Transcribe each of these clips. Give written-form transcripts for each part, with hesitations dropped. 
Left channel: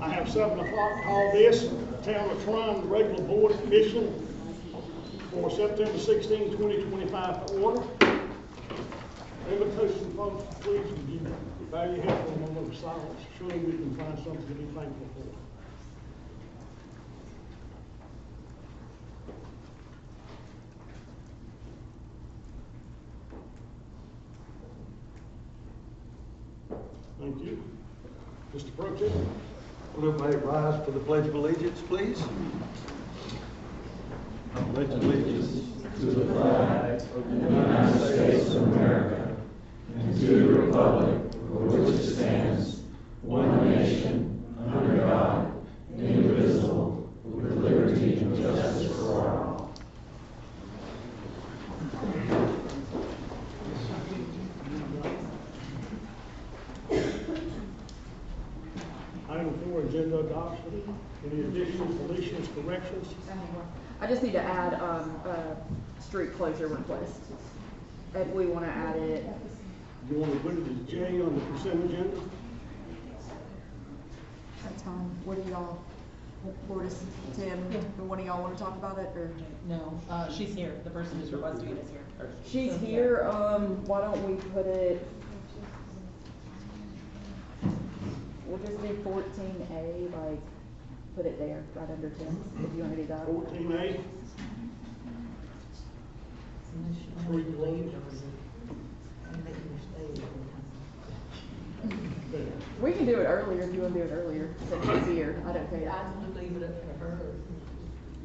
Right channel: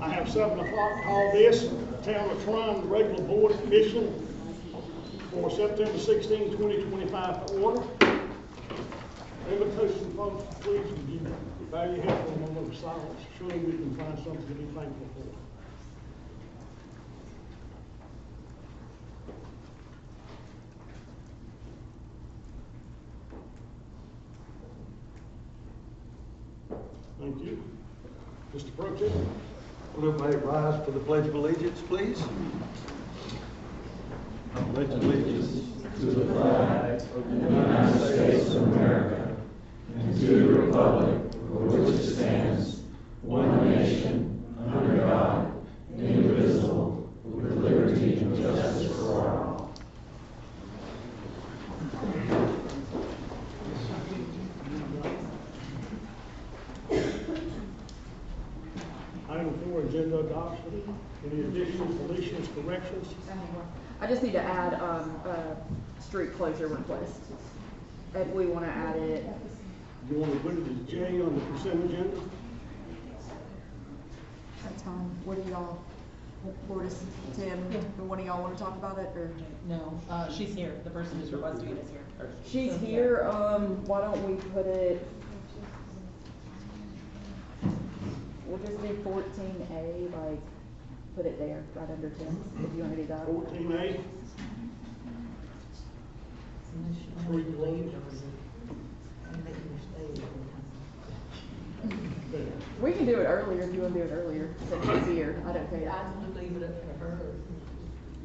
I have 7 o'clock call this Town of Tryon regular board commission for September 16, 2025 to order. Invitation, folks, please, would you bow your head for a moment of silence? Surely we can find something to be thankful for. Thank you. Mr. Pro Tem. Will everybody rise for the Pledge of Allegiance, please? I pledge allegiance to the flag of the United States of America and to the republic for which it stands, one nation, under God, indivisible, with liberty and justice for all. Item 4, agenda adoption. Any additions, deletions, corrections? I just need to add street closure request. And we want to add it. You want to put it as J on the consent agenda? That's fine. What do y'all, Board is Tim, one of y'all want to talk about it, or? No, she's here. The person who's requesting it is here. She's here, why don't we put it, we'll just do 14A, like, put it there, right under 10, if you want to do that. 14A. Street closure. We can do it earlier if you want to do it earlier, since she's here. I don't care. I would leave it up to her.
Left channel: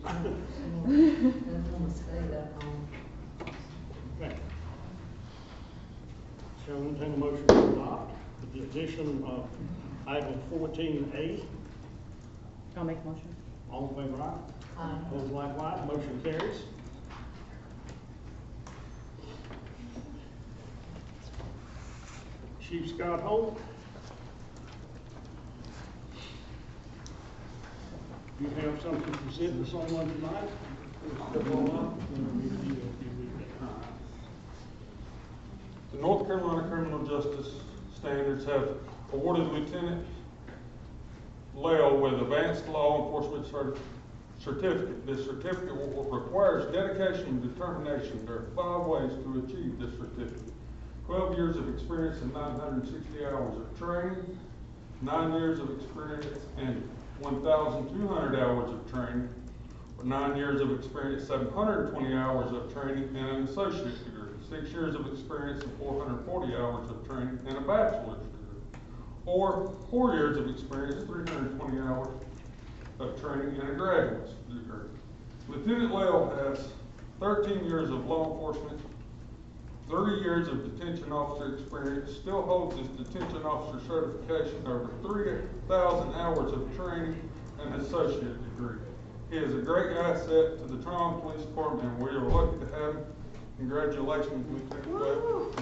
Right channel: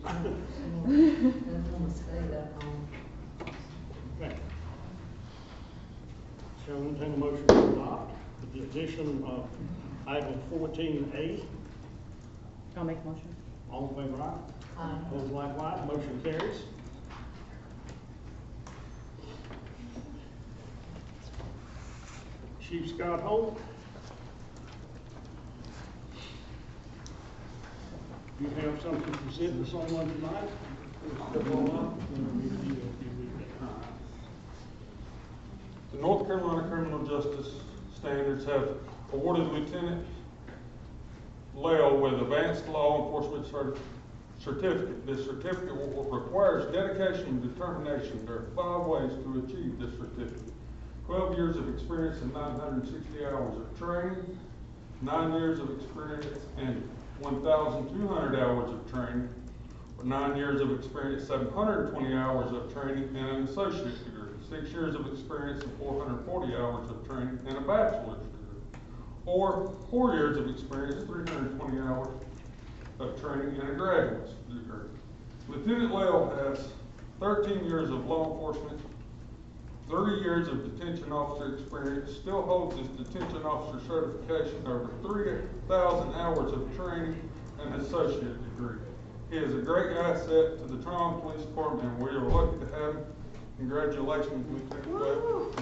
I don't want to stay that long. Okay. Shall I entertain a motion to adopt with the addition of item 14A? I'll make a motion. All in favor, aye? Aye. Opposed, likewise. Motion carries. Chief Scott Holt. You have something to present to someone tonight? The North Carolina Criminal Justice Standards have awarded Lieutenant Lale with Advanced Law Enforcement Certificate. This certificate requires dedication and determination. There are 5 ways to achieve this certificate. 12 years of experience and 960 hours of training, 9 years of experience and 1,200 hours of training, or 9 years of experience, 720 hours of training, and an associate's degree, 6 years of experience and 440 hours of training, and a bachelor's degree, or 4 years of experience, 320 hours of training, and a graduate's degree. Lieutenant Lale has 13 years of law enforcement, 30 years of detention officer experience, still holds his detention officer certification, over 3,000 hours of training, and an associate degree. He is a great asset to the Tryon Police Department, and we are lucky to have him. Congratulations, Lieutenant Lale.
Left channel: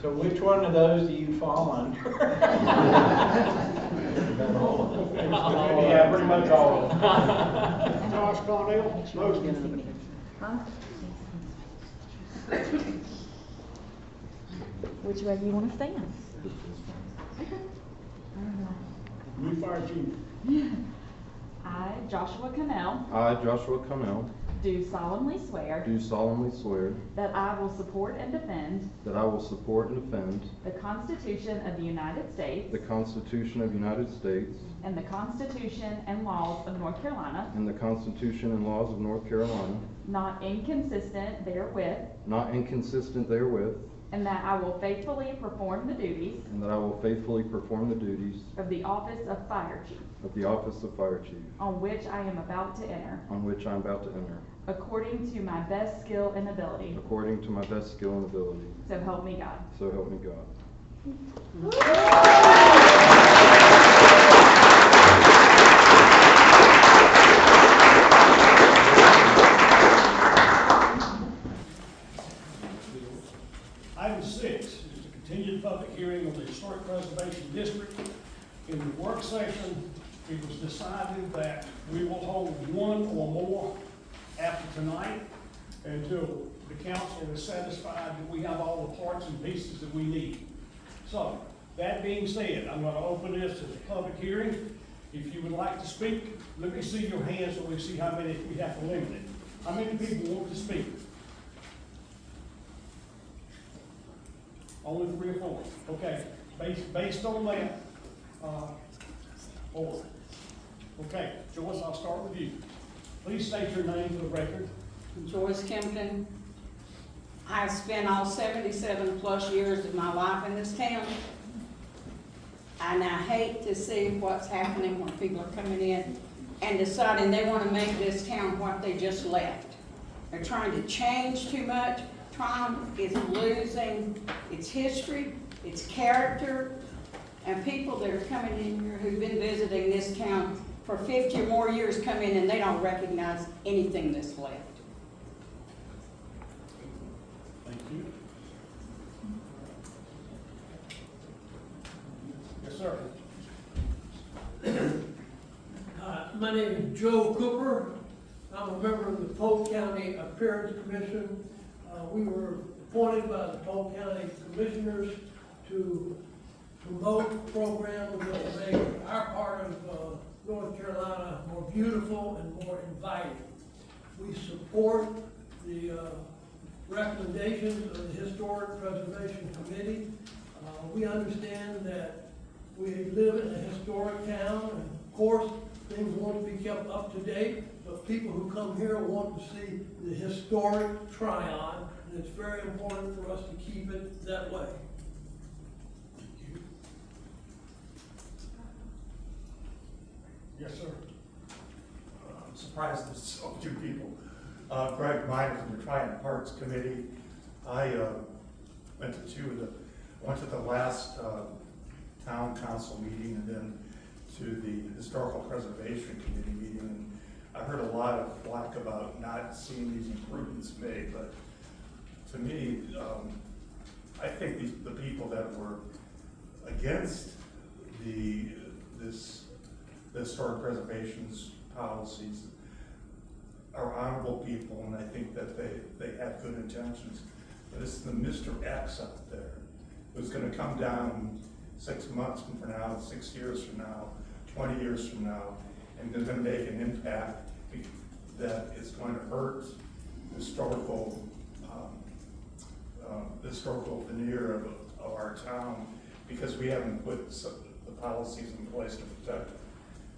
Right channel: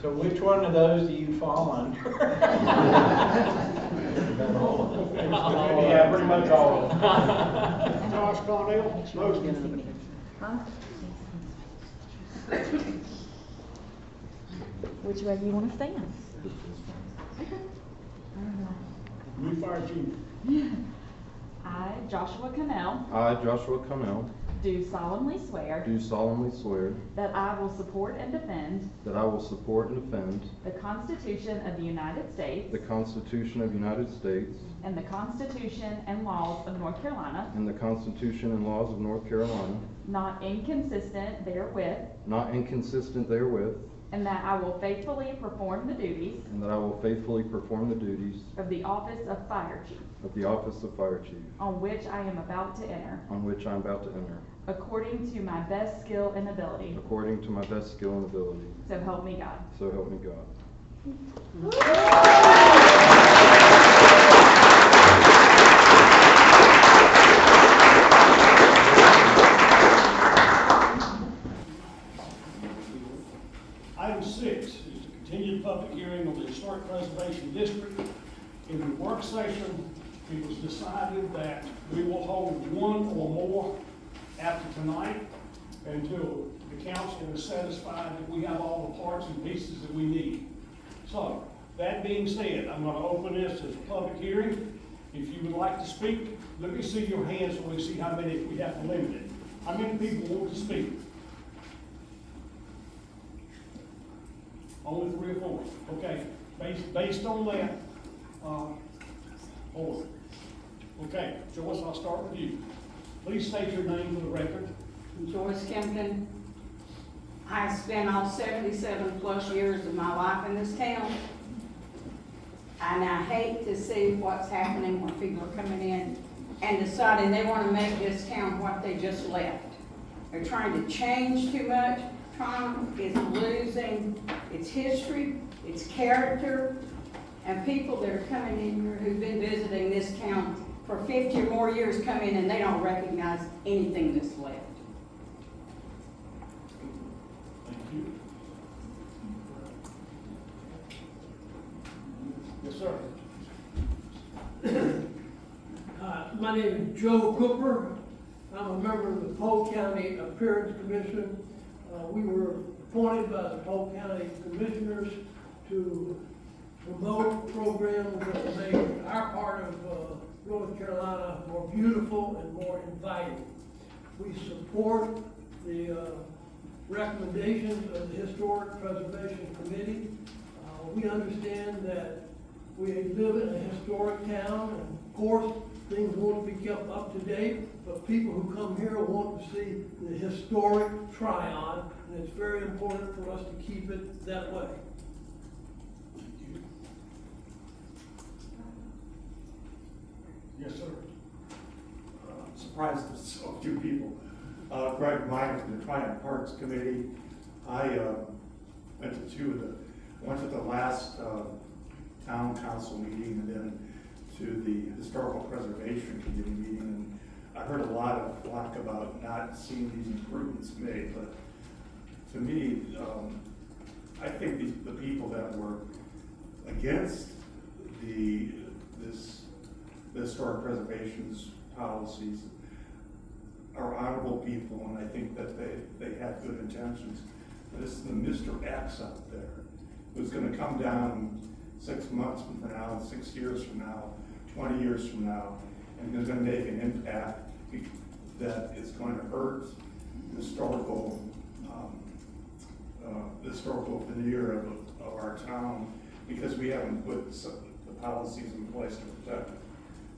So which one of those do you fall under? Yeah, pretty much all of them. Josh Cornell, motion. Huh? Which way you want to stand? New fire chief. I, Joshua Cannell, I, Joshua Connell, do solemnly swear do solemnly swear that I will support and defend that I will support and defend the Constitution of the United States the Constitution of the United States and the Constitution and laws of North Carolina, and the Constitution and laws of North Carolina, not inconsistent therewith, not inconsistent therewith, and that I will faithfully perform the duties and that I will faithfully perform the duties of the office of Fire Chief, of the office of Fire Chief, on which I am about to enter, on which I am about to enter, according to my best skill and ability. according to my best skill and ability. So help me God. So help me God. Item 6 is to continue the public hearing on the Historic Preservation District In the work session, it was decided that we will hold one or more after tonight until the council is satisfied that we have all the parts and pieces that we need. So, that being said, I'm gonna open this as a public hearing. If you would like to speak, let me see your hands so we see how many, if we have to limit it. How many people want to speak? Only 3 or 4. Okay, based on that, 4. Okay, Joyce, I'll start with you. Please state your name for the record. Joyce Kempton. I've spent all 77 plus years of my life in this town. And I hate to see what's happening when people are coming in and deciding they want to make this town what they just left. They're trying to change too much. Trump is losing its history, its character, and people that are coming in here who've been visiting this town for 50 or more years come in and they don't recognize anything that's left. Thank you. Yes, sir. My name is Joe Cooper. I'm a member of the Polk County Appearance Commission. We were appointed by the Polk County Commissioners to promote programs that will make our part of North Carolina more beautiful and more inviting. We support the recommendations of the Historic Preservation Committee. We understand that we live in a historic town, and of course, things won't be kept up to date, but people who come here want to see the historic Tryon, and it's very important for us to keep it that way. Yes, sir. I'm surprised there's so few people. Greg Meyer from the Tryon Parks Committee. I went to the last town council meeting and then to the Historical Preservation Committee meeting, and I heard a lot of flack about not seeing these improvements made, but to me, I think the people that were against the historic preservation's policies are honorable people, and I think that they have good intentions. But it's the Mr. X out there who's gonna come down 6 months from now, 6 years from now, 20 years from now, and is gonna make an impact that is going to hurt the historical veneer of our town, because we haven't put the policies in place to protect it.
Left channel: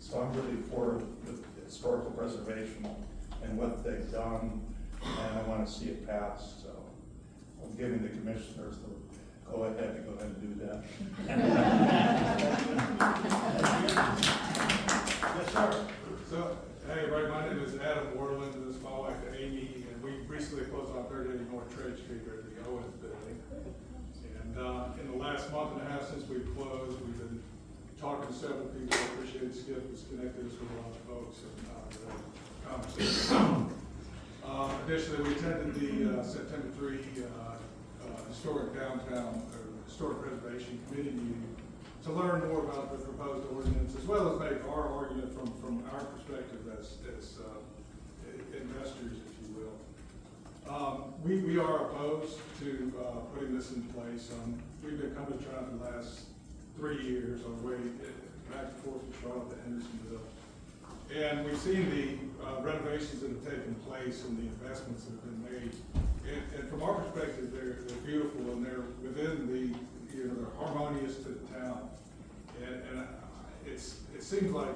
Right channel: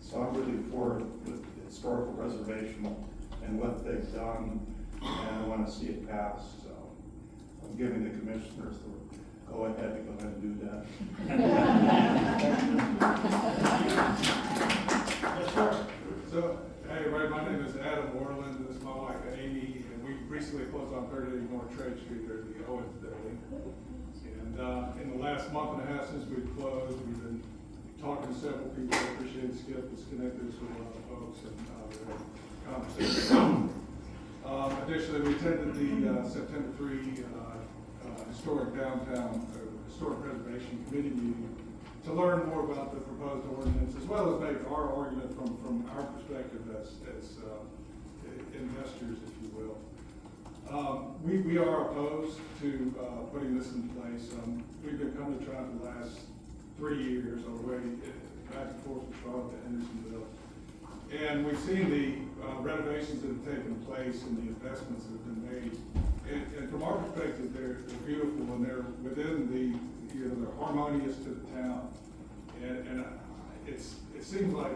So I'm really for the historical preservation and what they've done, and I want to see it passed. So I'm giving the commissioners the go ahead and do that. Yes, sir. So, hey everybody, my name is Adam Orland. This is my wife Amy, and we recently closed on 3080 North Trade Street here at the Owens Building. And in the last month and a half since we've closed, we've been talking to several people. I appreciate Skip has connected us with a lot of folks and conversation. Additionally, we attended the September 3 Historic Downtown Historic Preservation Committee meeting to learn more about the proposed ordinance, as well as make our argument from our perspective as investors, if you will. We are opposed to putting this in place. We've been coming to try for the last 3 years on the way back and forth with Charlotte to Hendersonville. And we've seen the renovations that have taken place and the investments that have been made. And from our perspective, they're beautiful and they're within the, they're harmonious to the town. And it seems like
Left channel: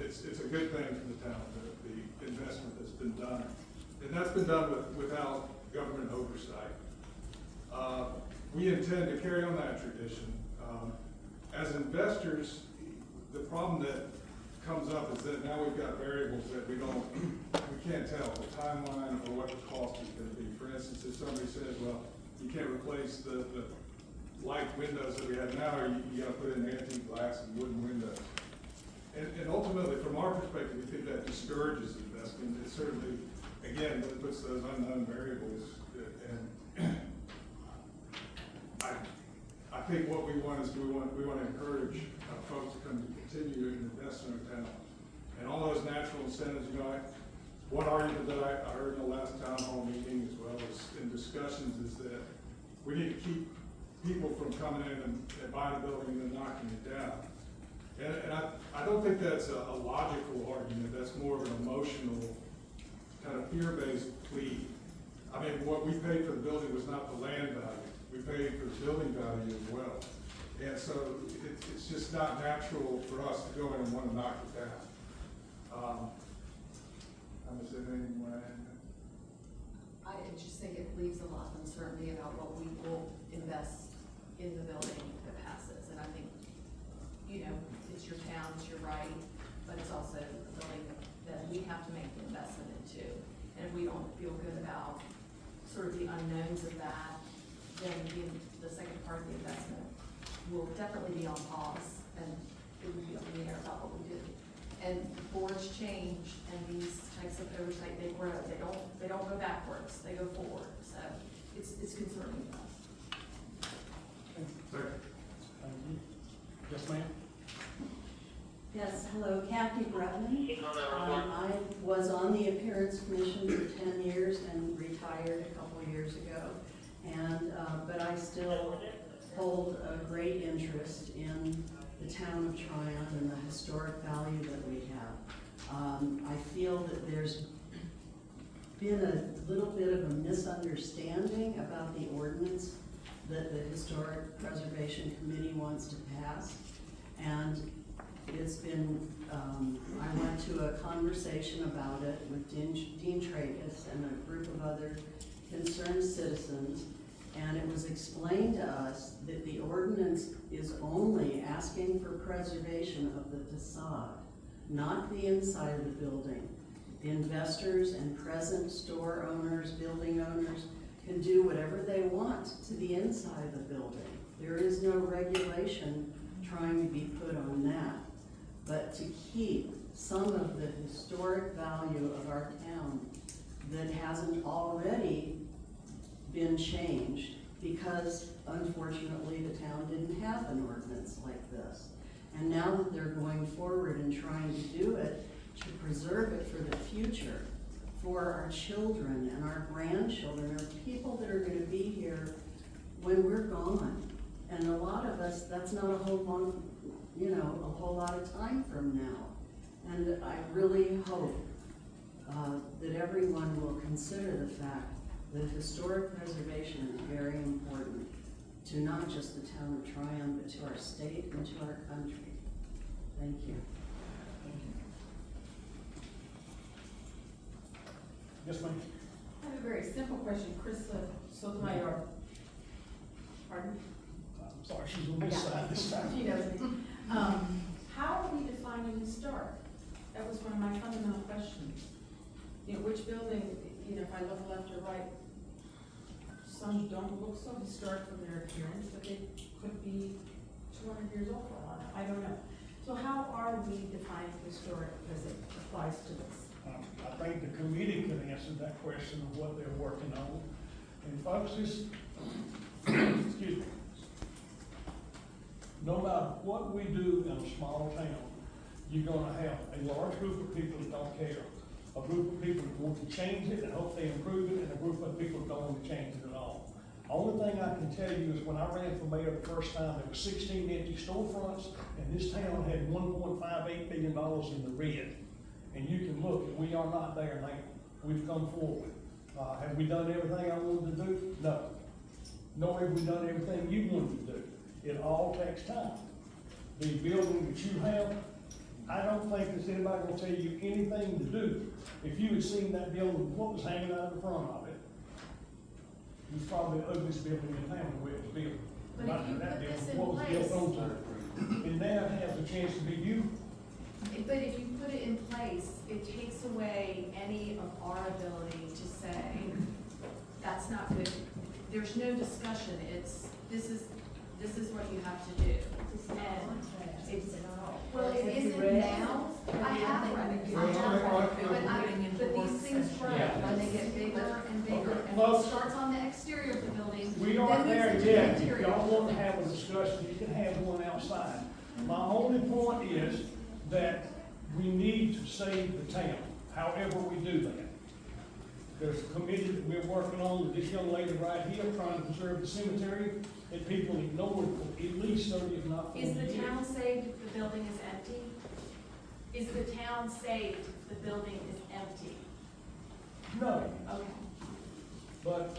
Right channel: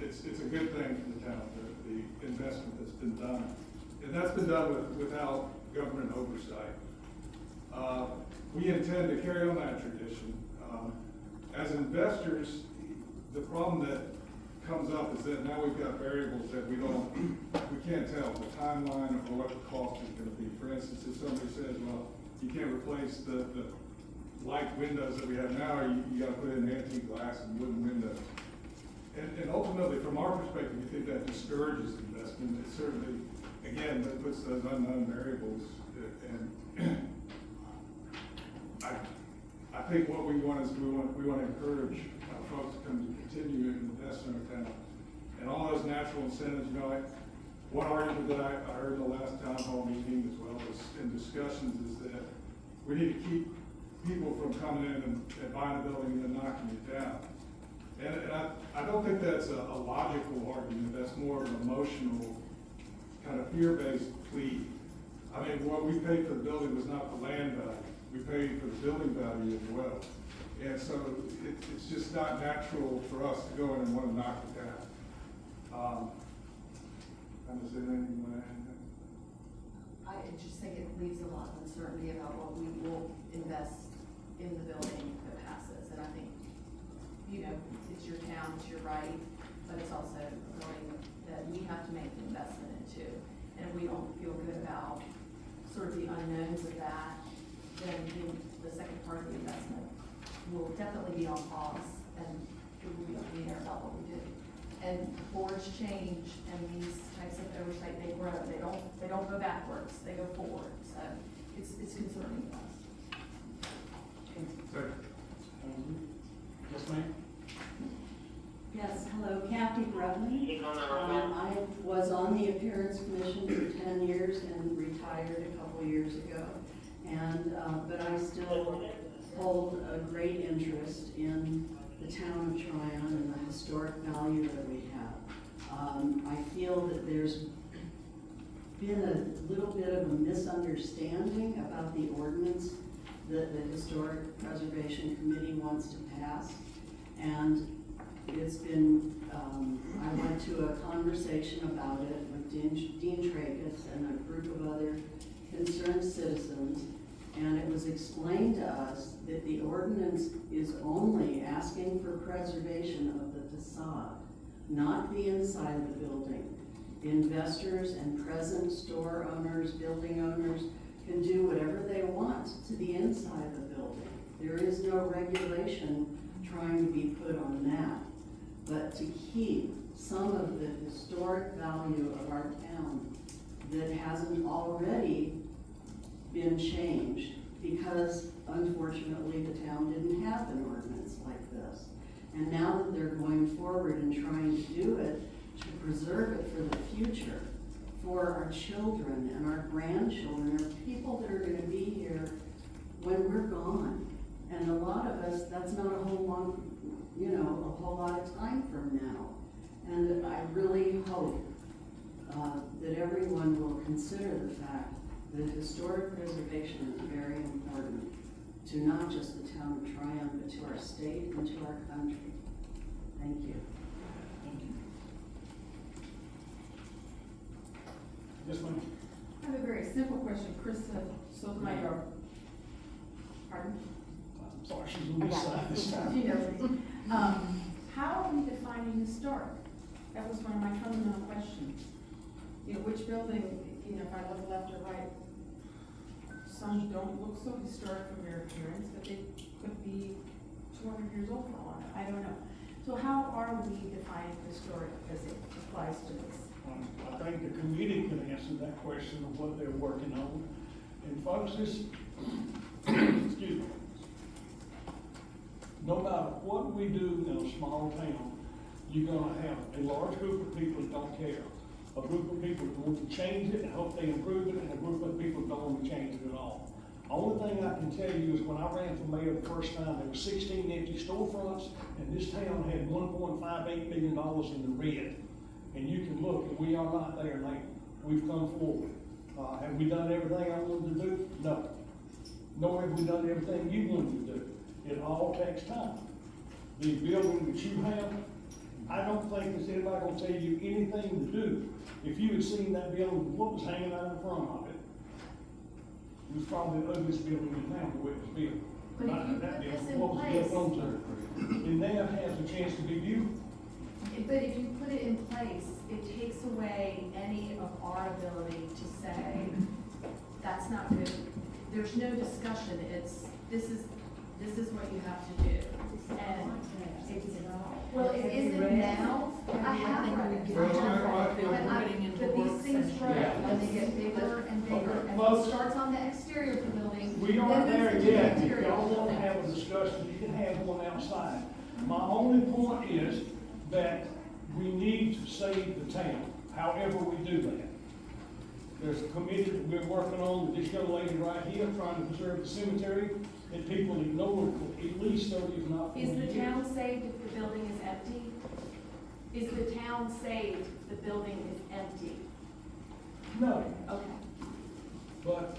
it's a good thing for the town, the investment that's been done. And that's been done without government oversight. We intend to carry on that tradition. As investors, the problem that comes up is that now we've got variables that we can't tell the timeline or what the cost is going to be. For instance, if somebody says, well, you can't replace the light windows that we have now, you got to put in antique glass and wooden windows. And ultimately, from our perspective, we think that discourages investment. It certainly, again, puts those unknown variables. And I think what we want is, we want to encourage folks to come to continue to invest in our town. And all those natural incentives, you know, one argument that I heard in the last town hall meeting, as well as in discussions, is that we need to keep people from coming in and buying a building and then knocking it down. And I don't think that's a logical argument. That's more of an emotional, kind of fear-based plea. I mean, what we paid for the building was not the land value. We paid for the building value as well. And so it's just not natural for us to go in and want to knock it down. Is there anything you want to add? I just think it leaves a lot of uncertainty about what we will invest in the building that passes. And I think, you know, it's your town, it's your right, but it's also a building that we have to make the investment into. And if we don't feel good about sort of the unknowns of that, then the second part of the investment will definitely be on pause, and it will be up in the air about what we do. And boards change, and these types of oversight, they grow. They don't go backwards, they go forward. So it's concerning to us. Yes, ma'am? Yes, hello, Kathy Brevney. I was on the Appearance Commission for 10 years and retired a couple years ago. And, but I still hold a great interest in the town of Tryon and the historic value that we have. I feel that there's been a little bit of a misunderstanding about the ordinance that the Historic Preservation Committee wants to pass. And it's been, I went to a conversation about it with Dean Tracus and a group of other concerned citizens, and it was explained to us that the ordinance is only asking for preservation of the facade, not the inside of the building. Investors and present store owners, building owners, can do whatever they want to the inside of the building. There is no regulation trying to be put on that. But to keep some of the historic value of our town that hasn't already been changed, because unfortunately the town didn't have an ordinance like this. And now that they're going forward and trying to do it, to preserve it for the future, for our children and our grandchildren, or people that are going to be here when we're gone. And a lot of us, that's not a whole long, you know, a whole lot of time from now. And I really hope that everyone will consider the fact that historic preservation is very important to not just the town of Tryon, but to our state and to our country. Thank you. Yes, ma'am? I have a very simple question. Krista Sotomayor. Pardon? I'm sorry, she's on this side this time. She knows me. How are we defining historic? That was one of my fundamental questions. You know, which building, you know, if I look left or right, some don't look so historic from their appearance, but they could be 200 years old for all I don't know. So how are we defining historic as it applies to this? I think the committee can answer that question of what they're working on. And folks, this, excuse me, no matter what we do in a small town, you're gonna have a large group of people that don't care. A group of people that want to change it and hope they improve it, and a group of people that don't want to change it at all. Only thing I can tell you is when I ran for mayor the first time, there were 16 empty storefronts, and this town had $1.58 million in the red. And you can look, and we are not there now. We've come forward. Have we done everything I wanted to do? No. Nor have we done everything you wanted to do. It all takes time. The building that you have, I don't think there's anybody gonna tell you anything to do. If you had seen that building, what was hanging out in front of it, it was probably the ugliest building in town the way it was built. But if you put this in What was built place- onto it. And now it has a chance to be beautiful. But if you put it in place, it takes away any of our ability to say, that's not good. There's no discussion, this is what you have to do. And it's, well, it isn't now, I have read it, but these things grow, and they get bigger and bigger, and it starts on the exterior of the building. We aren't then there moves into the yet. If interior. y'all want to have a discussion My only point is that we need to save the town, however we do that. There's a committee that we're working on with this young lady right here, trying to preserve the cemetery, that people ignored for at least 30, if not 40 Is years. the town saved if the building is empty? Is the town saved if the building is empty? No, Okay. but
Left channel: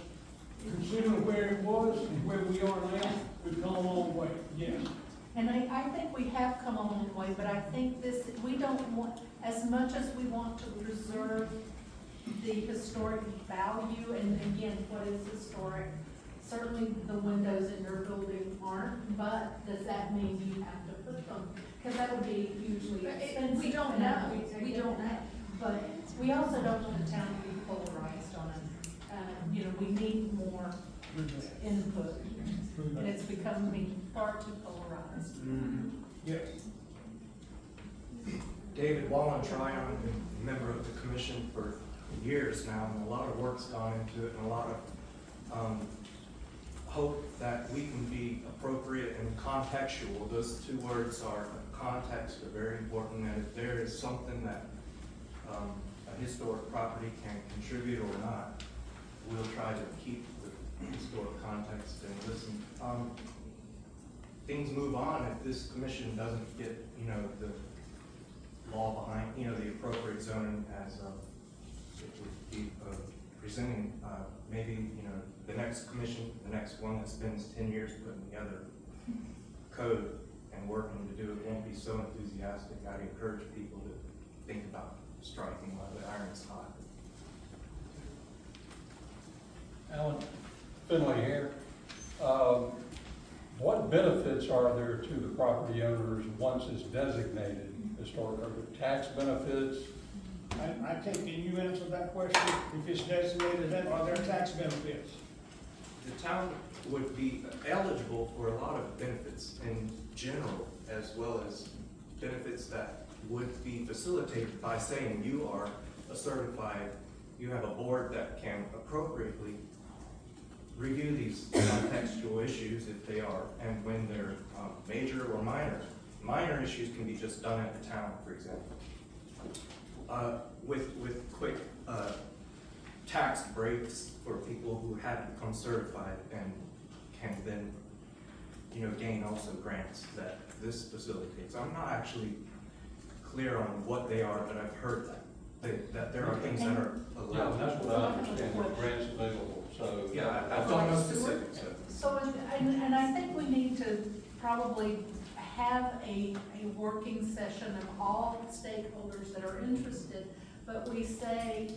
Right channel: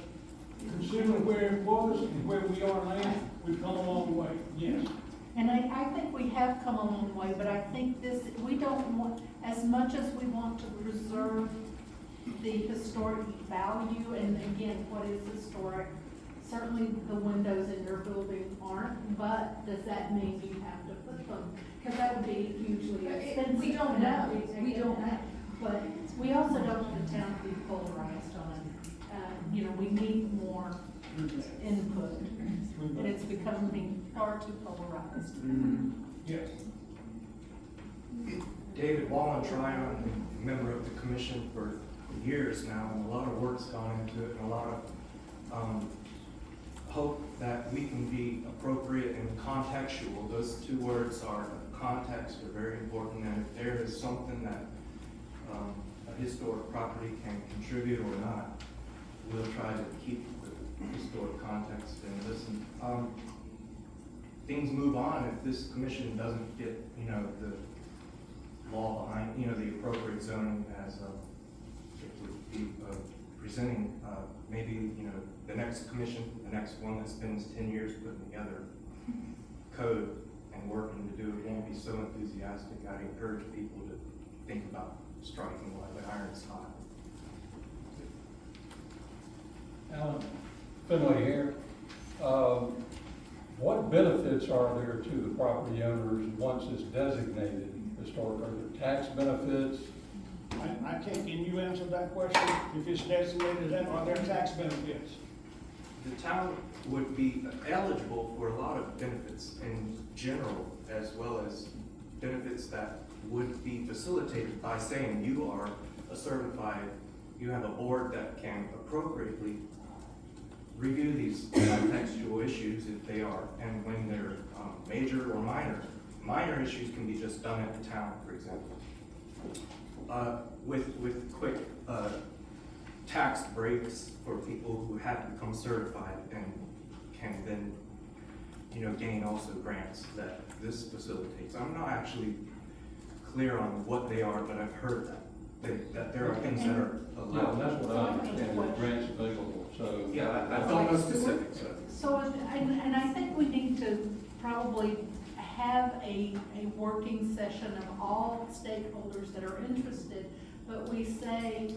considering where it was and where we are now, we've come a long way, yes. And I think we have come a long way, but I think this, we don't want, as much as we want to preserve the historic value, and again, what is historic? Certainly the windows in their building aren't, but does that mean you have to put them? Because that would be hugely expensive. We don't and know. We don't know, but we also don't want the town to be polarized on it. You know, we need more input, and it's becoming far too polarized. Yes. David Wallenstein, I'm a member of the commission for years now, and a lot of work's gone into it, and a lot of hope that we can be appropriate and contextual. Those two words are, context are very important, and if there is something that a historic property can contribute or not, we'll try to keep the historic context and listen. Things move on if this commission doesn't get, the law behind, the appropriate zoning as it would be presenting, maybe, the next commission, the next one that spends 10 years putting together code and working to do it won't be so enthusiastic. I'd encourage people to think about striking while the iron's hot. Alan, Finley here. What benefits are there to the property owners once it's designated historic? Are there tax benefits? I can't, can you answer that question? If it's designated, then are there tax benefits? The town would be eligible for a lot of benefits in general, as well as benefits that would be facilitated by saying you are a certified, you have a board that can appropriately review these contextual issues if they are, and when they're major or minor. Minor issues can be just done at the town, for example. With quick tax breaks for people who have become certified and can then, gain also grants that this facilitates. I'm not actually clear on what they are, but I've heard that there are things that are allowed. Yeah, that's what I understand, what grants available, so. Yeah, I don't know specifics. So, and I think we need to probably have a working session of all stakeholders that are interested, but we say,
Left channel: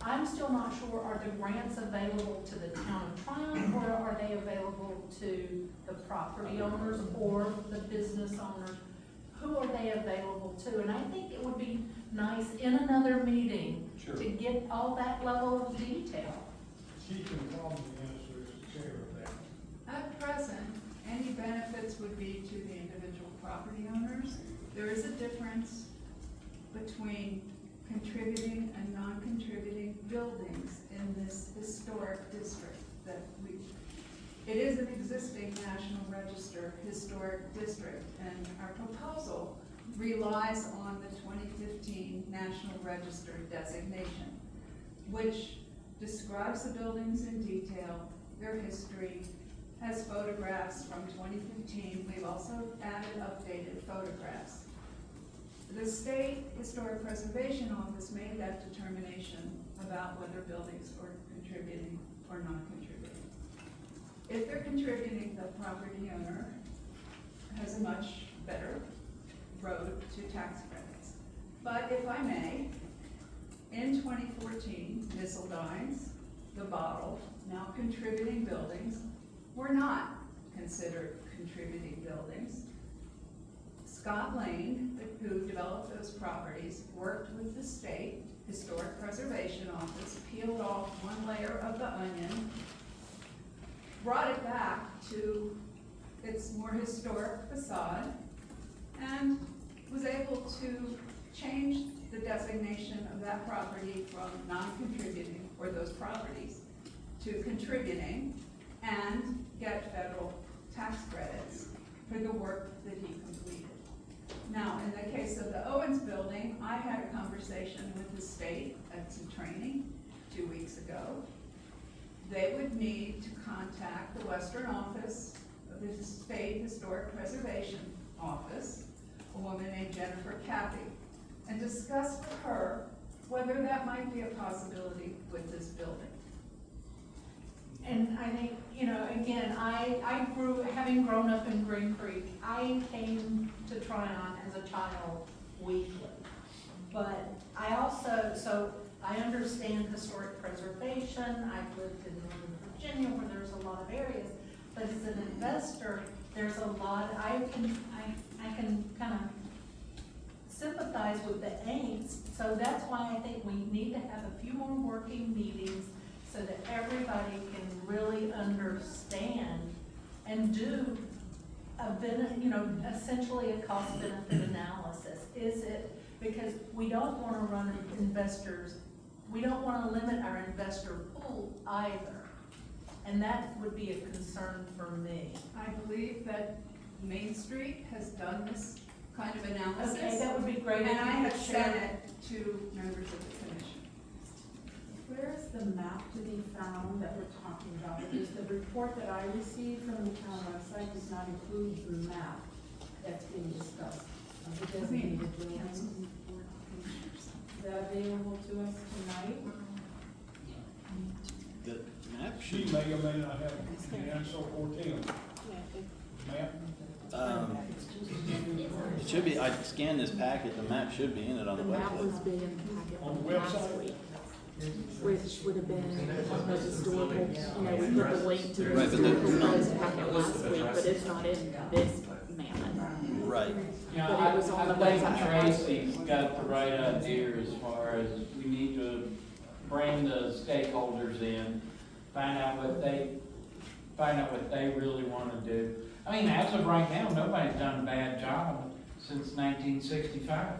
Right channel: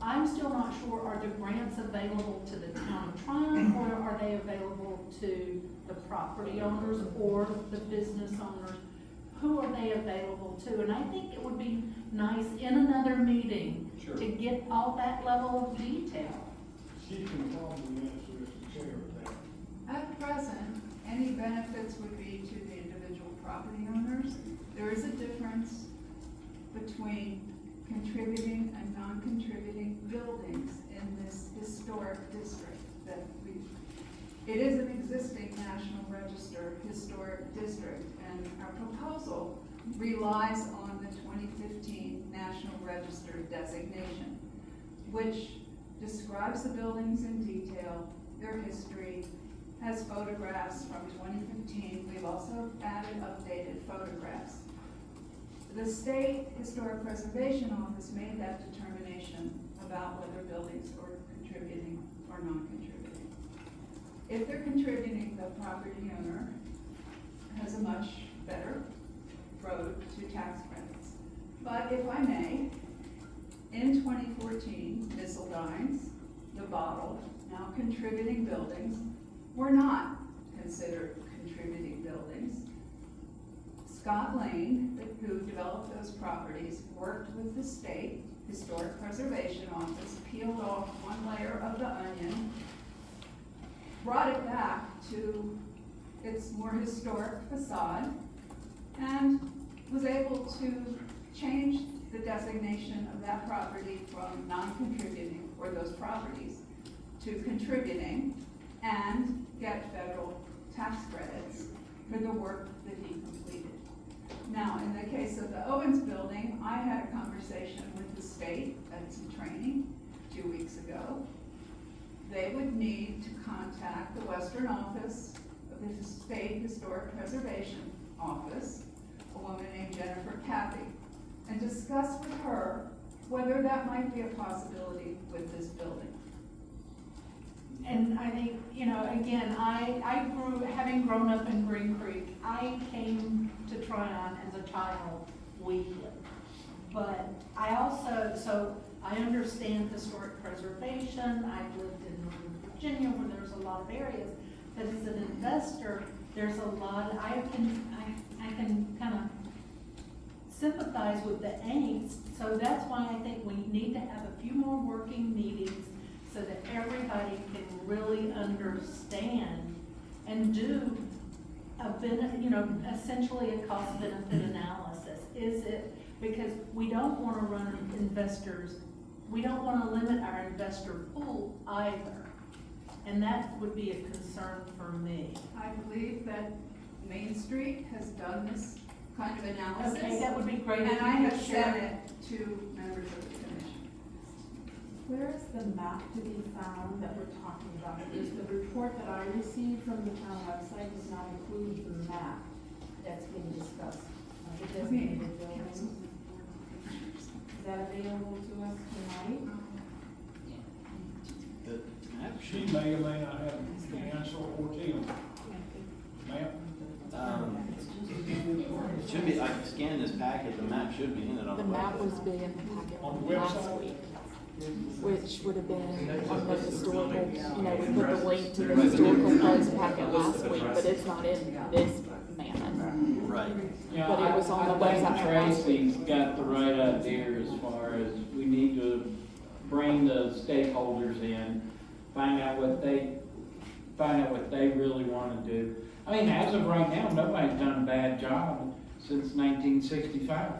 I'm still not sure, are the grants available to the town of Tryon, or are they available to the property owners or the business owners? Who are they available to? And I think it would be nice in another meeting to get all that level of detail. She can probably answer as the chair of that. At present, any benefits would be to the individual property owners. There is a difference between contributing and non-contributing buildings in this historic district that it is an existing National Register historic district, and our proposal relies on the 2015 National Register designation, which describes the buildings in detail, their history, has photographs from 2015. They've also added updated photographs. The State Historic Preservation Office made that determination about whether buildings are contributing or non-contributing. If they're contributing, the property owner has a much better road to tax credits. But if I may, in 2014, Missildines, the Bottle, now contributing buildings, were not considered contributing buildings. Scott Lane, who developed those properties, worked with the State Historic Preservation Office, peeled off one layer of the onion, brought it back to its more historic facade, and was able to change the designation of that property from non-contributing, or those properties, to contributing, and get federal tax credits for the work that he completed. in the case of the Owens building, I had a conversation with the state at some training 2 weeks ago. They would need to contact the Western Office of the State Historic Preservation Office, a woman named Jennifer Cappy, and discuss with her whether that might be a possibility with this building. And I think, you know, again, I grew, having grown up in Green Creek, I came to Tryon as a child weekly. But I also, so I understand historic preservation. I've lived in Northern Virginia where there's a lot of areas. But as an investor, there's a lot, I can kind of sympathize with the angst. So that's why I think we need to have a few more working meetings so that everybody can really understand and do you know, essentially a cost benefit analysis. Is it, because we don't want to run investors, we don't want to limit our investor pool either. And that would be a concern for me. I believe that Main Street has done this kind of analysis. Okay, that would be great. And I have sent it to members of the commission. Where is the map to be found that we're talking about? Because the report that I received from the town website does not include the map that's being discussed. The designated buildings. Is that available to us tonight? She may or may not have the answer, or Tim. Ma'am? It should be, I scanned this packet, the map should be in it on the The map was website. being in the packet On the last website? week, which would have been on the historical, you know, we put the link to the Right, but historical the- post packet last week, but it's not in this mammoth. Right. Yeah, But it was on the I think website. Tracy's got the right idea as far as we need to bring the stakeholders in, find out what they really wanna do. I mean, as of right now, nobody's done a bad job since 1965.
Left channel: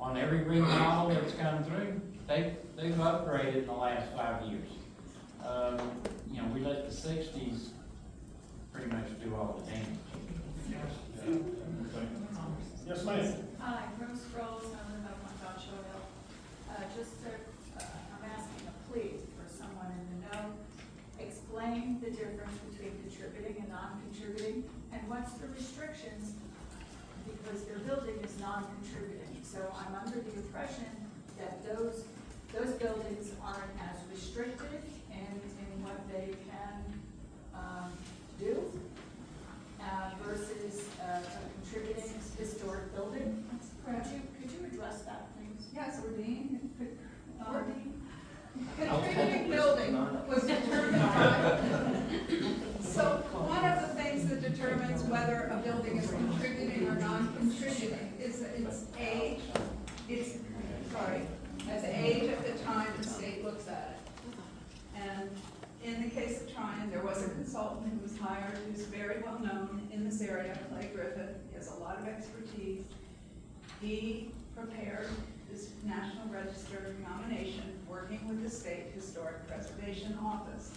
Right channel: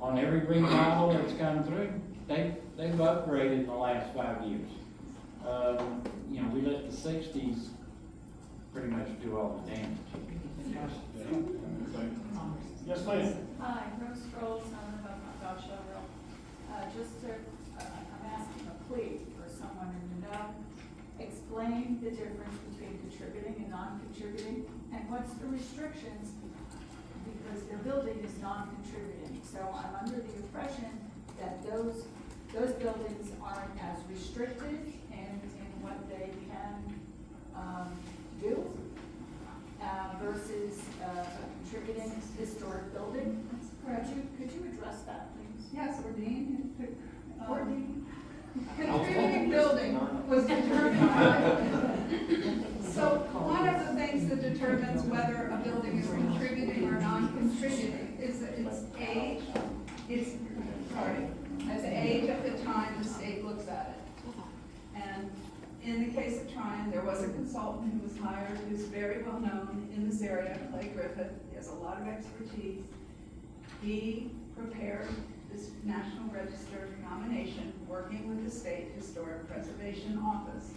On every remodel that's come through, they've upgraded in the last 5 years. You know, we let the 60s pretty much do all the damage. Yes, ma'am. Hi, Rose Strolls, I'm about my gosh, I'm asking a plea for someone in the know. Explain the difference between contributing and non-contributing, and what's the restrictions, because their building is non-contributing. So I'm under the impression that those buildings aren't as restricted in what they can, do, versus, a contributing historic building. Could you address that, please? Yes, Ordine. Ordine. Contributing building was determined. So one of the things that determines whether a building is contributing or non-contributing is that its age, at the age at the time the state looks at it. And in the case of Tryon, there was a consultant who was hired who's very well known in this area, Clay Griffith. He has a lot of expertise. He prepared this National Register nomination, working with the State Historic Preservation Office.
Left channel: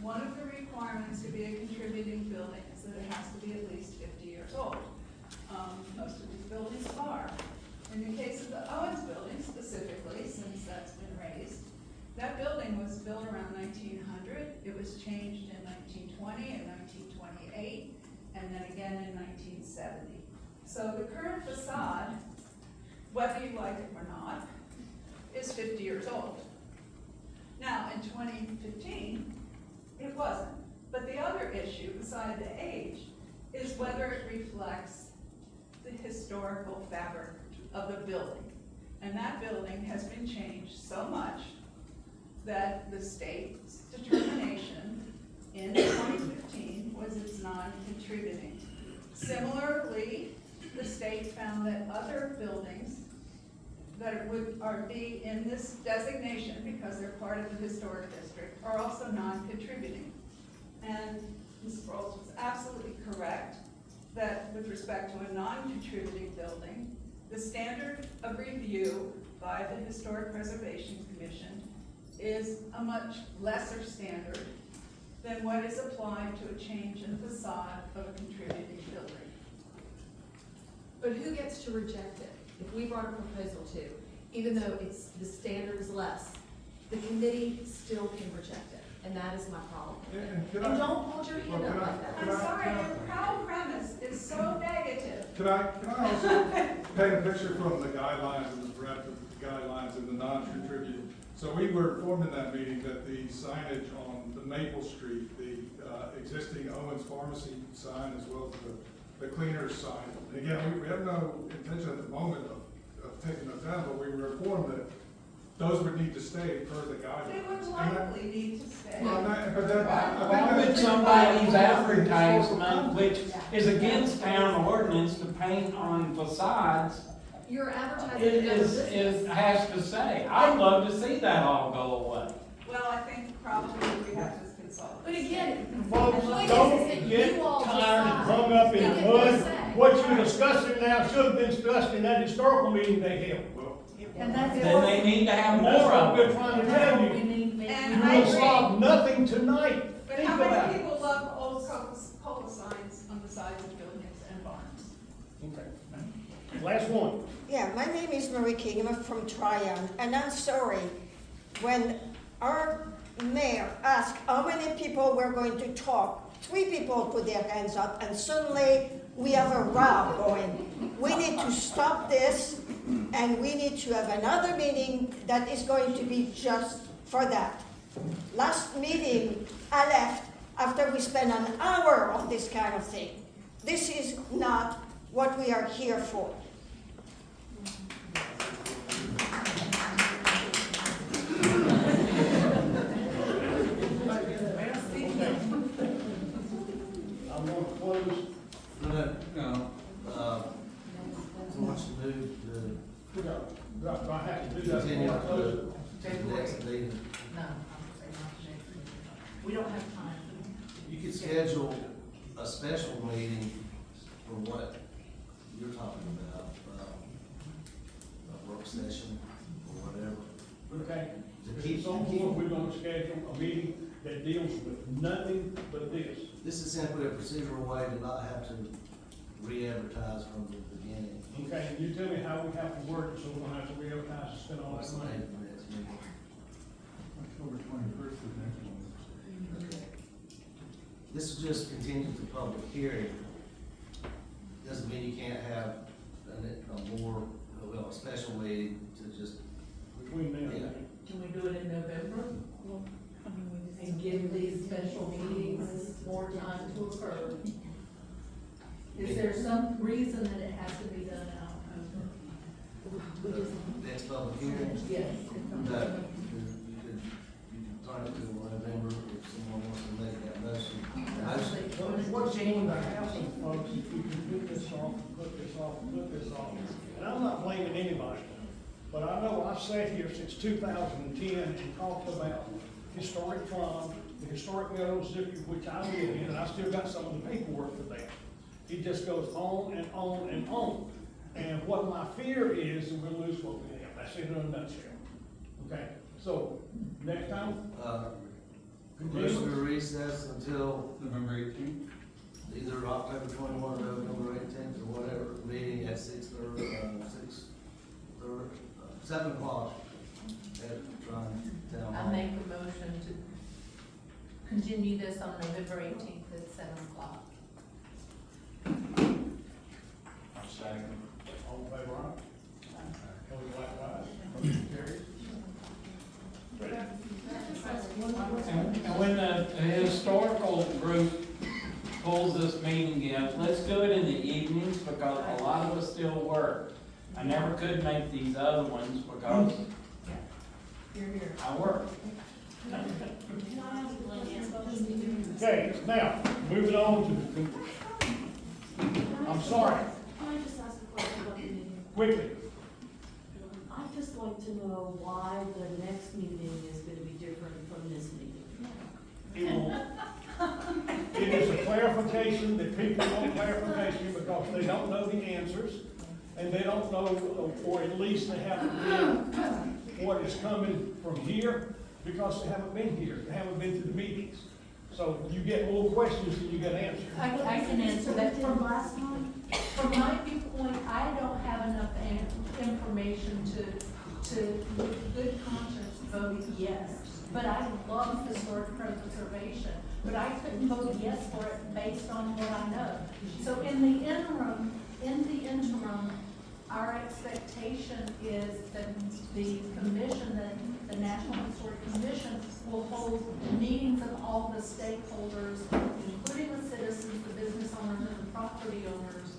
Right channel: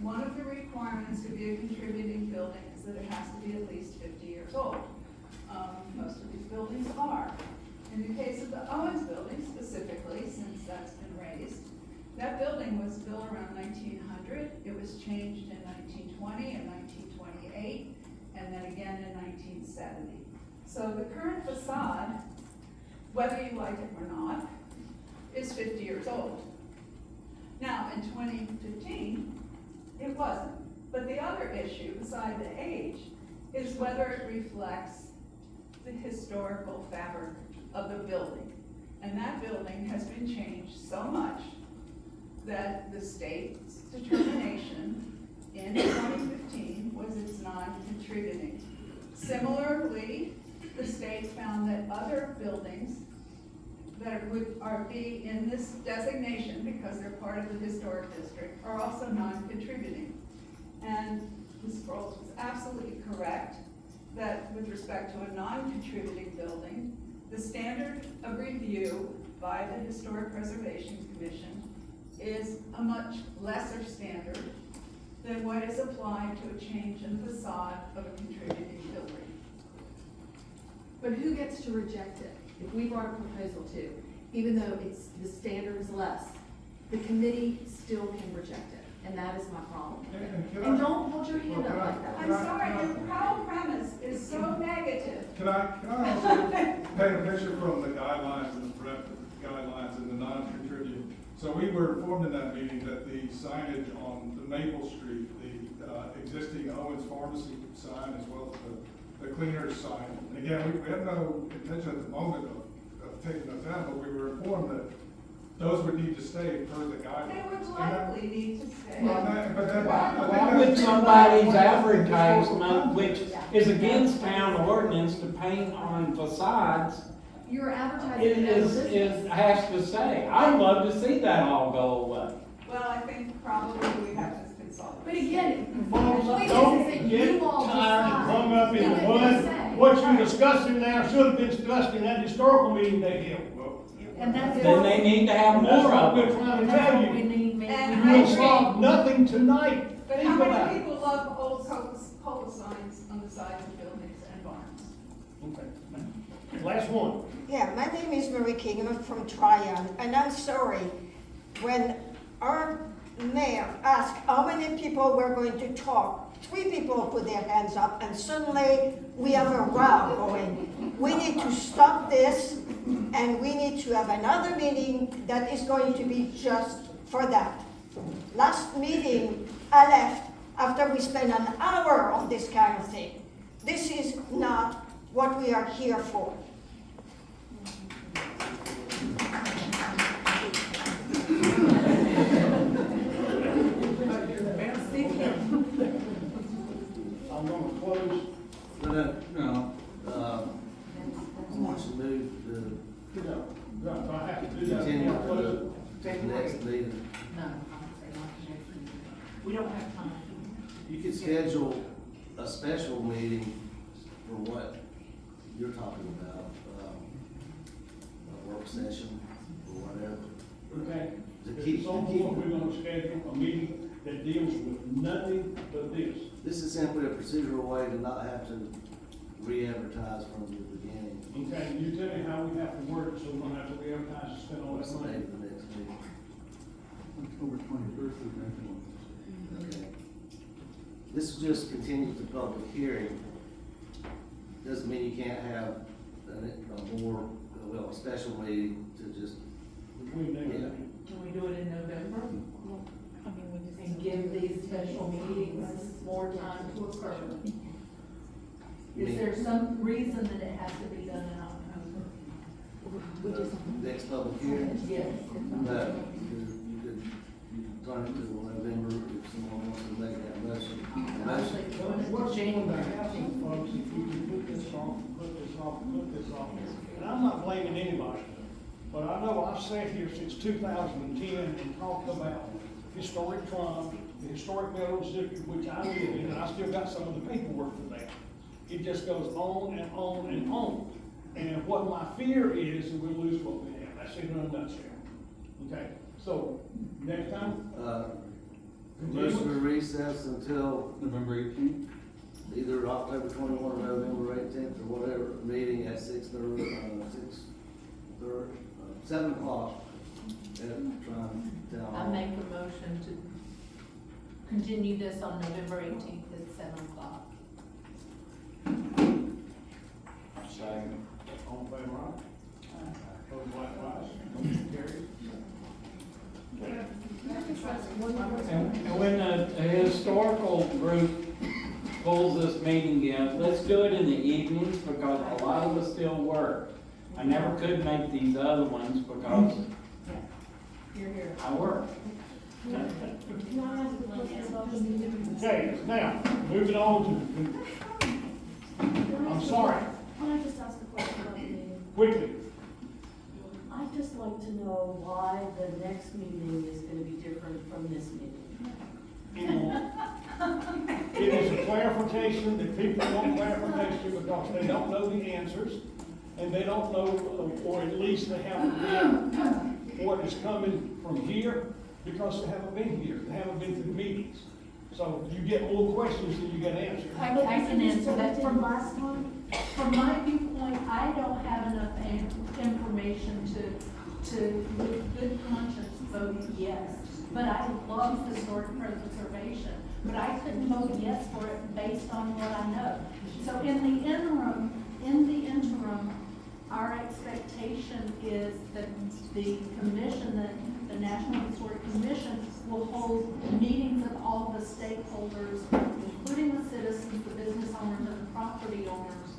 One of the requirements to be a contributing building is that it has to be at least 50 years old. Most of these buildings are. In the case of the Owens building specifically, since that's been raised, that building was built around 1900. It was changed in 1920 and 1928, and then again in 1970. So the current facade, whether you like it or not, is 50 years old. Now, in 2015, it wasn't. But the other issue, beside the age, is whether it reflects the historical fabric of the building. And that building has been changed so much that the state's determination in 2015 was it's non-contributing. Similarly, the state found that other buildings that are in this designation, because they're part of the historic district, are also non-contributing. And Ms. Sproles was absolutely correct that with respect to a non-contributing building, the standard of review by the Historic Preservation Commission is a much lesser standard than what is applied to a change in facade of a contributing building. But who gets to reject it? If we brought a proposal to, even though it's, the standard is less, the committee still can reject it, and that is my problem with it. And don't hold your hand up like that. I'm sorry, your whole premise is so negative. Can I also paint a picture from the guidelines and the draft guidelines and the non-contributing? So we were informed in that meeting that the signage on the Maple Street, the existing Owens Pharmacy sign as well as the cleaner's sign. And again, we have no intention at the moment of taking those down, but we were informed that those would need to stay per the guidelines. It would likely need to stay. Why would somebody's advertisement, which is against town ordinance to paint on facades, You're advertising another business. has to say? I'd love to see that all go away. Well, I think probably we have to consult. But again, the Folks, point don't is that get you all tired and decide. hung up You in get mud. to say. What you're discussing now should have been discussed in that historical meeting they held. And that's Then they need to have That's more what of we're it. trying to tell you. And We'll solve nothing tonight. But Think how about many it. people love old cola signs on the sides of buildings and barns? Okay. Last one. Yeah, my name is Marie King, I'm from Tryon, and I'm sorry, when our mayor asked how many people were going to talk, 3 people put their hands up, and suddenly we have a row going. We need to stop this, and we need to have another meeting that is going to be just for that. Last meeting, I left after we spent an hour on this kind of thing. This is not what we are here for. I'm gonna close. No, wants to move the, You know, right, I have to do that. continue I'll close it. to the next meeting. No, I'm saying not the next meeting. We don't have time. You could schedule a special meeting for what you're talking about, a work session or whatever. Okay? To keep- At some point, we're gonna schedule a meeting that deals with nothing but this. This is simply a procedural way to not have to re-advertise from the beginning. Okay, you tell me how we have to work, so we don't have to re-advertise and spend all What's this the money. date of the next meeting? October 21st is next one. Okay. This will just continue the public hearing. Doesn't mean you can't have a special meeting to just, yeah. Can we do it in November? And give these special meetings more time to occur? Is there some reason that it has to be done in October? Next public hearing? Yes. No, you could turn it to November if someone wants to make that motion. What's going to happen, folks, if we can put this off, put this off, put this off? And I'm not blaming anybody, but I know I've sat here since 2010 and talked about historic club, the historic Meadows District, which I live in, and I still got some of the paperwork for that. It just goes on and on and on. And what my fear is we'll lose what we have. That's it in a nutshell. Okay, so next time. Motion to recess until November 18th? either October 21 or November 18th or whatever, meeting at 7 o'clock. I make a motion to continue this on November 18th at 7 o'clock. Second. All in favor, aye? Opposed, likewise. Motion carries. And when the historical group pulls this meeting in, let's do it in the evenings because a lot of us still work. I never could make these other ones because Here. I work. Okay, now, moving on to I'm sorry, Can I just ask a question about the meeting? quickly. I'd just like to know why the next meeting is gonna be different from this meeting. It is a clarification that people want clarification because they don't know the answers and they don't know, or at least they haven't read what is coming from here because they haven't been here, they haven't been to the meetings. So you get more questions than you get answers. I can answer that from last time. From my viewpoint, I but I love historic preservation, but I couldn't vote yes for it based on what I know. So in the interim, our expectation is that the commission, the National Historic Commission, will hold meetings of all the stakeholders, including the citizens, the business owners, and the property owners,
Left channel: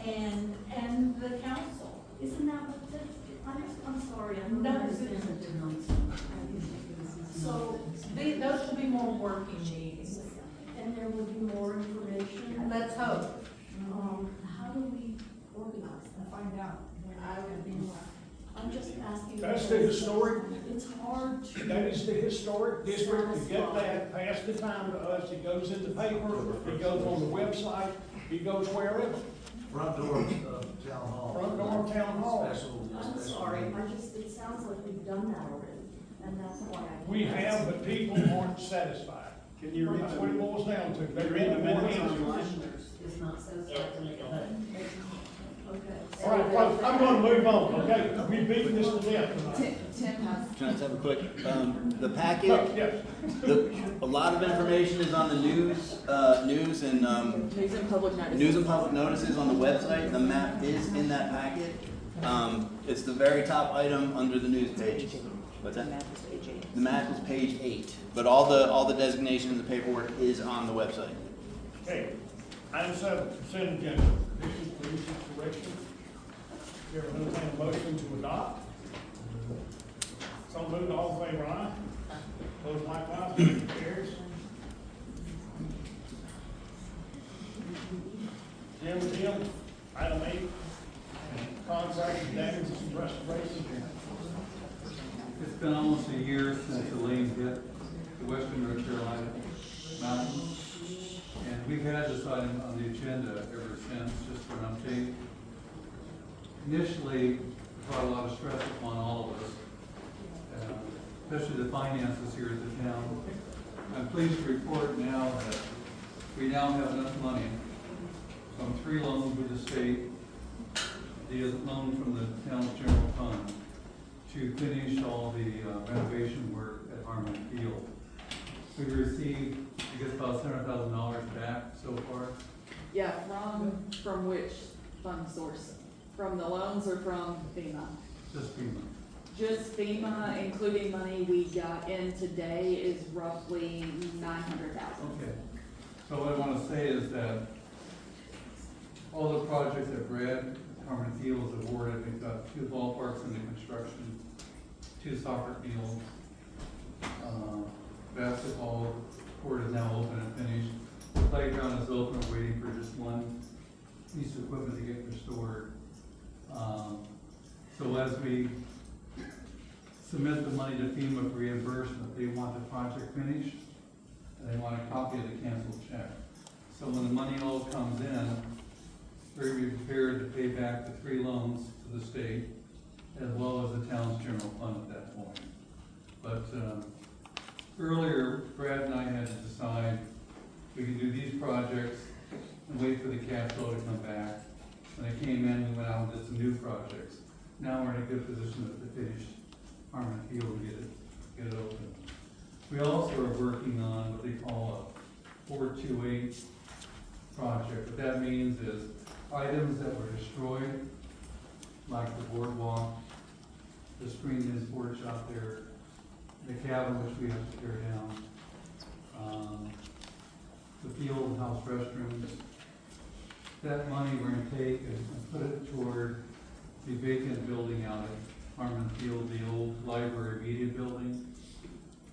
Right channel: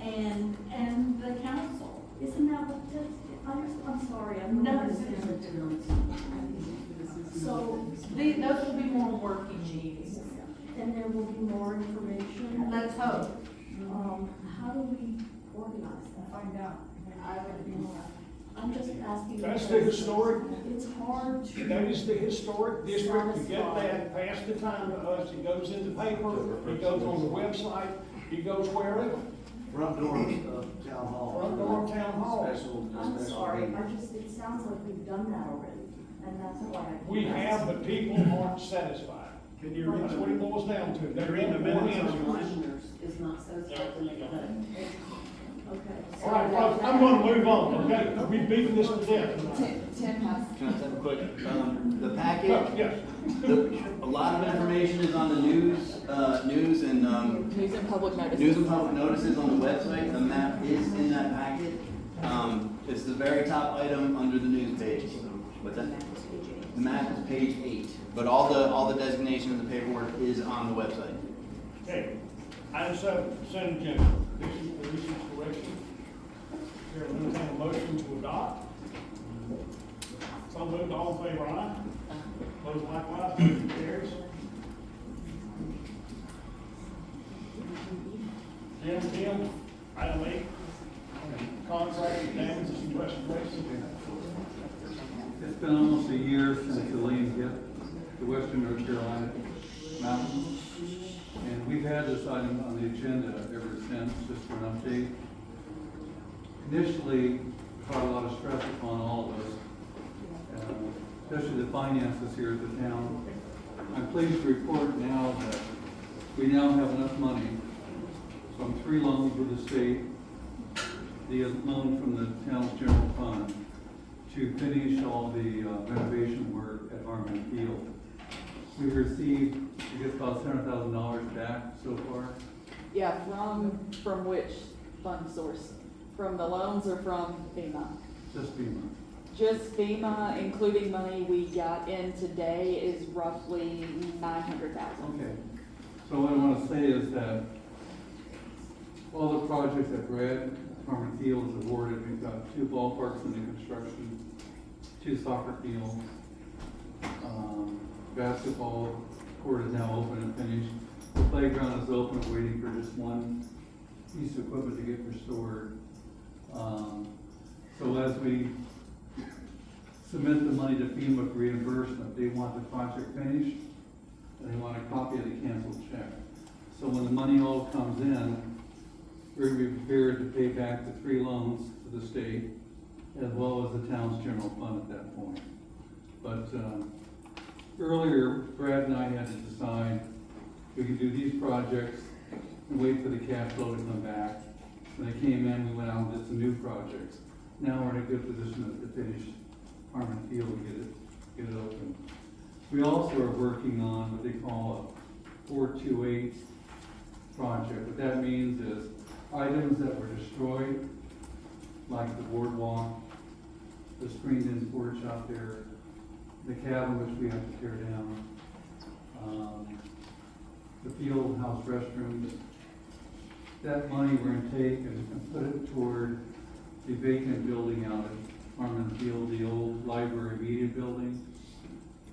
and the council. Isn't that what this, I'm sorry, I'm No, not it's- different tonight. So those will be more working meetings. And there will be more information. Let's hope. How do we organize that? Find out. I would be more. I'm just asking. That's the because historic. It's hard to. That is the historic district. You get that, pass the time to us, it goes in the paper, it goes on the website, it goes wherever. Front door of town hall. Front door of town hall. I'm sorry, it sounds like we've done that already, and that's why I. We have, but people aren't satisfied. Can you read That's what it boils down to. They're in the Commissioners is not satisfied with that. Okay. All right, folks, I'm gonna move on, okay? We've beaten this to death tonight. Tim has. Can I just have a quick, the Oh, packet, yes. a lot of information is on the news and, News and public notices. news and public notices on the website. The map is in that packet. It's the very top item under the news page. What's that? The map is page 8, but all the designation and the paperwork is on the website. Okay, item 7, consent agenda. This is the recent correction. There is no motion to adopt. So moved, all in favor, aye? Those likewise, motion carries. Jim, item 8, contract damages and restoration. It's been almost a year since the lane hit the western North Carolina mountains. And we've had this item on the agenda ever since, just for an update. Initially, it brought a lot of stress upon all of us, especially the finances here at the town. I'm pleased to report now that we now have enough money from 3 loans with the state, the loan from the town's general fund, to finish all the renovation work at Harmon Field. We've received, I guess, about $700,000 back so far. Yeah, from which fund source? From the loans or from FEMA? Just FEMA. Just FEMA, including money we got in today, is roughly $900,000. Okay. So what I want to say is that all the projects that Brad Harmon Field has awarded, we've got 2 ballparks in the construction, 2 soccer fields, basketball court is now open and finished. The playground is open, waiting for just one piece of equipment to get restored. So as we submit the money to FEMA for reimbursement, they want the project finished, and they want a copy of the canceled check. So when the money all comes in, we're prepared to pay back the 3 loans to the state, as well as the town's general fund at that point. But earlier, Brad and I had to decide we could do these projects and wait for the cash flow to come back. When they came in, we went out and did some new projects. Now we're in a good position to finish Harmon Field and get it open. We also are working on what they call a 428 project. What that means is items that were destroyed, like the boardwalk, the screened-in porch out there, the cabin which we have to tear down, the field house restrooms. That money we're gonna take and put it toward the vacant building out at Harmon Field, the old library media building.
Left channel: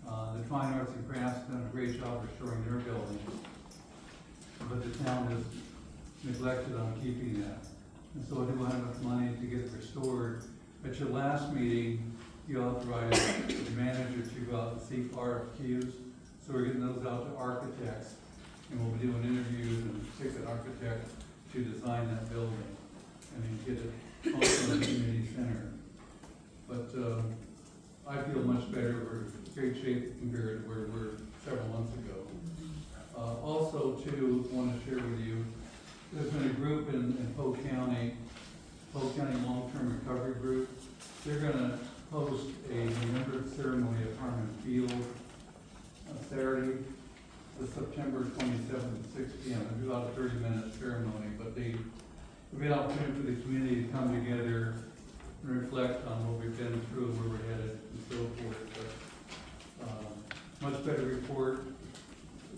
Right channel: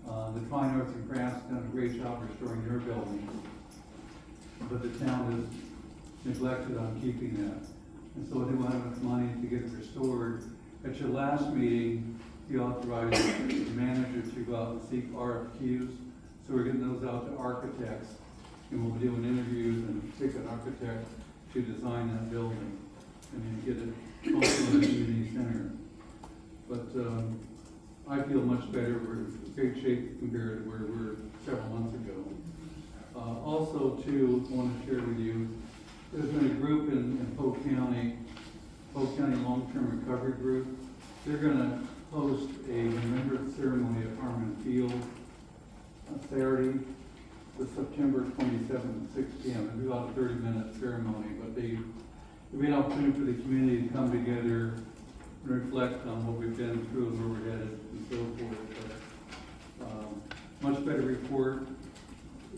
The Fine Arts and Crafts done a great job restoring their building, but the town has neglected on keeping that. And so they want enough money to get it restored. At your last meeting, you authorized the manager to go out and seek RFQs. So we're getting those out to architects, and we'll be doing interviews and pick an architect to design that building and then get it also in the community center. But I feel much better. We're in great shape compared to where we were several months ago. Also, too, I want to share with you, there's been a group in Polk County Long-Term Recovery Group. They're going to host a remembrance ceremony at about a 30-minute ceremony, but we had an opportunity for the community to come together and reflect on what we've been through and where we're headed and so forth. But, much better report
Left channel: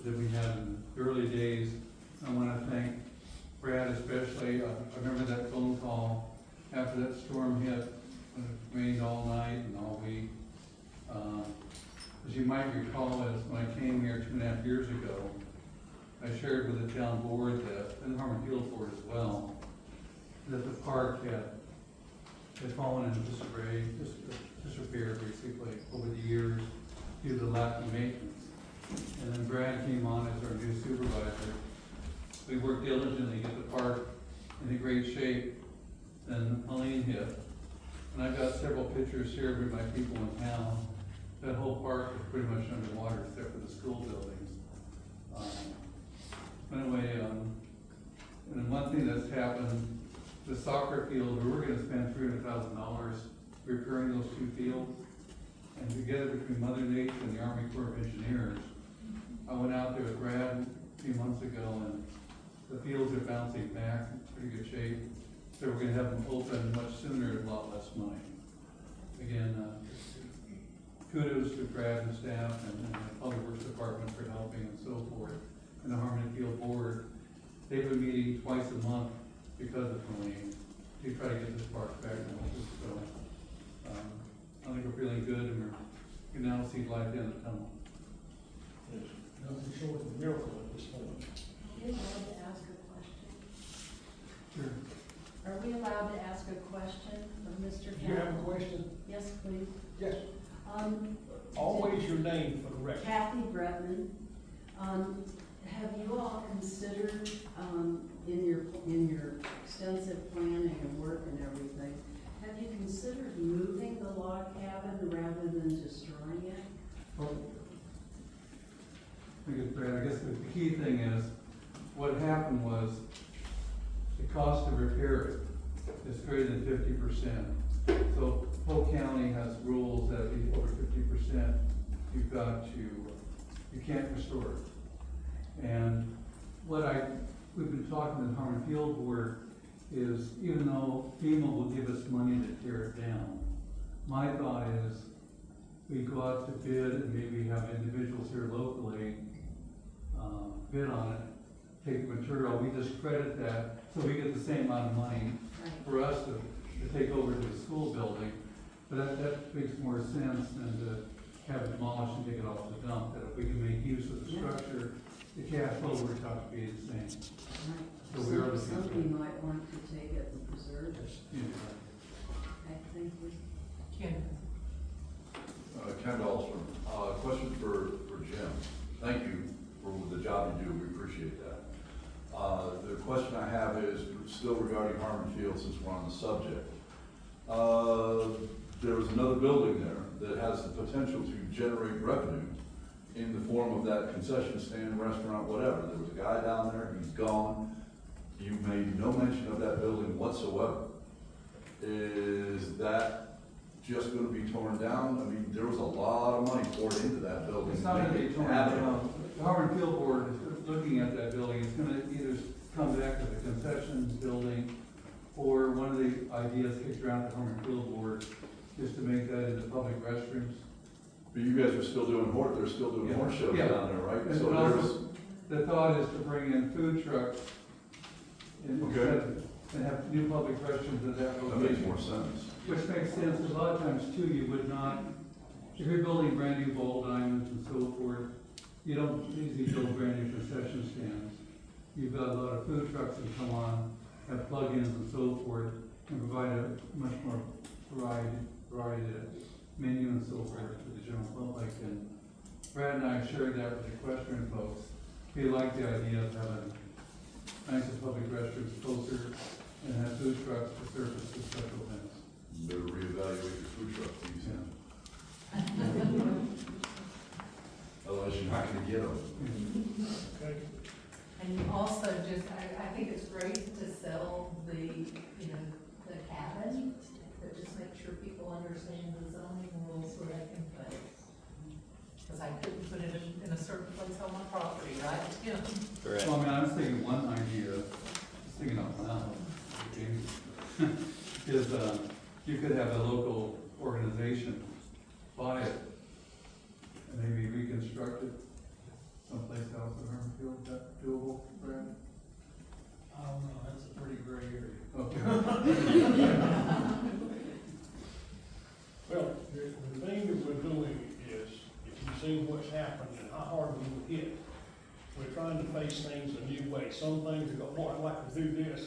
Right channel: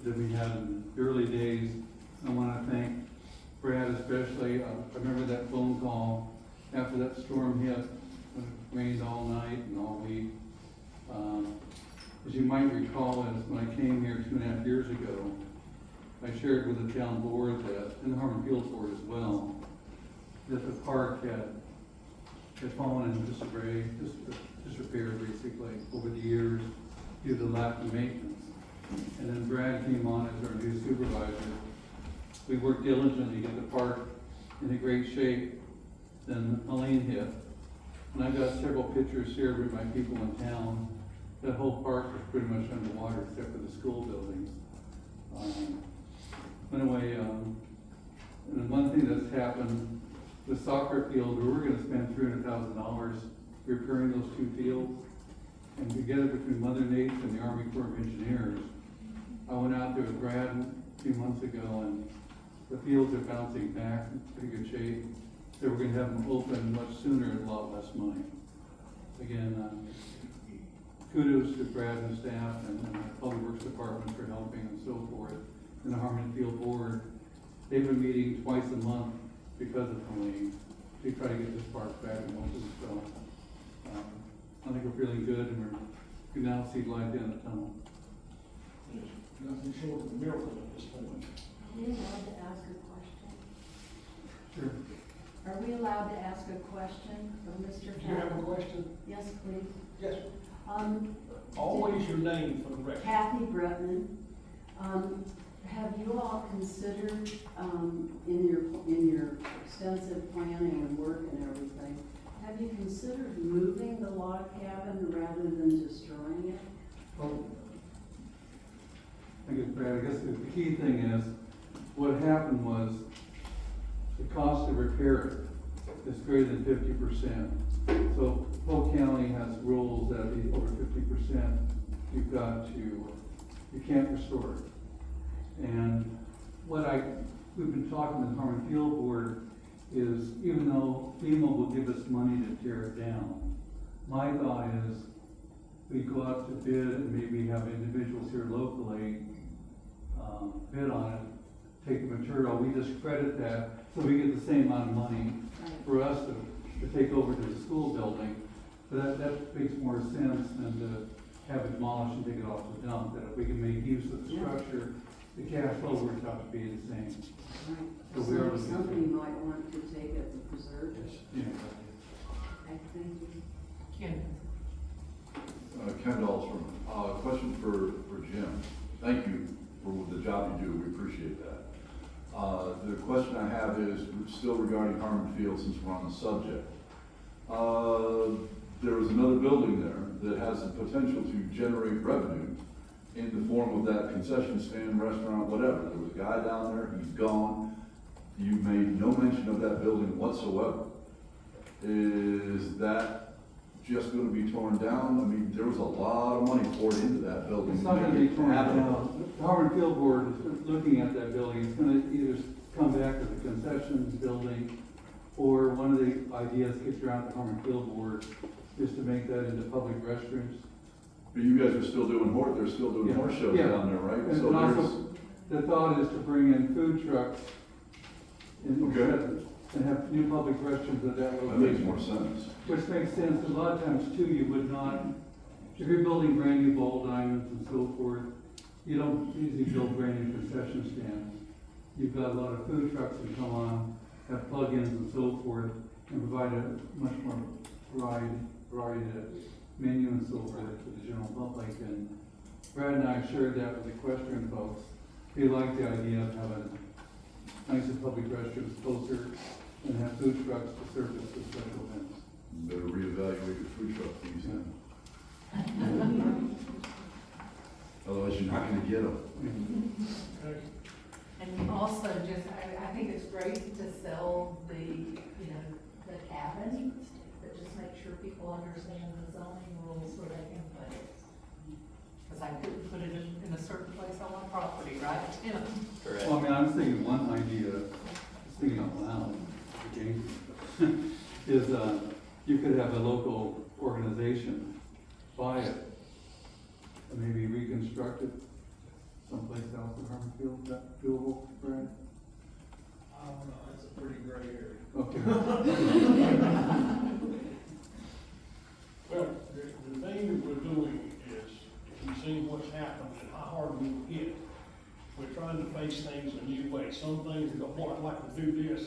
than we had in the early days. I want to thank Brad especially. I remember that phone call after that storm hit, when it rained all night and all week. As you might recall, as when I came here 2.5 years ago, I shared with the town board that, and the Harmon Field Board as well, that the park had fallen into disrepair basically over the years due to lack of maintenance. And then Brad came on as our new supervisor. We worked diligently to get the park in a great shape. Then Helene hit. And I've got several pictures here with my people in town. That whole park was pretty much underwater except for the school buildings. Anyway, and one thing that's happened, the soccer field, we were gonna spend $300,000 repairing those 2 fields. And together between Mother Nature and the Army Corps of Engineers, I went out there with Brad a few months ago, and the fields are bouncing back in pretty good shape. So we're gonna have them open much sooner at a lot less money. Again, kudos to Brad and staff and the Public Works Department for helping and so forth. And the Harmon Field Board, they've been meeting twice a month because of Helene to try to get this park back in motion. So I think we're feeling good, and we can now see light in the tunnel. Nothing short of a miracle at this point. Are we allowed to ask a question? Sure. Are we allowed to ask a question of Mr. Do you have a Campbell? question? Yes, please. Yes. Always your name for the record. Kathy Bretman. Have you all considered, in your extensive planning and work and everything, have you considered moving the log cabin rather than destroying it? Well, I guess, Brad, I guess the key thing is, what happened was, the cost to repair it is greater than 50%. So Polk County has rules that if it's over 50%, you can't restore it. And we've been talking to the Harmon Field Board is, even though FEMA will give us money to tear it down, my thought is we go out to bid and maybe have individuals here locally bid on it, take the material, we just credit that, so we get the same amount of money for us to take over to the school building. But that makes more sense than to have it demolished and take it off the dump, that if we can make use of the structure, the cash flow would have to be the same. So we are Somebody might want to take it and preserve it. Yeah. Okay, thank you. Ken. Ken Dahlstrom, question for Jim. Thank you for the job you do, we appreciate that. The question I have is still regarding Harmon Field, since we're on the subject. There was another building there that has the potential to generate revenue in the form of that concession stand, restaurant, whatever. There was a guy down there, he's gone. You made no mention of that building whatsoever. Is that just gonna be torn down? I mean, there was a lot of money poured into that building. It's not gonna be torn down. The Harmon Field Board is looking at that building. It's gonna either come back to the concessions building, or one of the ideas kicked around at Harmon Field Board is to make that into public restrooms. But you guys are still doing they're still doing horse shows down there, right? And So also, the thought is to bring in food trucks and have new public restrooms at that location. That makes more sense. Which makes sense. A lot of times too, you would not, if you're building brand new bowl diamonds and so forth, you don't usually build brand new concession stands. You've got a lot of food trucks that come on, have plug-ins and so forth, and provide a much more variety menu and so forth to the general public. And Brad and I shared that with the equestrian folks. They like the idea of having nicer public restrooms closer and have food trucks to surface the special events. You better reevaluate your food truck fees then. Otherwise, you're not gonna get them. And also just, I think it's great to sell the cabin, but just make sure people understand the zoning rules so they can put it. Cause I couldn't put it in a certain place on my property, right? Well, I mean, I was thinking one idea Wow. Okay. Is, you could have a local organization buy it and maybe reconstruct it someplace else in Hermanfield. Is that doable, Brad? I don't know, that's a pretty gray area. Okay. Well, the thing that we're doing is, if you've seen what's happened and how hard we were hit, we're trying to face things a new way. Some things go, boy, I'd like to do this,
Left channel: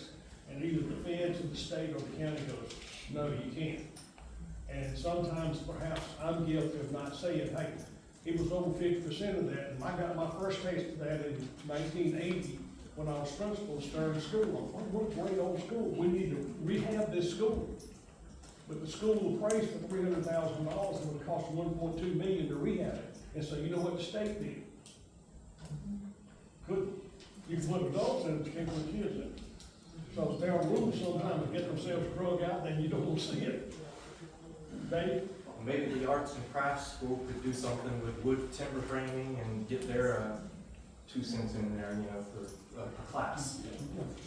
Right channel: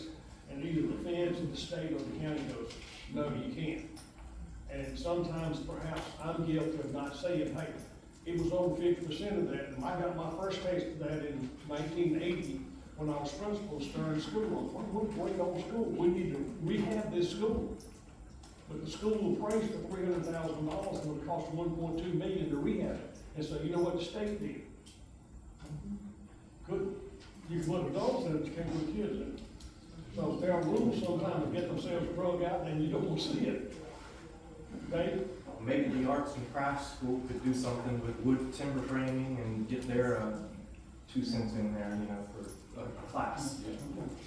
and either the feds or the state or the county goes, no, you can't. And sometimes perhaps I'm guilty of not saying, hey, it was over 50% of that, and I got my first taste of that in 1980 when I was principal of Stern School. What a great old school. We need to rehab this school. But the school will praise for $300,000 and would cost $1.2 million to rehab it. And so you know what the state did? Good. You can put adults in it, but you can't put kids in it. So their rules sometimes get themselves drug out, then you don't want to see it. Dave? Maybe the arts and crafts school could do something with wood timber framing and get their 2 cents in there, you know, for a class.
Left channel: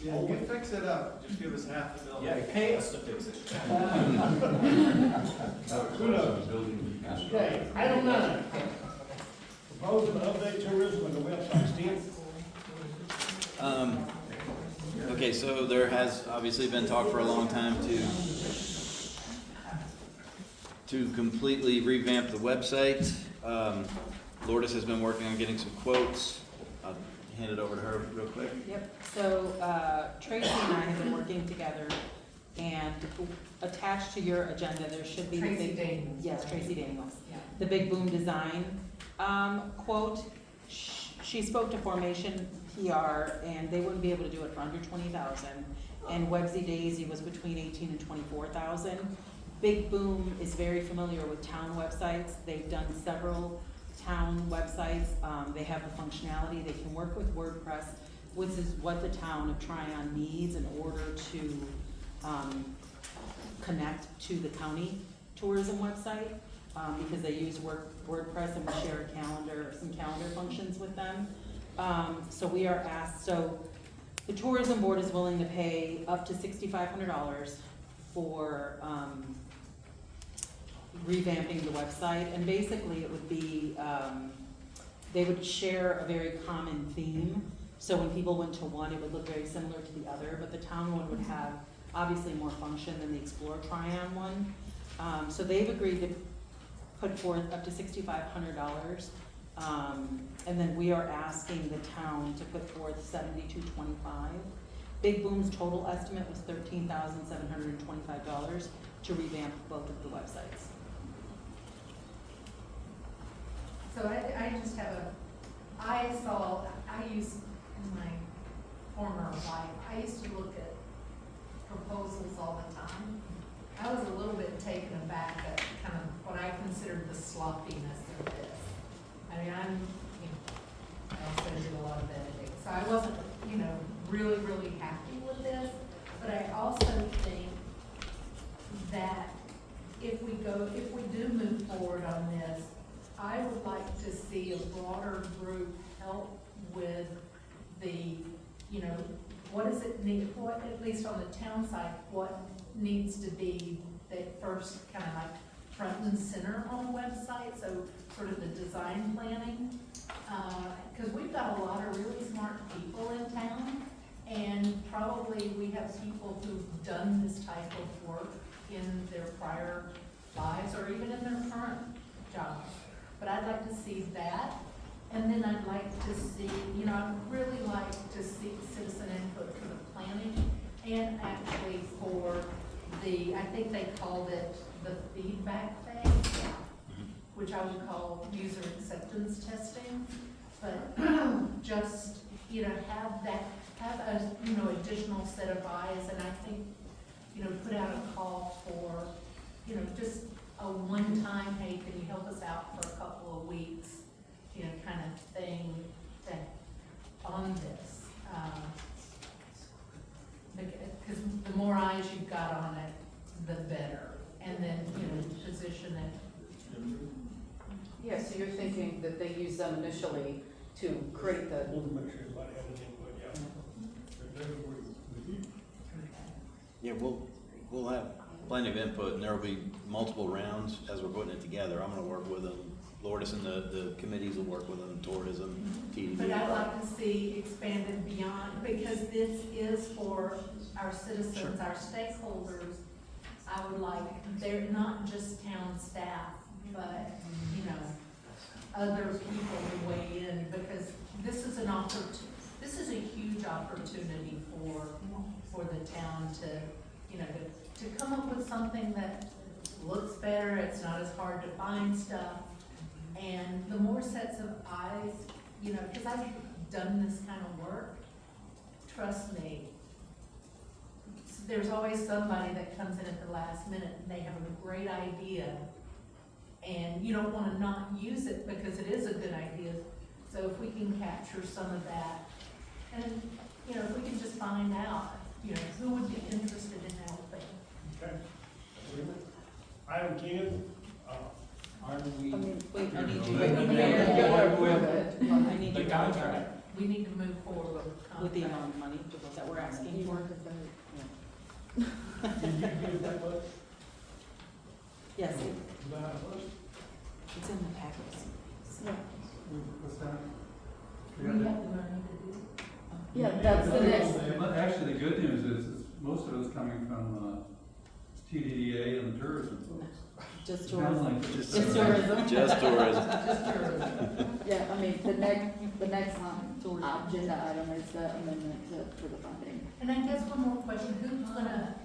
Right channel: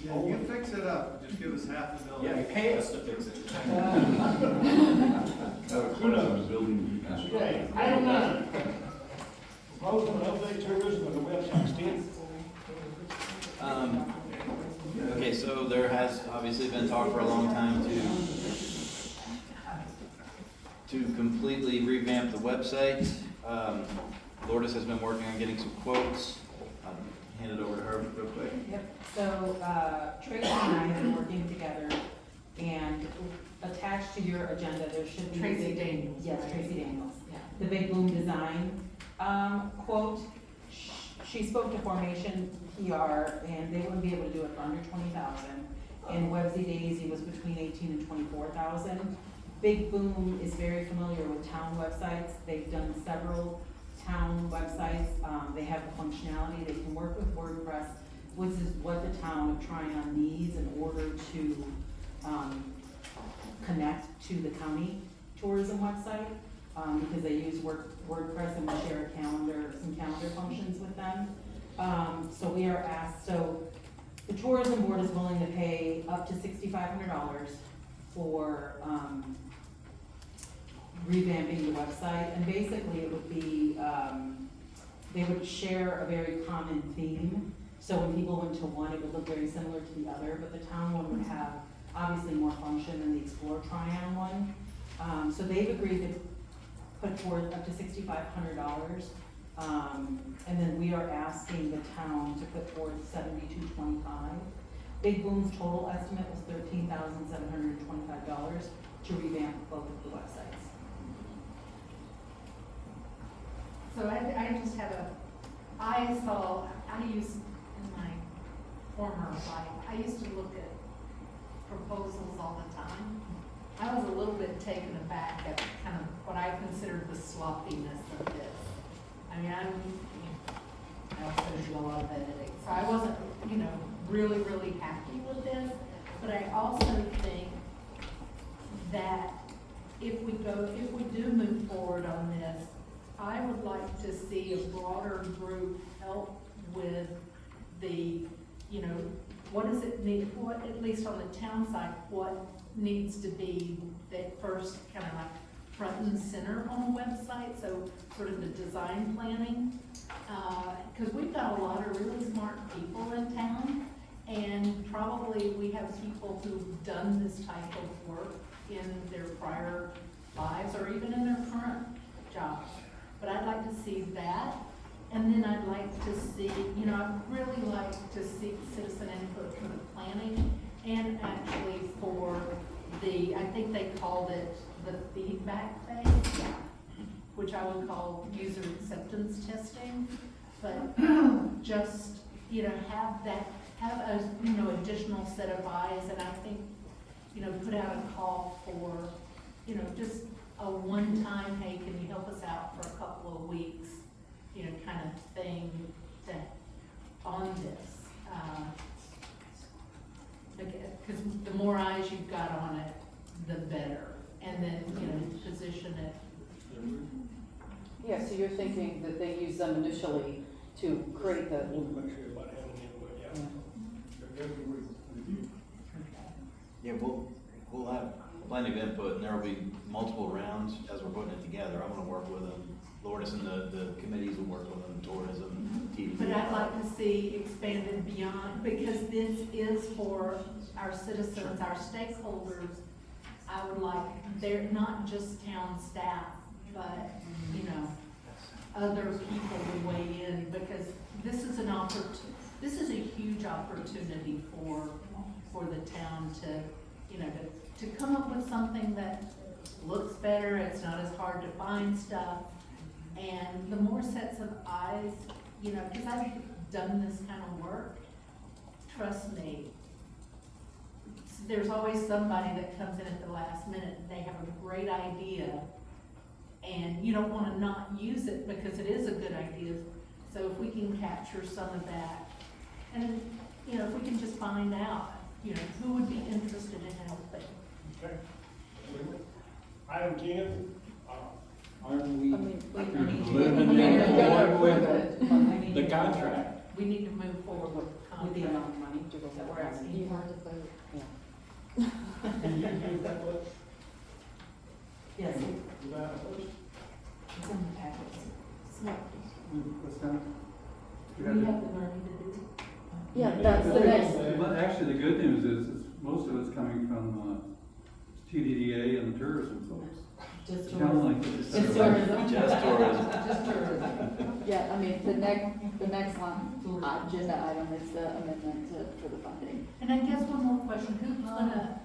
Yeah, you can fix it up, just give us half the Yeah, million. pay us to fix it. Okay, item 9. Proposing to update tourism on the website. Tim? Okay, so there has obviously been talk for a long time to completely revamp the website. Lourdes has been working on getting some quotes. I'll hand it over to her real quick. Yep, so Tracy and I have been working together, and attached to your agenda, there should be. Tracy Daniels. Yes, Tracy Daniels. Yeah. The Big Boom Design quote. She spoke to Formation PR, and they wouldn't be able to do it for under 20,000. And Websy Daisy was between 18 and 24,000. Big Boom is very familiar with town websites. They've done several town websites. They have the functionality. They can work with WordPress, which is what the town of Tryon needs in order to connect to the county tourism website, because they use WordPress, and we share a calendar, some calendar functions with them. So we are asked, so the tourism board is willing to pay up to $6,500 for revamping the website, and basically it would be, they would share a very common theme. So when people went to one, it would look very similar to the other, but the town one would have obviously more function than the Explore Tryon one. So they've agreed to put forth up to $6,500. And then we are asking the town to put forth $7,225. Big Boom's total estimate was $13,725 to revamp both of the websites. So I just have I used in my former life, I used to look at proposals all the time. I was a little bit taken aback at kind of what I considered the sloppiness of this. I mean, I also did a lot of editing, so I wasn't, really, really happy with this. But I also think that if we do move forward on this, I would like to see a broader group help with the, what does it need, what, at least on the town side, what needs to be that first kind of like front and center on a website, so sort of the design planning. Because we've got a lot of really smart people in town, and probably we have people who've done this type of work in their prior lives or even in their current jobs. But I'd like to see that, and then I'd like to see, I'd really like to see citizen input for the planning, and actually for I think they called it the feedback phase, which I would call user acceptance testing. But just, have a, additional set of eyes, and I think, put out a call for, just a one-time, hey, can you help us out for a couple of weeks, kind of thing on this. Because the more eyes you've got on it, the better. And then, position it. Yeah, so you're thinking that they use them initially to create the. We'll make sure everybody has an input, yeah. Yeah, we'll have plenty of input, and there will be multiple rounds as we're putting it together. I'm gonna work with them. Lourdes and the committees will work with them, tourism, TDD. But I'd like to see expanded beyond, because this is for our citizens, our stakeholders. I would like, they're not just town staff, but, you know, other people to weigh in, because this is this is a huge opportunity for the town to, you know, to come up with something that looks better, it's not as hard to find stuff. And the more sets of eyes, you know, because I've done this kind of work, trust me, there's always somebody that comes in at the last minute and they have a great idea, and you don't want to not use it because it is a good idea. So if we can capture some of that, and, you know, if we can just find out, you know, who would be interested in helping. Okay. Item 10, Aren't we? Wait, I need The contract. We need to move forward with the amount of money that we're asking for. did you get that much? Yes, That much? it's in the packets. What's that? We have the money to do it. Yeah, that's the next. But actually, the good news is most of it's coming from, TDDA and the tourism folks. Just It sounds like tourism. it's Just tourism. Just tourism. Just tourism. Yeah, I mean, the next one, agenda item is the amendment for the funding. And I guess one more question, who's gonna,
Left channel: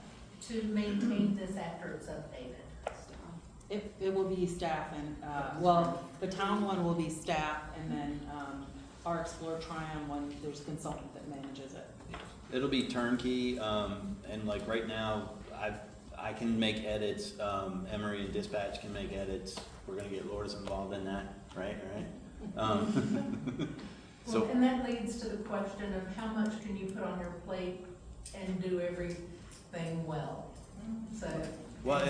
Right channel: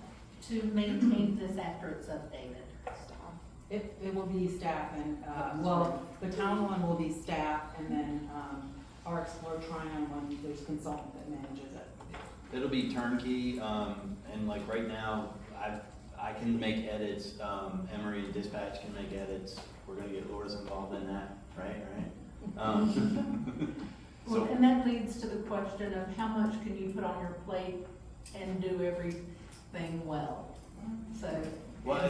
to maintain this after it's updated? It will be staff and, well, the town one will be staff, and then, our Explore Tryon one, there's a consultant that manages it. It'll be turnkey, and like right now, I can make edits, Emery and Dispatch can make edits. We're gonna get Lourdes involved in that, right? Well, So, and that leads to the question of how much can you put on your plate and do everything well? So. well,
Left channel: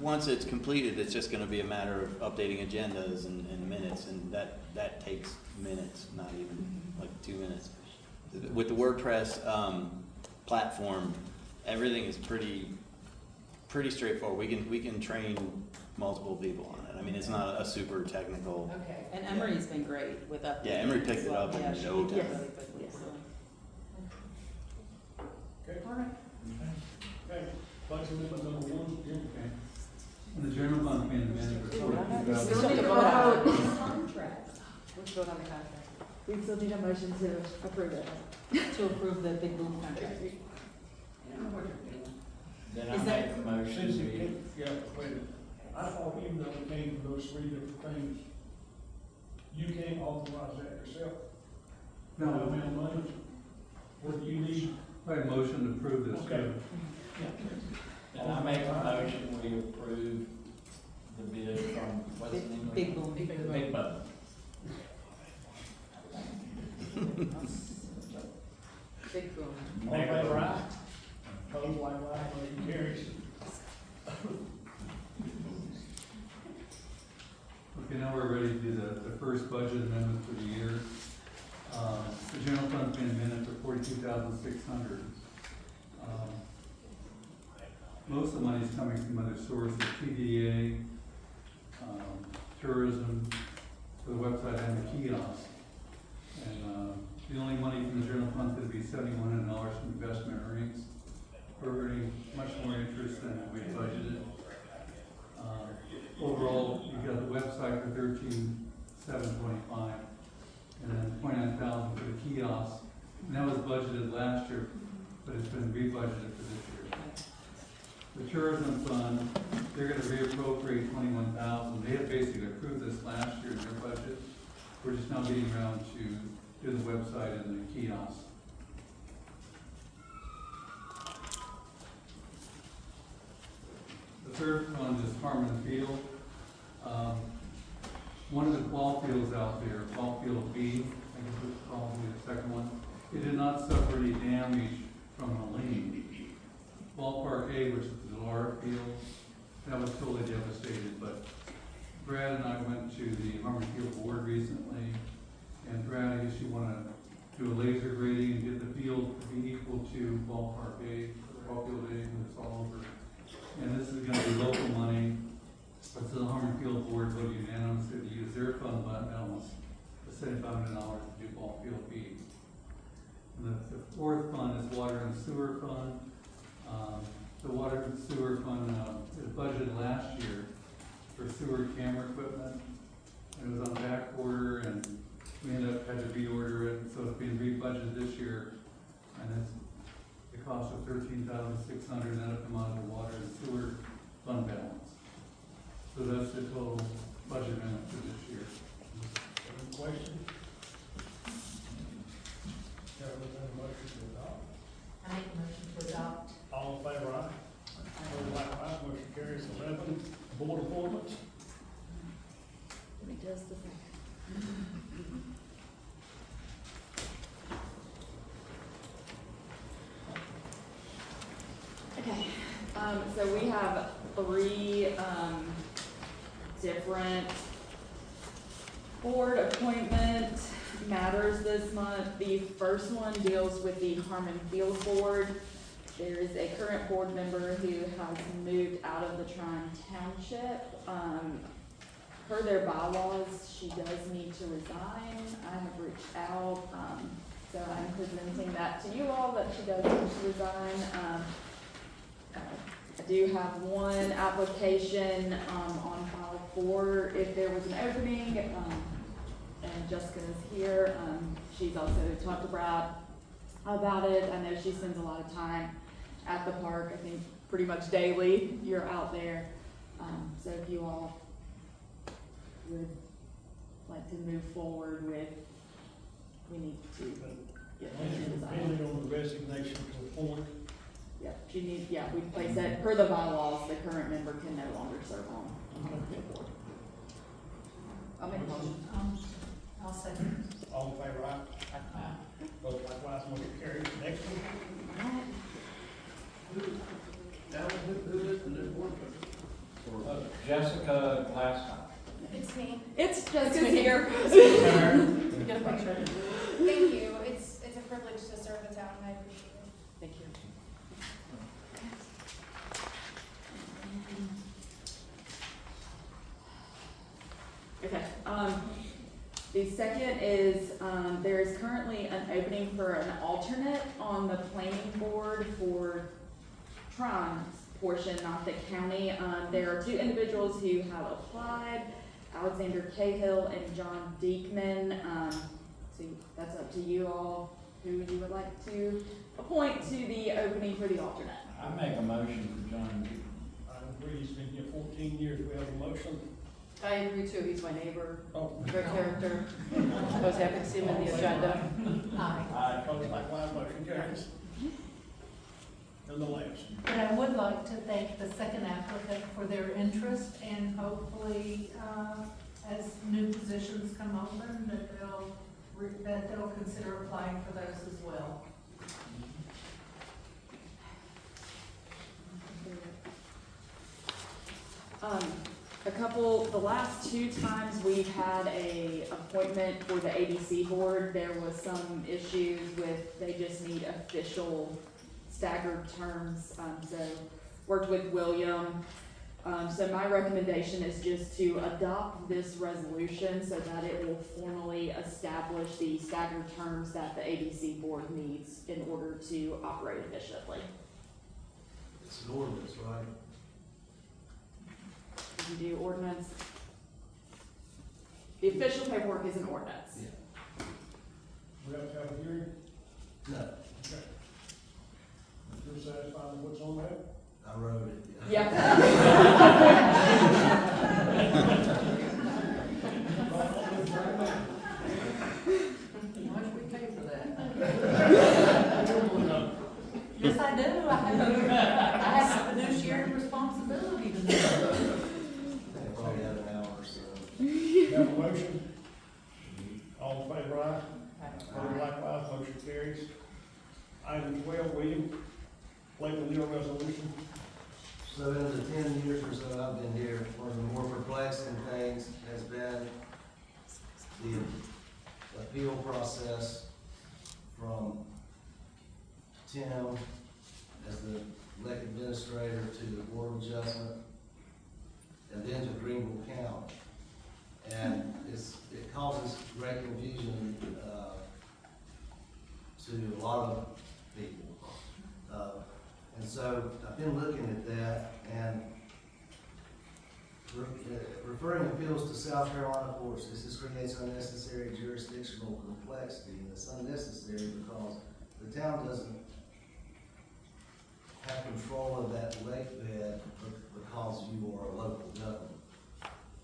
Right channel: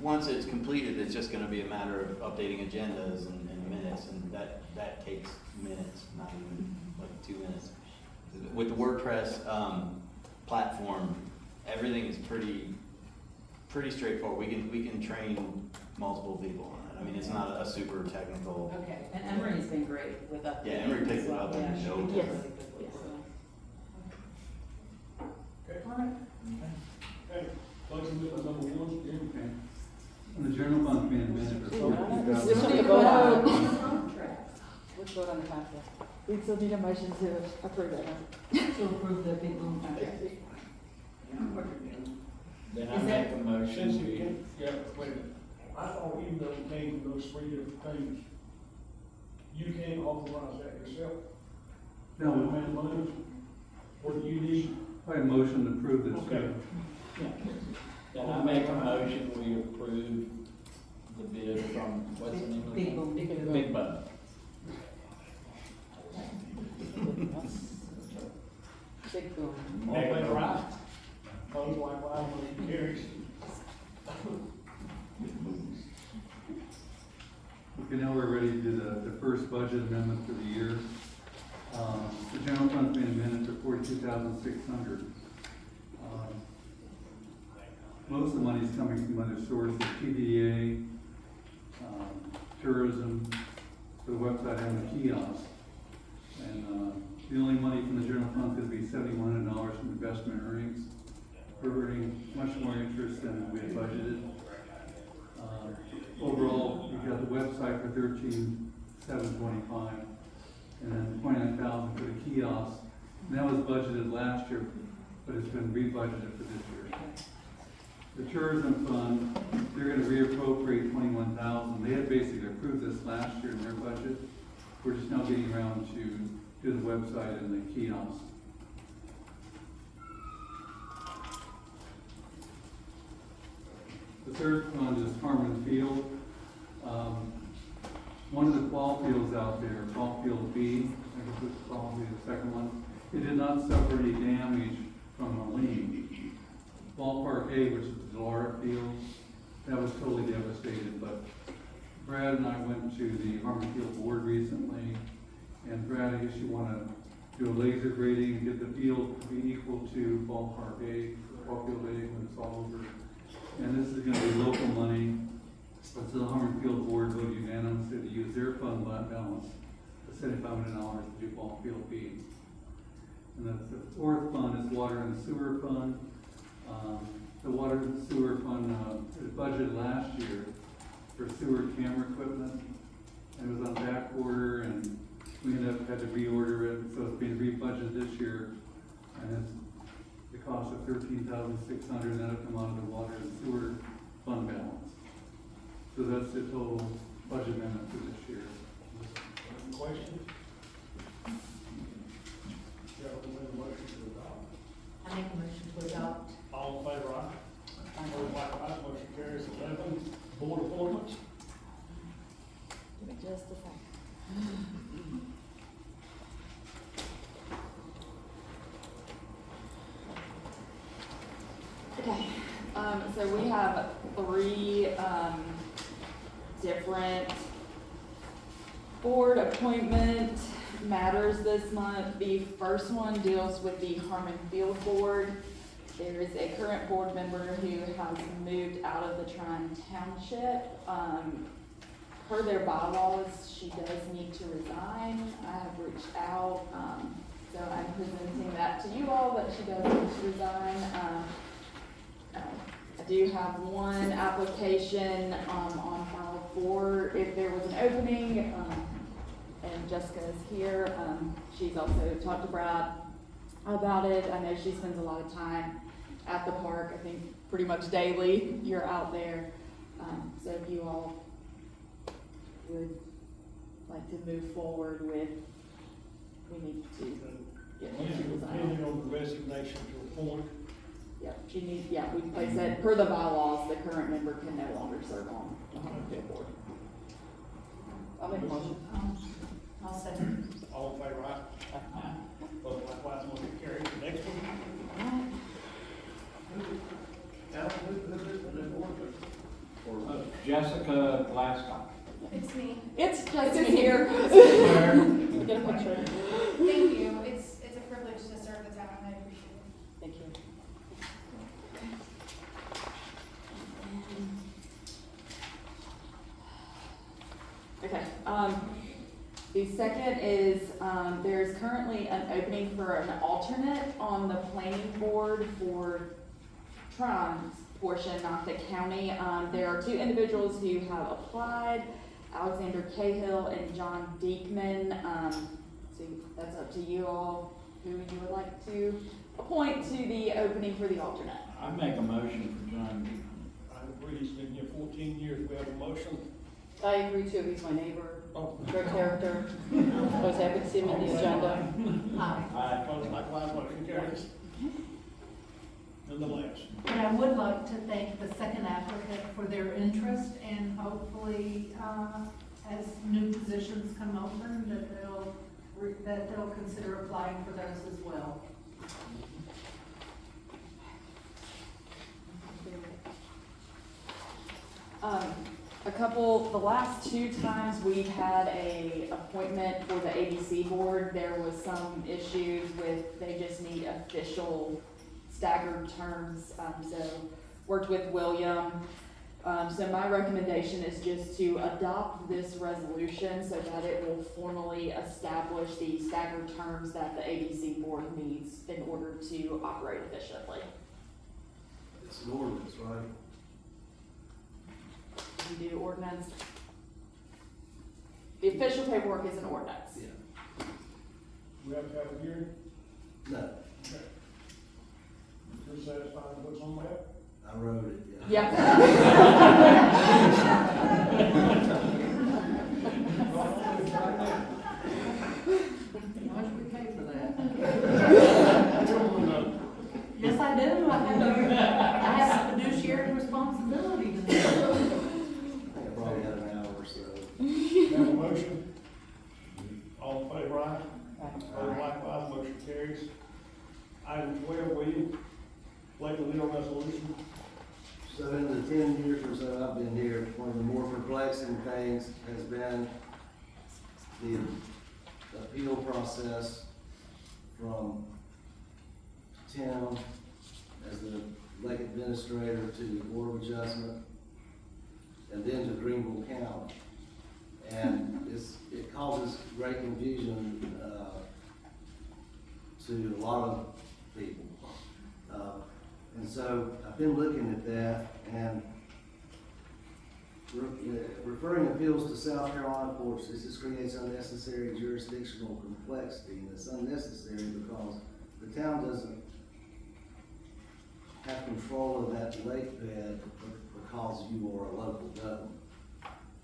once it's completed, it's just gonna be a matter of updating agendas and minutes, and that takes minutes, not even like 2 minutes. With the WordPress, platform, everything is pretty straightforward. We can train multiple people on it. I mean, it's not a super technical. Okay. And Emery's been great with updating. Yeah, Emery picked it up in Yeah, she no did time. really quickly, so. Okay. Okay, budget amendment number 1, Jim. Okay. And the general fund being managed for We still 20,000. need to vote on it. Let's vote on the contract. We still need a motion to approve it. To approve the big boom contract. Then I Is make that- a motion, Since it we, came, yeah, wait a minute. I thought even though it came from those 3 different things, you can't authorize that yourself? No. The amount of money, or do you need? I have a motion to approve this. Okay. then I make a motion, we approve the bid from, what's the name of it? Big boom. Big Boom. Big boom. All in favor, aye? Opposed, likewise, motion carries. Okay, now we're ready to do the first budget amendment for the year. The general fund's being amended to 42,600. Most of the money is coming from other sources, TDA, tourism, for the website and the kiosk. And, the only money from the general fund is gonna be $7,100 from investment earnings. We're earning much more interest than we had budgeted. Overall, you've got the website for $13,725, and then $29,000 for the kiosk. And that was budgeted last year, but it's been rebudgeted for this year. The tourism fund, they're gonna reappropriate $21,000. They had basically approved this last year in their budget. We're just now getting around to do the website and the kiosk. The third fund is Harmon Field. One of the ball fields out there, ball field B, I guess it's called, the second one, it did not suffer any damage from the lean. Ballpark A, which is the Delora Field, that was totally devastated, but Brad and I went to the Harmon Field board recently, and Brad, I guess you wanna do a laser grading and get the field to be equal to Ballpark A. parochial day when it's all over. And this is gonna be local money, but the Harmon Board voted unanimously to use their fund balance, the $7,500 to do ball field feed. And the fourth fund is water and sewer fund. The water and sewer fund, is budgeted last year for sewer camera equipment. And it was on back order, and we ended up had to reorder it, so it's being rebudgeted this year. And it's the cost of $13,600, and that'll come out of the water and sewer fund balance. So that's the total budget amendment for this year. Any questions? Yeah, we'll make a motion to adopt. I make a motion to adopt. All in favor, aye? Opposed, likewise, motion carries. 11, board appointments. Give me just a second. Okay, so we have three, different board appointment matters this month. The first one deals with the Harmon Field Board. There is a current board member who has moved out of the Tryon Township. Per their bylaws, she does need to resign. I have reached out, so I'm presenting that to you all, that she does need to resign. I do have one application, on file for if there was an opening, and Jessica is here. She's also talked to Brad about it. I know she spends a lot of time at the park. I think pretty much daily you're out there. So if you all would like to move forward with, we need to get her to resign. Depending on the resignation to appoint. Yep, she needs, yeah, we, like I said, per the bylaws, the current member can no longer serve on the Harmon Field Board. I'll make a motion. I'll second. All in favor, aye? Opposed, likewise, motion carries. Next one. Alan, who is the new board member? Jessica Glasgow. It's me. It's Jessica's here. Get a picture. Thank you. It's a privilege to serve the town. I appreciate it. Thank you. Okay, the second is, there's currently an opening for an alternate on the planning board for Tron's portion, not the county. There are two individuals who have applied, Alexander Cahill and John Diekman. So that's up to you all, who you would like to appoint to the opening for the alternate. I make a motion for John. I agree, he's been here 14 years. We have a motion. I agree too, he's my neighbor, Oh. great character. I was happy to see him in the agenda. Aye. Opposed, likewise, motion carries. Nonetheless. And I would like to thank the second applicant for their interest, and hopefully, as new positions come open, that they'll consider applying for those as well. The last two times we've had a appointment for the ABC board, there was some issues with, they just need official staggered terms, so worked with William. So my recommendation is just to adopt this resolution so that it will formally establish the staggered terms that the ABC board needs in order to operate efficiently. It's an ordinance, right? If you do ordinance, the official paperwork is an ordinance. Yeah. We have to have a hearing? No, Okay. You're satisfied with what's on that? I wrote it, Yeah. How much we pay for that? Yes, I do. I have a fiduciary responsibility to do. I probably had an hour or so. Have a motion? All in favor, aye? Opposed, likewise, motion carries. Item 12, will you play the legal resolution? So in the 10 years or so I've been here, one of the more perplexing things has been the appeal process from Tim as the lake administrator to the Board of Adjustment, and then to Greenville County. And it causes great confusion, to a lot of people. And so I've been looking at that, and referring appeals to South Carolina courts, this just creates unnecessary jurisdictional complexity, and it's unnecessary because the town doesn't have control of that lake bed because you are a local government.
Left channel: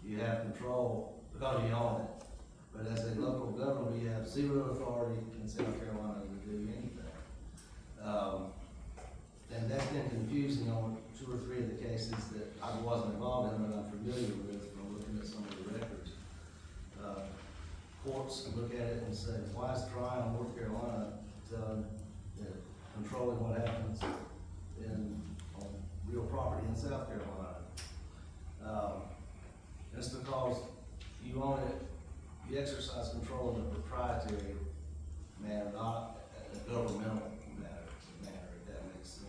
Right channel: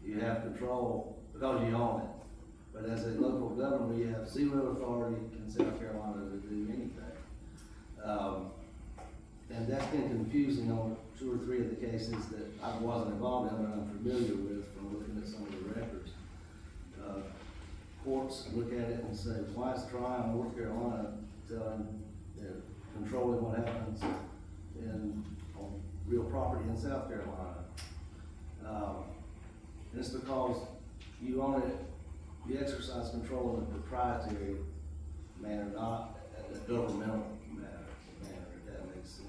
You have control because you own it. But as a local government, we have zero authority in South Carolina to do anything. And that's been confusing on 2 or 3 of the cases that I wasn't involved in, but I'm familiar with from looking at some of the records. Courts look at it and say, why is Tryon, North Carolina, controlling what happens on real property in South Carolina? It's because you own it, you exercise control in a proprietary manner, not a governmental manner, if that makes sense.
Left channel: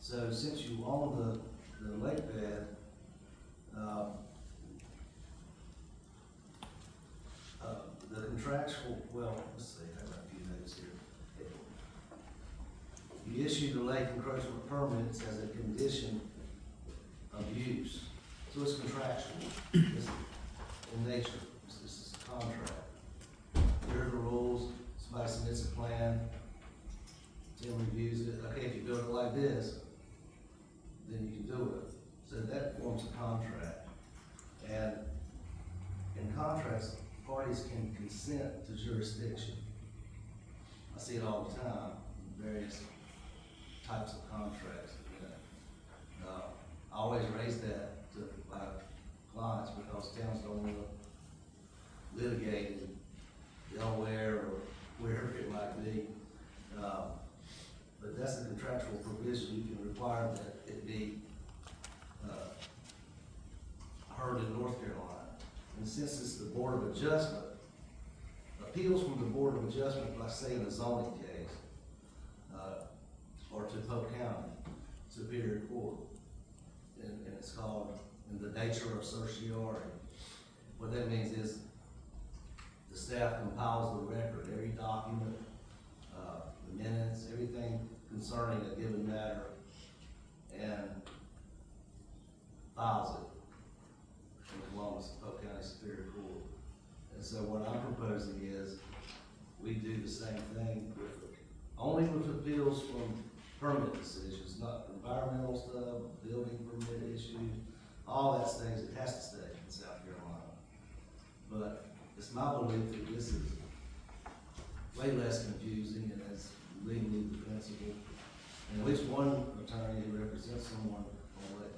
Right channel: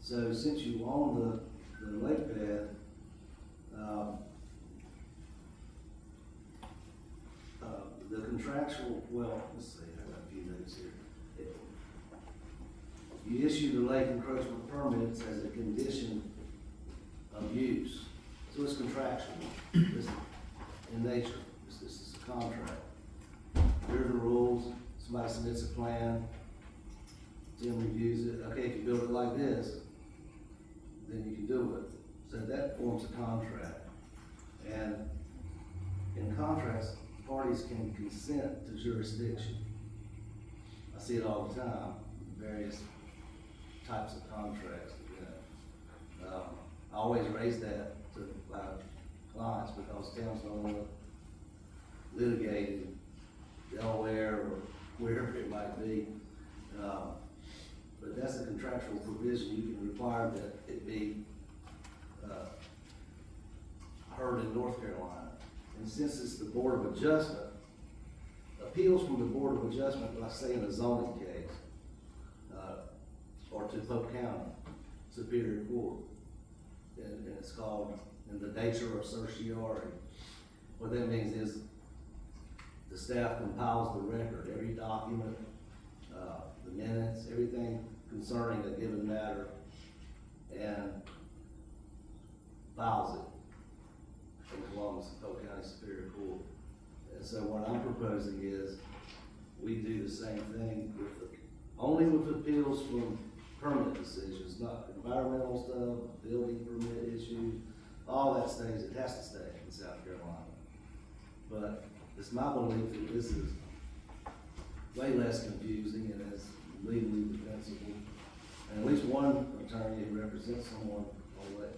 So since you own the lake bed, the contractual, well, let's see, I have a few notes here. You issue the lake encroachment permits as a condition of use, so it's contractual. It's in nature, this is a contract. Here are the rules, somebody submits a plan, Tim reviews it, okay, if you build it like this, then you can do it. So that forms a contract. And in contracts, parties can consent to jurisdiction. I see it all the time, various types of contracts, I always raise that to my clients because towns don't want to litigate in Delaware or wherever it might be. But that's a contractual provision. You can require that it be heard in North Carolina. And since it's the Board of Adjustment, appeals from the Board of Adjustment, like say in a zoning case, or to Polk County Superior Court, and it's called in the nature of certiorari. What that means is the staff compiles the record, every document, the minutes, everything concerning a given matter, and files it in Columbus, Polk County Superior Court. And so what I'm proposing is we do the same thing only with appeals from permit decisions, not environmental stuff, building permit issues, all that stays, it has to stay in South Carolina. But it's my belief that this is way less confusing and it's legally defensible. And at least one attorney who represents someone on that,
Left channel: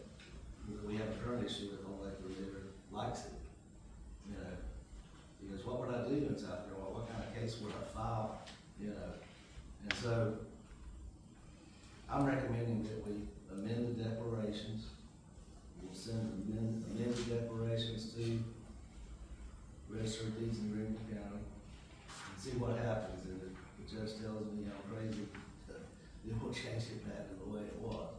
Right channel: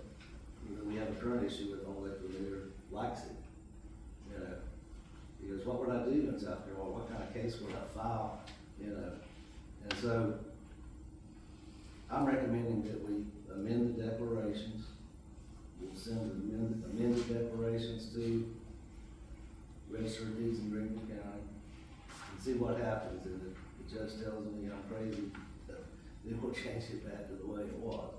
we have a current issue with on Lake Lanier, likes it. He goes, what would I do in South Carolina? What kind of case would I file? And so I'm recommending that we amend the declarations. We'll send amended declarations to Register of Deeds in Greenville County and see what happens. And if the judge tells me I'm crazy, then we'll change it back to the way it was.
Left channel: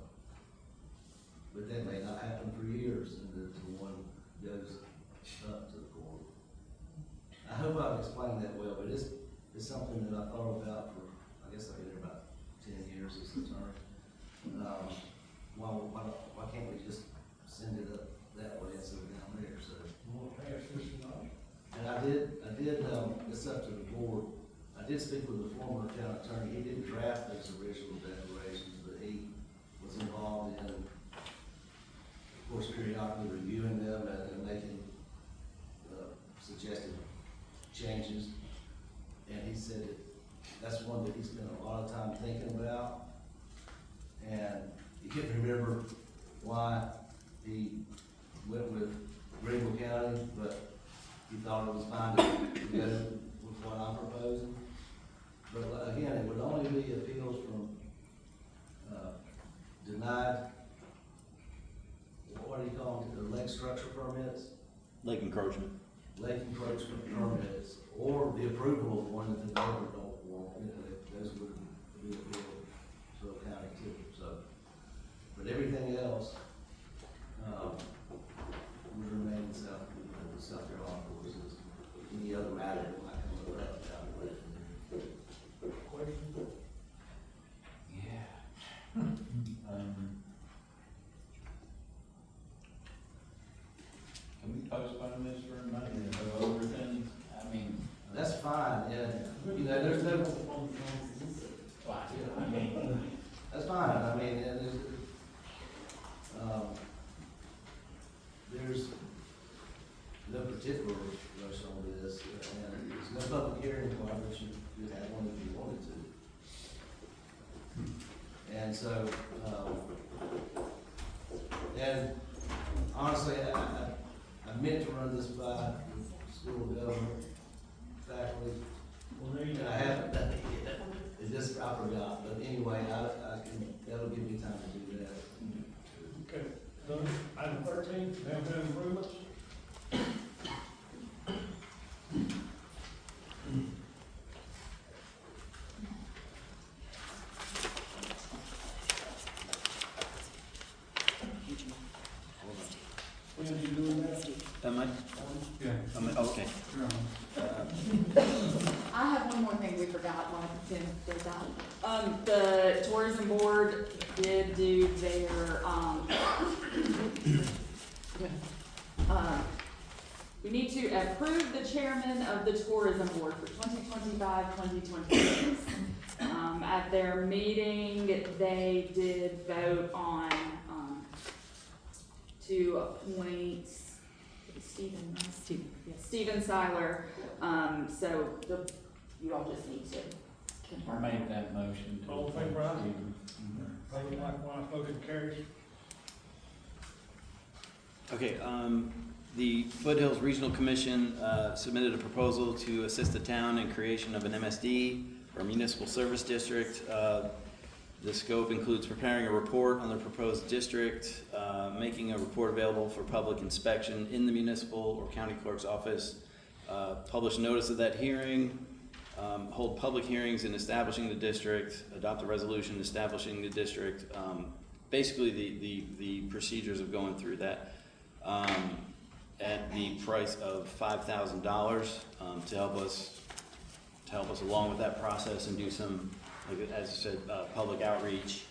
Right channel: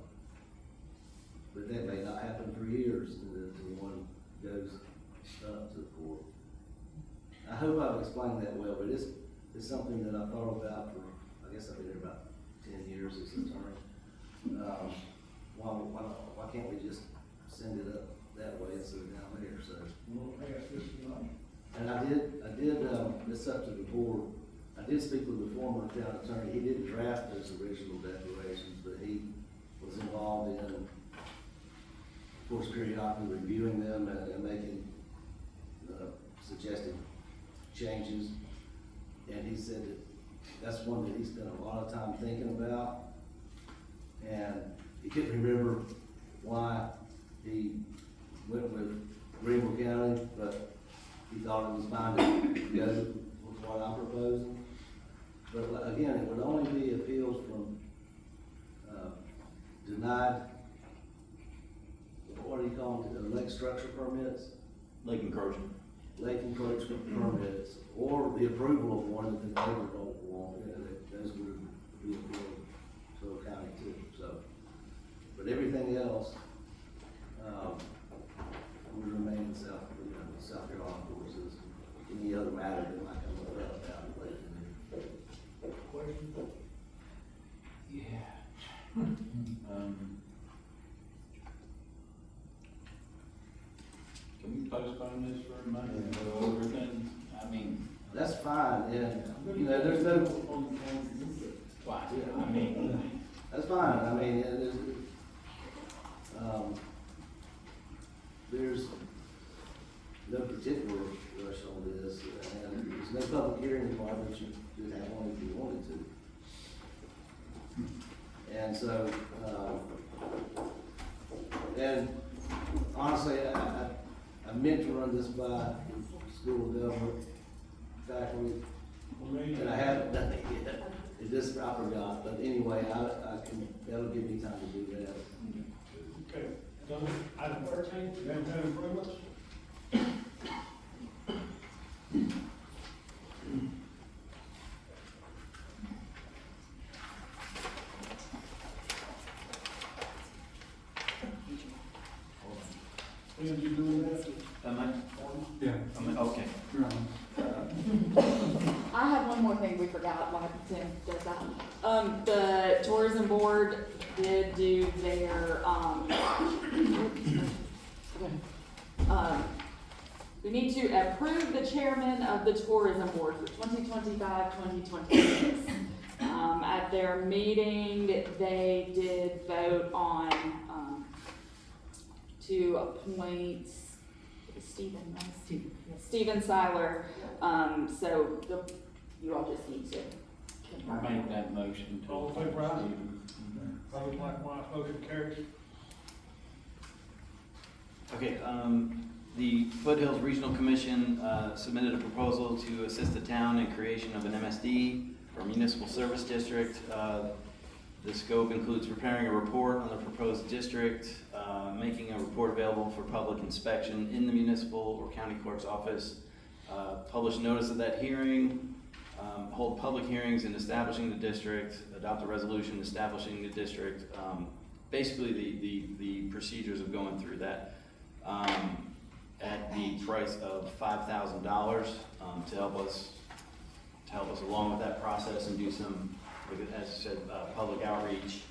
But that may not happen for years until one goes up to the court. I hope I've explained that well, but it's something that I thought about for, I guess I've been here about 10 years as an attorney. Why can't we just send it up that way instead of down there? So. We'll pass this tonight. And I did, it's up to the board. I did speak with the former town attorney. He didn't draft those original declarations, but he was involved in, of course, periodically reviewing them and making suggested changes. And he said that's one that he spent a lot of time thinking about. And he couldn't remember why he went with Greenville County, but he thought it was fine to go with what I'm proposing. But again, it would only be appeals from denied, what do you call it, lake structure permits? Lake encroachment. Lake encroachment permits, or the approval of one that the neighbor don't want, those would be appealed. Can we postpone this for a month and go over things? I mean, That's fine, yeah. You know, there's no, fine, I mean, that's fine, I mean, there's no particular rush on this, and there's no public hearing requirement, you could have one if you wanted to. And so, and honestly, I meant to run this by the school of government faculty, and I haven't done it yet. It just, I forgot, but anyway, that'll give me time to do that. Okay, so item 13, downtown improvements. When are you doing that? Am I? Yeah. Okay. You're on. I have one more thing we forgot while Tim does that. The tourism board did do their, we need to approve the chairman of the tourism board for 2025-2026. At their meeting, they did vote on, to appoint Stephen Seiler. So you all just need to I'll confirm. make that motion to. All in favor, aye? Opposed, likewise, motion carries. Okay, the Foothills Regional Commission submitted a proposal to assist the town in creation of an MSD, or Municipal Service District. The scope includes preparing a report on the proposed district, making a report available for public inspection in the municipal or county clerk's office, publish notice of that hearing, hold public hearings in establishing the district, adopt a resolution establishing the district, basically the procedures of going through that, at the price of $5,000 to help us along with that process and do some, as I said, public outreach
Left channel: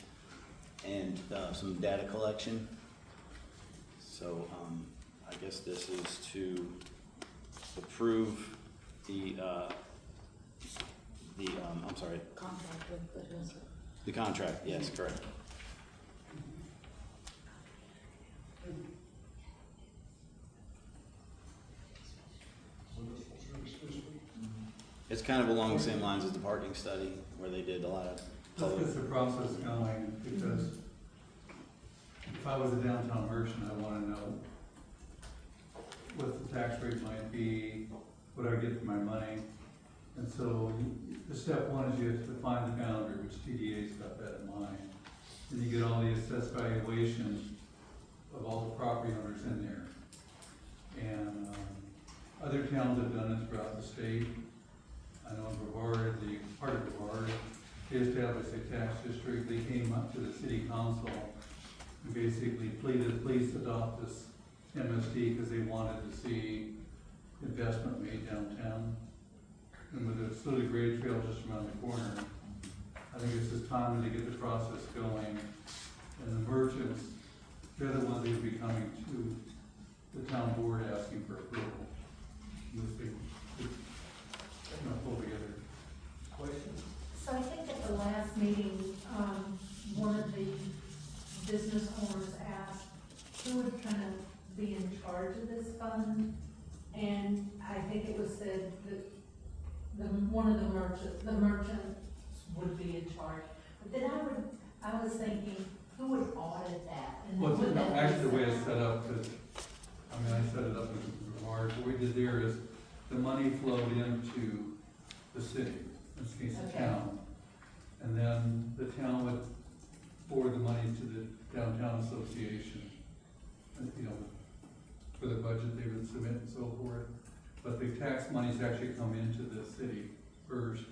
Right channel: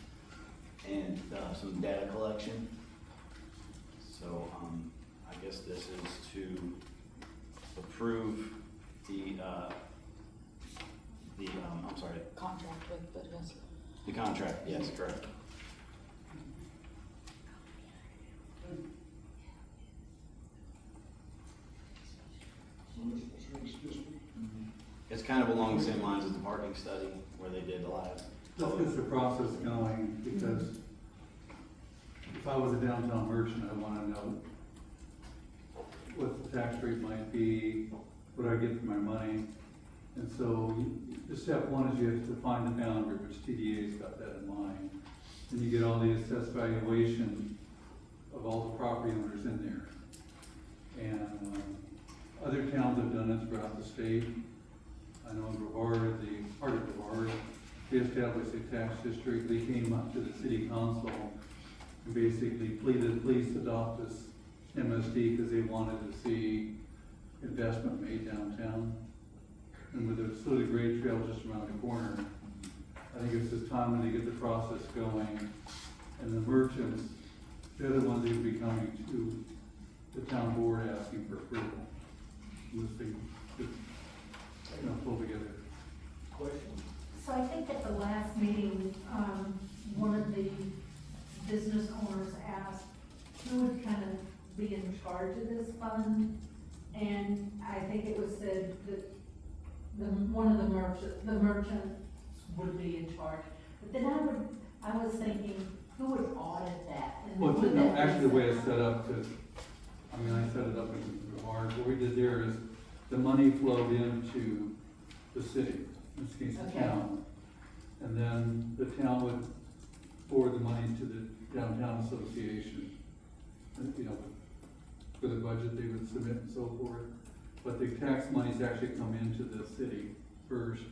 and some data collection. So I guess this is to approve the I'm sorry, Contract with Foothills. the contract, yes, correct. It's kind of along the same lines as the parking study, where they did a lot of. Let's get the process going, because if I was a downtown merchant, I wanna know what the tax rate might be, what I get for my money. And so, the step one is you have to find the boundary, which TDA's got that in mind. And you get all the assessed valuation of all the property owners in there. And, other towns have done it throughout the state. I know in Brevard, part of Brevard, they established a tax district. They came up to the city council and basically pleaded, please adopt this MSD, because they wanted to see investment made downtown. And with the Slitty Grade Trail just around the corner, I think it's just time to get the process going. And the merchants, they're the ones that will be coming to the town board asking for approval. This thing, pull together. Question? So I think at the last meeting, one of the business owners asked who would kind of be in charge of this fund. And I think it was said that one of the merchants would be in charge. But then I was thinking, who would audit that? And Well, would no, that actually the be- way it's set up, because, I set it up in Brevard. What we did there is the money flowed into the city, in this case the Okay. town. And then the town would forward the money to the downtown association. And, for the budget they would submit and so forth. But the tax monies actually come into the city first,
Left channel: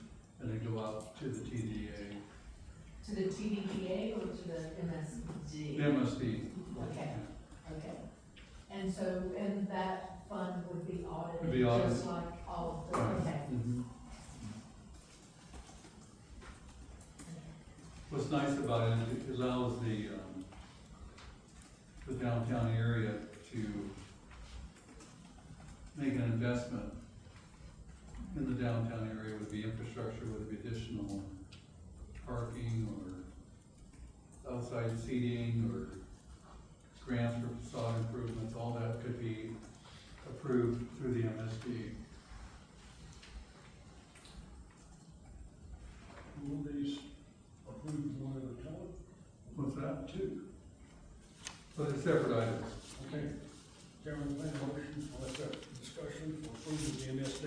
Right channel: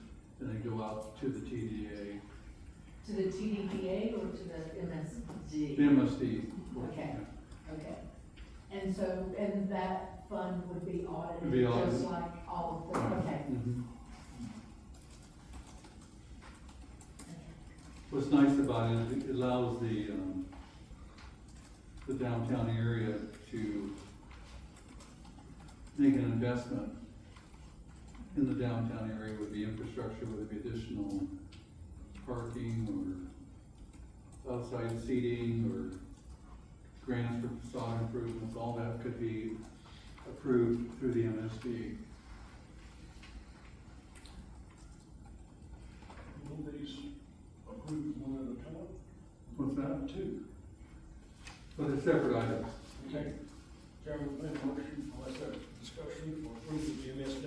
and then go out to the TDA. To the TDDA or to the MSD? The MSD. Okay, okay. And so, and that fund would be Would be audited, just audited. like all of them, okay. Mhm. What's nice about it is it allows the downtown area to make an investment in the downtown area with the infrastructure, whether it be additional parking or outside seating or grants for facade improvements, all that could be approved through the MSD. Will these approved one at a time? What's that? Two. But they're separate items. Okay. Chairman, make a motion, let's have discussion for approving the MSD.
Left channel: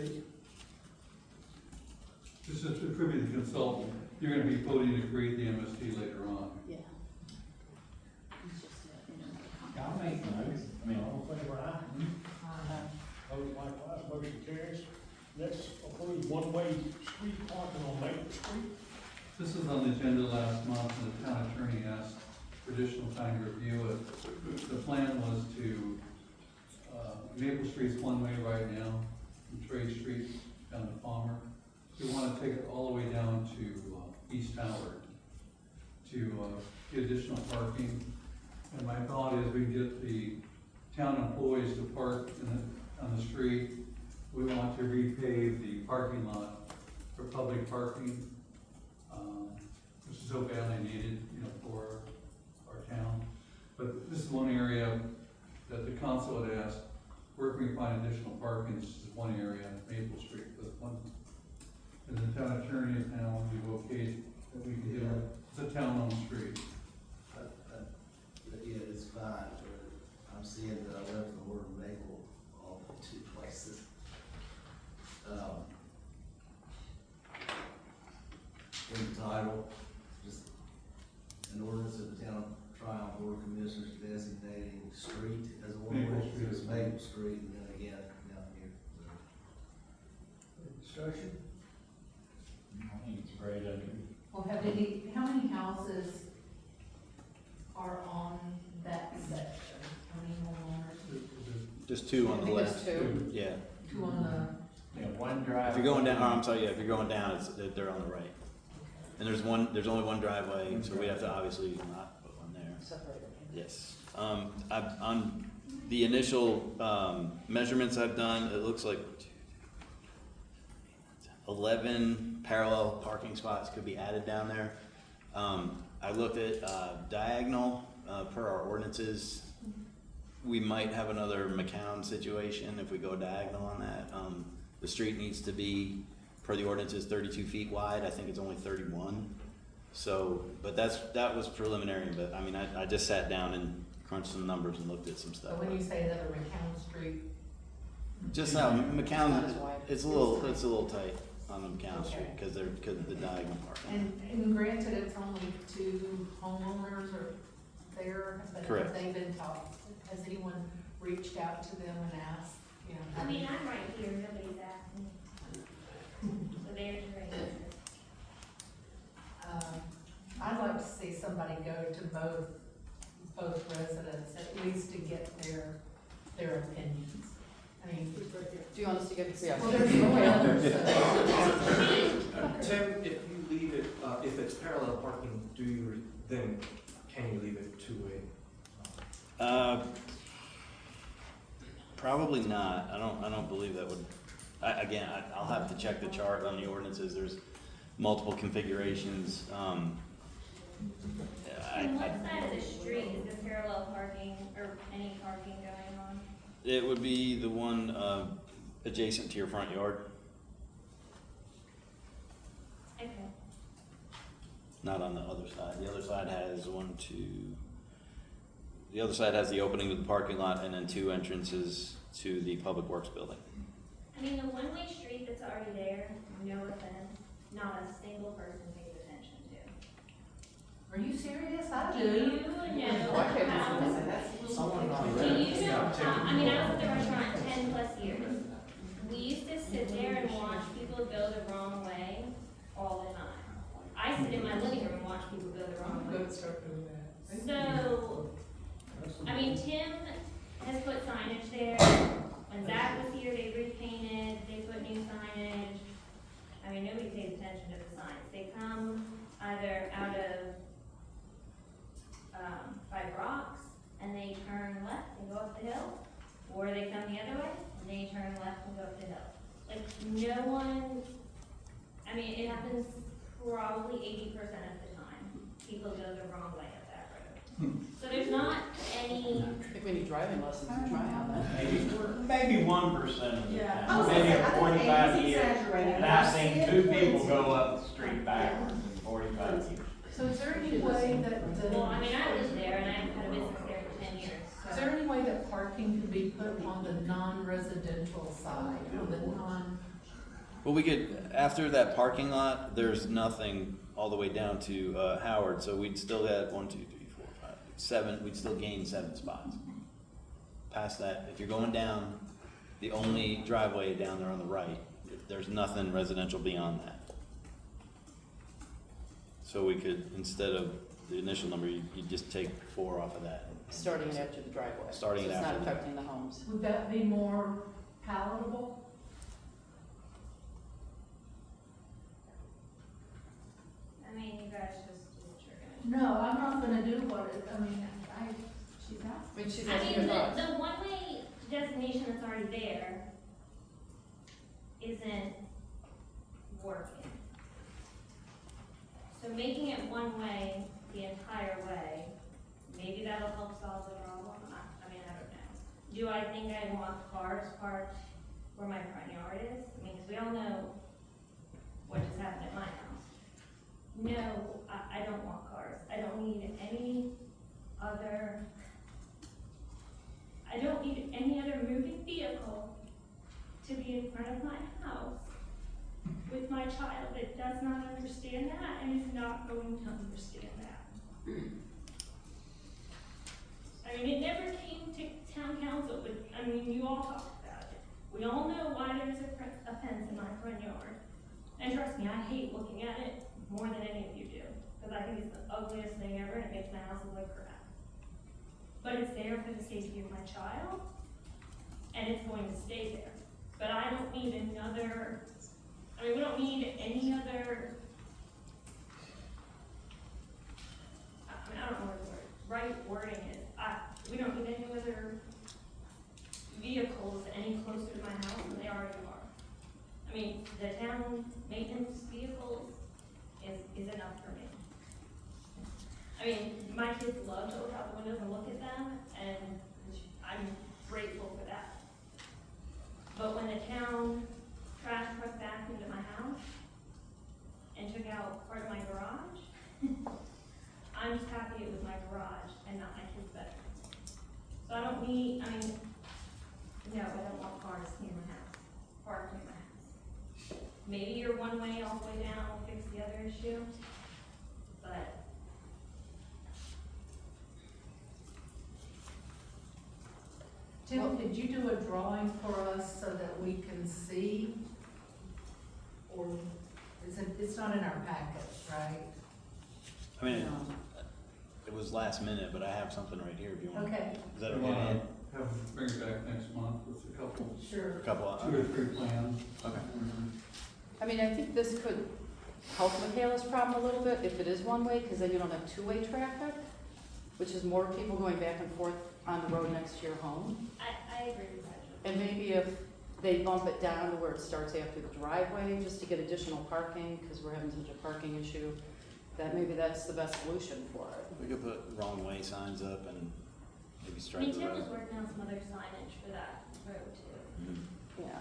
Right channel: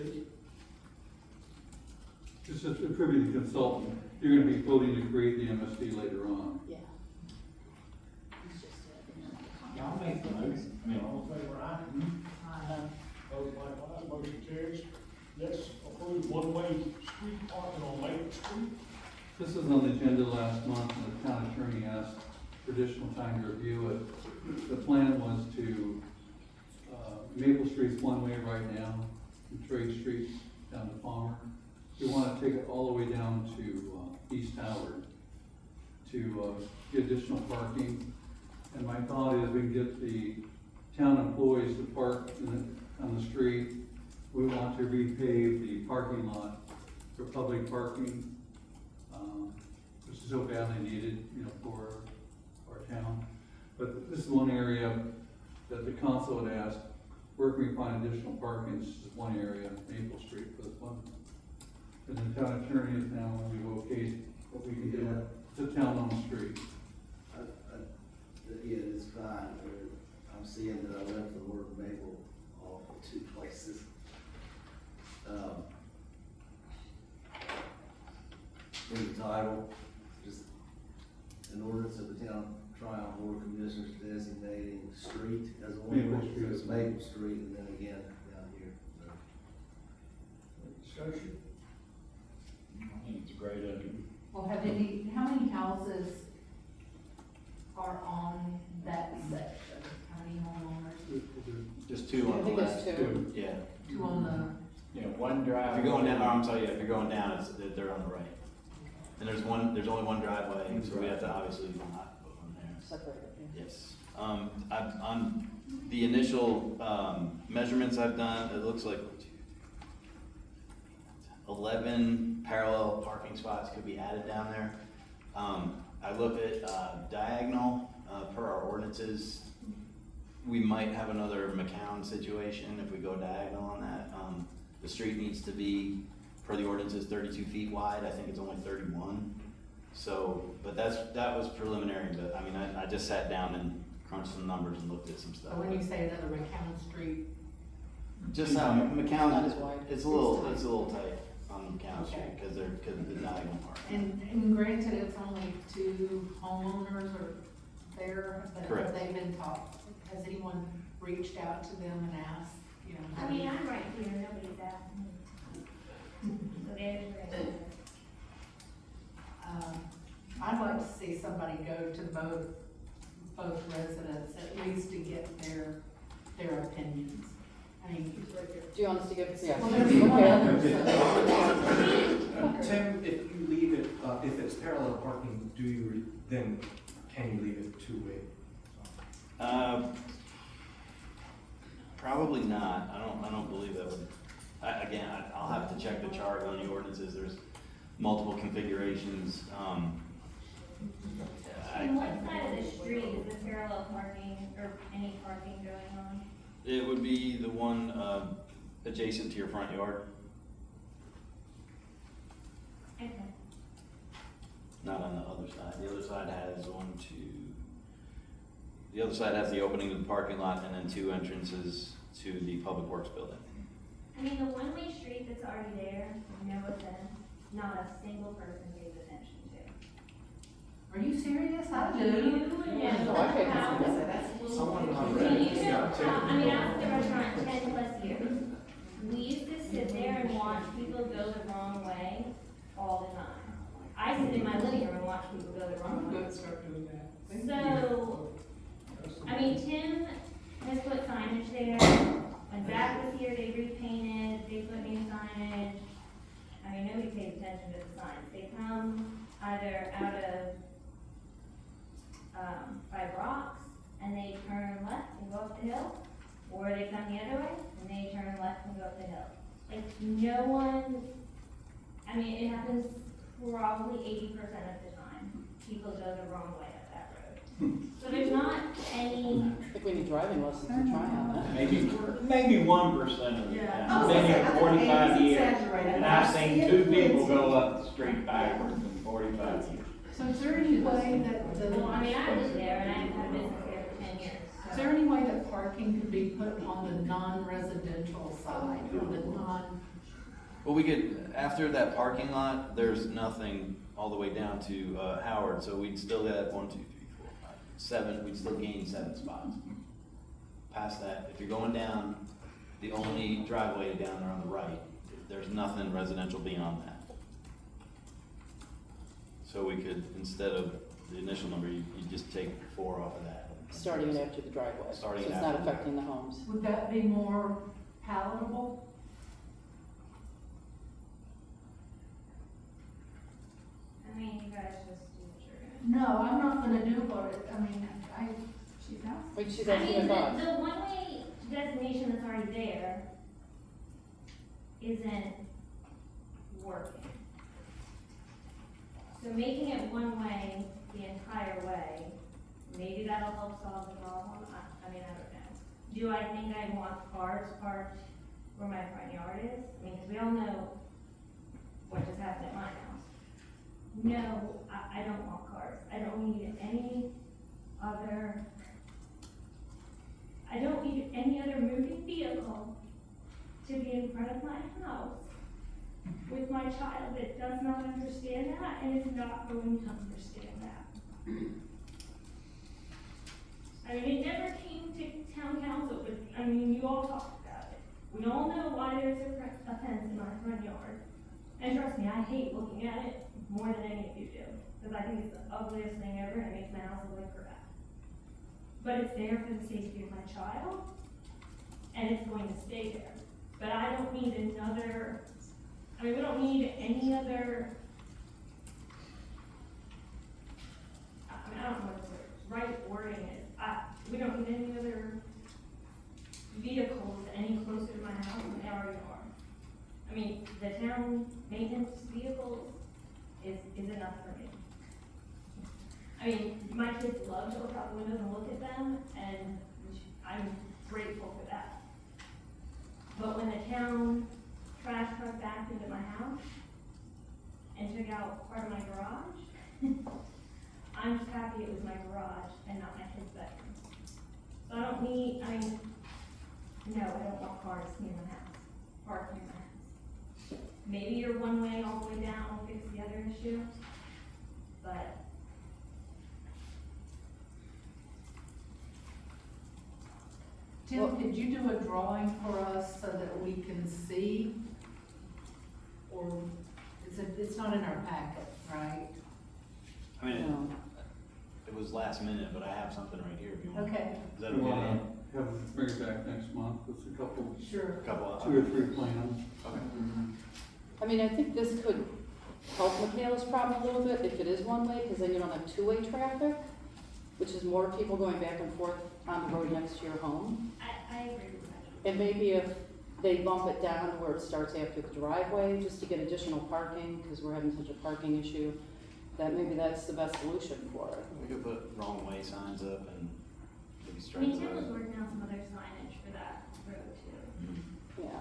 Just to attribute the consultant, you're gonna be voting to create the MSD later on. Yeah. I'll make the motion. All in favor, aye? Opposed, likewise, motion carries. Let's approve one-way street parking on Maple Street. This was on the agenda last month, and the town attorney asked for additional time to review it. The plan was to, Maple Street's one way right now, from Trade Street down to Palmer. We wanna take it all the way down to East Howard to get additional parking. And my thought is we can get the town employees to park on the street. We want to repave the parking lot for public parking, which is so badly needed, for our town. But this is one area that the council had asked, where can we find additional parking? This is one area, Maple Street, for this one. And the town attorney is now, we've okayed what we can do. It's a town-owned street. Yeah, it's fine, but I'm seeing that I left the word Maple off in two places. In the title, just an ordinance of the town Tryon Board of Commissioners designating the street as one Maple way, Street. it's Maple Street, and then again, down here, so. Discussion? I think it's a great idea. Well, how many houses are on that section? How many homeowners? Just two on the left. I think there's two. Yeah. Two on Yeah, one drive. If you're going down, I'm sorry, yeah, if you're going down, they're on the right. And there's only one driveway, so we have to obviously not put one there. Separate. Yes. On the initial, measurements I've done, it looks like 11 parallel parking spots could be added down there. I looked at, diagonal, per our ordinances. We might have another McCown situation if we go diagonal on that. The street needs to be, per the ordinances, 32 feet wide. I think it's only 31. So, but that was preliminary, but I mean, I just sat down and crunched some numbers and looked at some stuff. When you say that a McCown Street, Just how McCown, Not as wide. it's a little tight on McCown Street because of the diagonal part. and granted, it's only two homeowners or there, but Correct. have they been taught? Has anyone reached out to them and asked, I mean, I'm right here, nobody's asked me. So there's your answer. I'd like to see somebody go to both residents, at least to get their opinions. I mean, Do you want us to give, yeah. well, there's one other, so. Tim, if you leave it, if it's parallel parking, then can you leave it two-way? Probably not. I don't believe that would, I'll have to check the chart on the ordinances. There's multiple configurations. On what side of the street is the parallel parking or any parking going on? It would be the one, adjacent to your front yard, Okay. not on the other side. The other side has the other side has the opening to the parking lot and then two entrances to the Public Works building. I mean, the one-way street that's already there, no offense, not a single person pays attention to. Are you serious? I Do do. you know how, Someone on do red. you know how, I mean, I was at the restaurant 10+ years. We used to sit there and watch people go the wrong way all the time. I sit in my living room and watch people go the wrong way. Let's start doing that. So, I mean, Tim has put signage there. When Zach was here, they repainted, they put new signage. I mean, nobody pays attention to the signs. They come either out of, by Brock's, and they turn left and go up the hill, or they come the other way, and they turn left and go up the hill. Like, no one, I mean, it happens probably 80% of the time, people go the wrong way up that road. So there's not any, I think we need driving lessons to try on that. Maybe 1% of the Yeah. time, maybe in 45 It's years. exaggerated. And I've seen 2 people go up the street backwards in 45 years. So is there any way that the, well, I mean, I lived there and I've had a business there for 10 years. is there any way that parking can be put on the non-residential side, or the non? Well, we could, after that parking lot, there's nothing all the way down to Howard, so we'd still have 1, 2, 3, 4, 5, 7, we'd still gain 7 spots. Past that, if you're going down, the only driveway down there on the right, there's nothing residential beyond that. So we could, instead of the initial number, you just take 4 off of that. Starting it after the driveway. Starting So it it's not after. affecting the homes. Would that be more palatable? I mean, you guys just do what you're gonna do. No, I'm not gonna do what it, I mean, she's asking. I mean, she's I asking mean, about. the one-way designation that's already there isn't working. So making it one way the entire way, maybe that'll help solve the problem, I mean, I don't know. Do I think I want cars parked where my front yard is? I mean, 'cause we all know what just happened at my house. No, I don't want cars. I don't need any other moving vehicle to be in front of my house with my child that does not understand that and is not going to understand that. I mean, it never came to town council, but, I mean, you all talked about it. We all know why there's a fence in my front yard. And trust me, I hate looking at it more than any of you do, because I think it's the ugliest thing ever, and it makes my house look like crap. But it's there for the safety of my child, and it's going to stay there. But I don't need another, I mean, we don't need any other, I mean, I don't know what the right wording is. We don't need any other vehicles any closer to my house than they already are. I mean, the town maintenance vehicles is enough for me. I mean, my kids love to look out the windows and look at them, and I'm grateful for that. But when the town trash truck backed into my house and took out part of my garage, I'm just happy it was my garage and not my kid's bedroom. So I don't need, I mean, no, I don't want cars near my house, parked near my house. Maybe your one way all the way down will fix the other issue, but Tim, did you do a drawing for us so that we can see? Or it's not in our packet, right? I mean, it was last minute, but I have something right here if you want. Okay. Is that okay? Have them bring it back next month with a couple, Sure. A couple of. 2 or 3 plans. Okay. I mean, I think this could help Michaela's problem a little bit if it is one way, because then you don't have two-way traffic, which is more people going back and forth on the road next to your home. I agree with that. And maybe if they bump it down to where it starts after the driveway, just to get additional parking, because we're having such a parking issue, that maybe that's the best solution for it. We could put wrong way signs up and maybe I strike mean, the Tim was road. working on some other signage for that road too. Mhm. Yeah,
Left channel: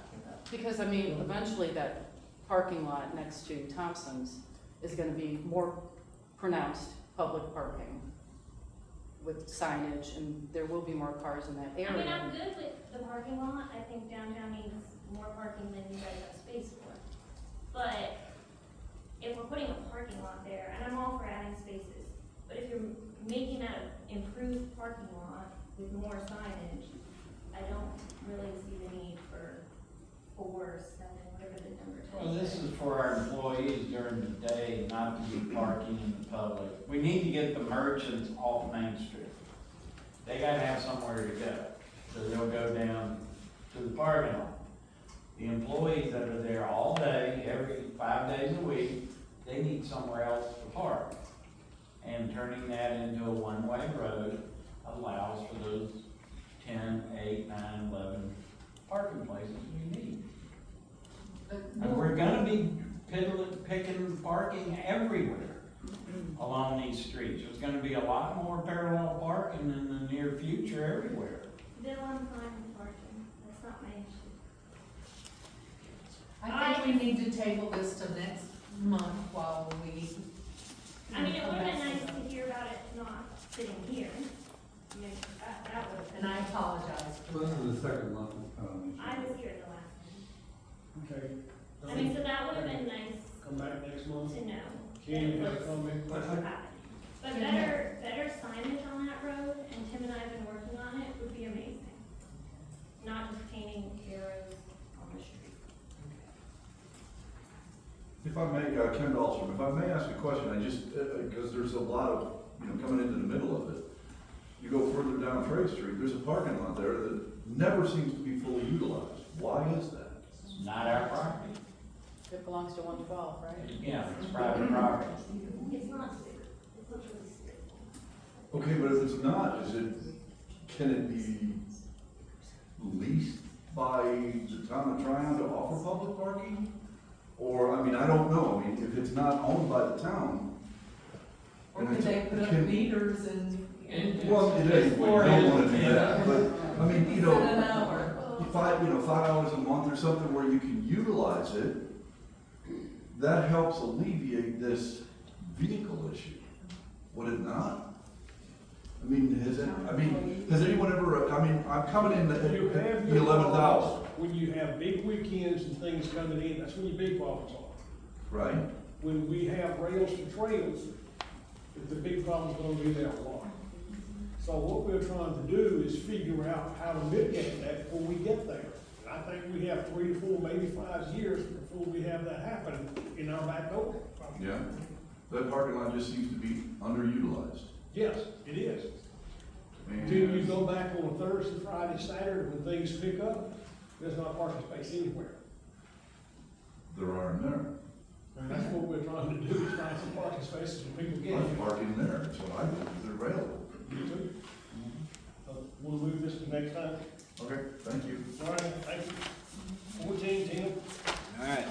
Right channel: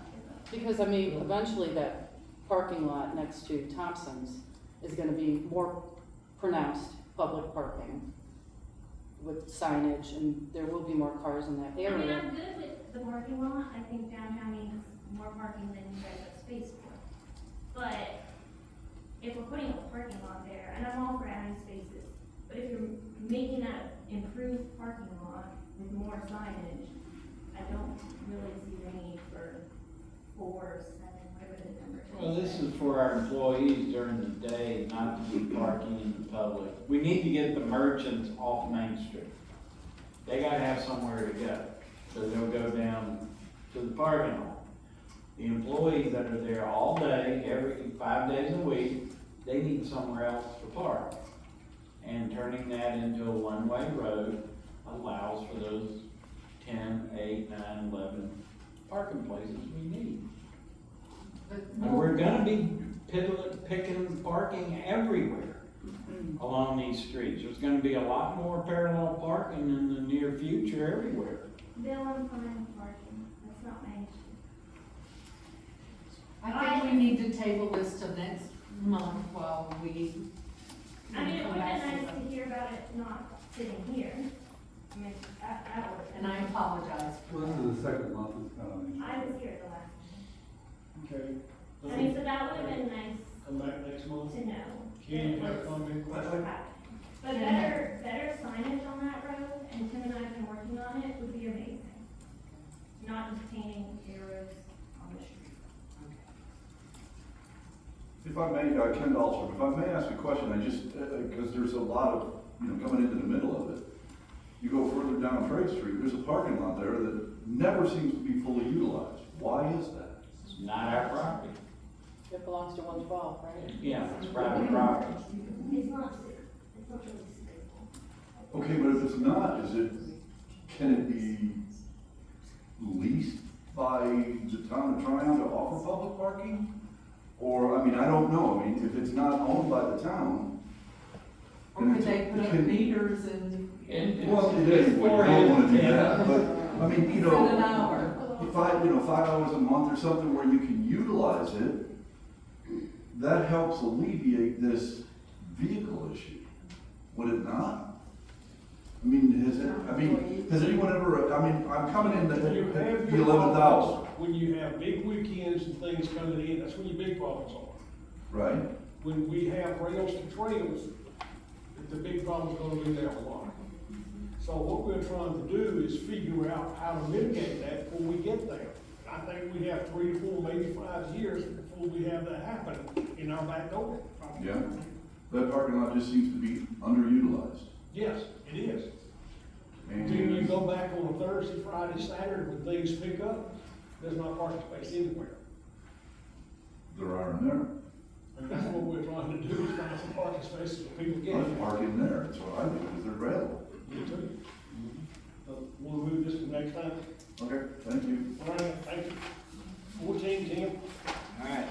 because I mean, eventually that parking lot next to Thompson's is gonna be more pronounced public parking with signage, and there will be more cars in that I mean, area. I'm good with the parking lot. I think downtown needs more parking than you guys have space for. But if we're putting a parking lot there, and I'm all for adding spaces, but if you're making that improved parking lot with more signage, I don't really see the need for 4, 7, whatever the number is. Well, this is for our employees during the day, not to be parking in the public. We need to get the merchants off Main Street. They gotta have somewhere to go, so they'll go down to the parking lot. The employees that are there all day, every 5 days a week, they need somewhere else to park. And turning that into a one-way road allows for those 10, 8, 9, 11 parking places we need. And we're gonna be picking parking everywhere along these streets. There's gonna be a lot more parallel parking in the near future everywhere. Bill, I'm fine with parking, that's not my issue. I think we need to table this to next month while we. I mean, it would have been nice to hear about it not sitting here. I mean, that would. And I apologize for Well, that. this is the second month it's been on the I agenda. was here at the last one. Okay. I mean, so that would have been nice Come back next month. to know. Ken, you got a comment? What's happening. But better signage on that road, and Tim and I have been working on it, would be amazing. Not just painting arrows on the street. If I may, Ken Dahlstrom, if I may ask a question, I just, because there's a lot of, coming into the middle of it. You go further down Trade Street, there's a parking lot there that never seems to be fully utilized. Why is that? It's not our property. It belongs to 112, right? Yeah, it's private property. It's not really suitable. Okay, but if it's not, can it be leased by the town of Tryon to offer public parking? Or, I don't know, if it's not owned by the town. Or could they put up meters and? Well, it is, we don't wanna do that, but, Set an hour. $5 a month or something where you can utilize it, that helps alleviate this vehicle issue, would it not? Has anyone ever, I'm coming in When you have the your 11th hour, problems, when you have big weekends and things coming in, that's when your big problems are. right? When we have rails to trails, the big problem's gonna be there a lot. So what we're trying to do is figure out how to mitigate that before we get there. I think we have 3 to 4, maybe 5 years before we have that happen in our back door. Yeah. That parking lot just seems to be underutilized. Yes, it is. And Until you go back on a Thursday, Friday, Saturday, when things pick up, there's not parking space anywhere. there aren't there. And that's what we're trying to do, is find some parking spaces for people to get I in. park in there, so I think they're available. You too. We'll move this to next time. Okay, thank you. All right, thank you. 14, Tim. All right.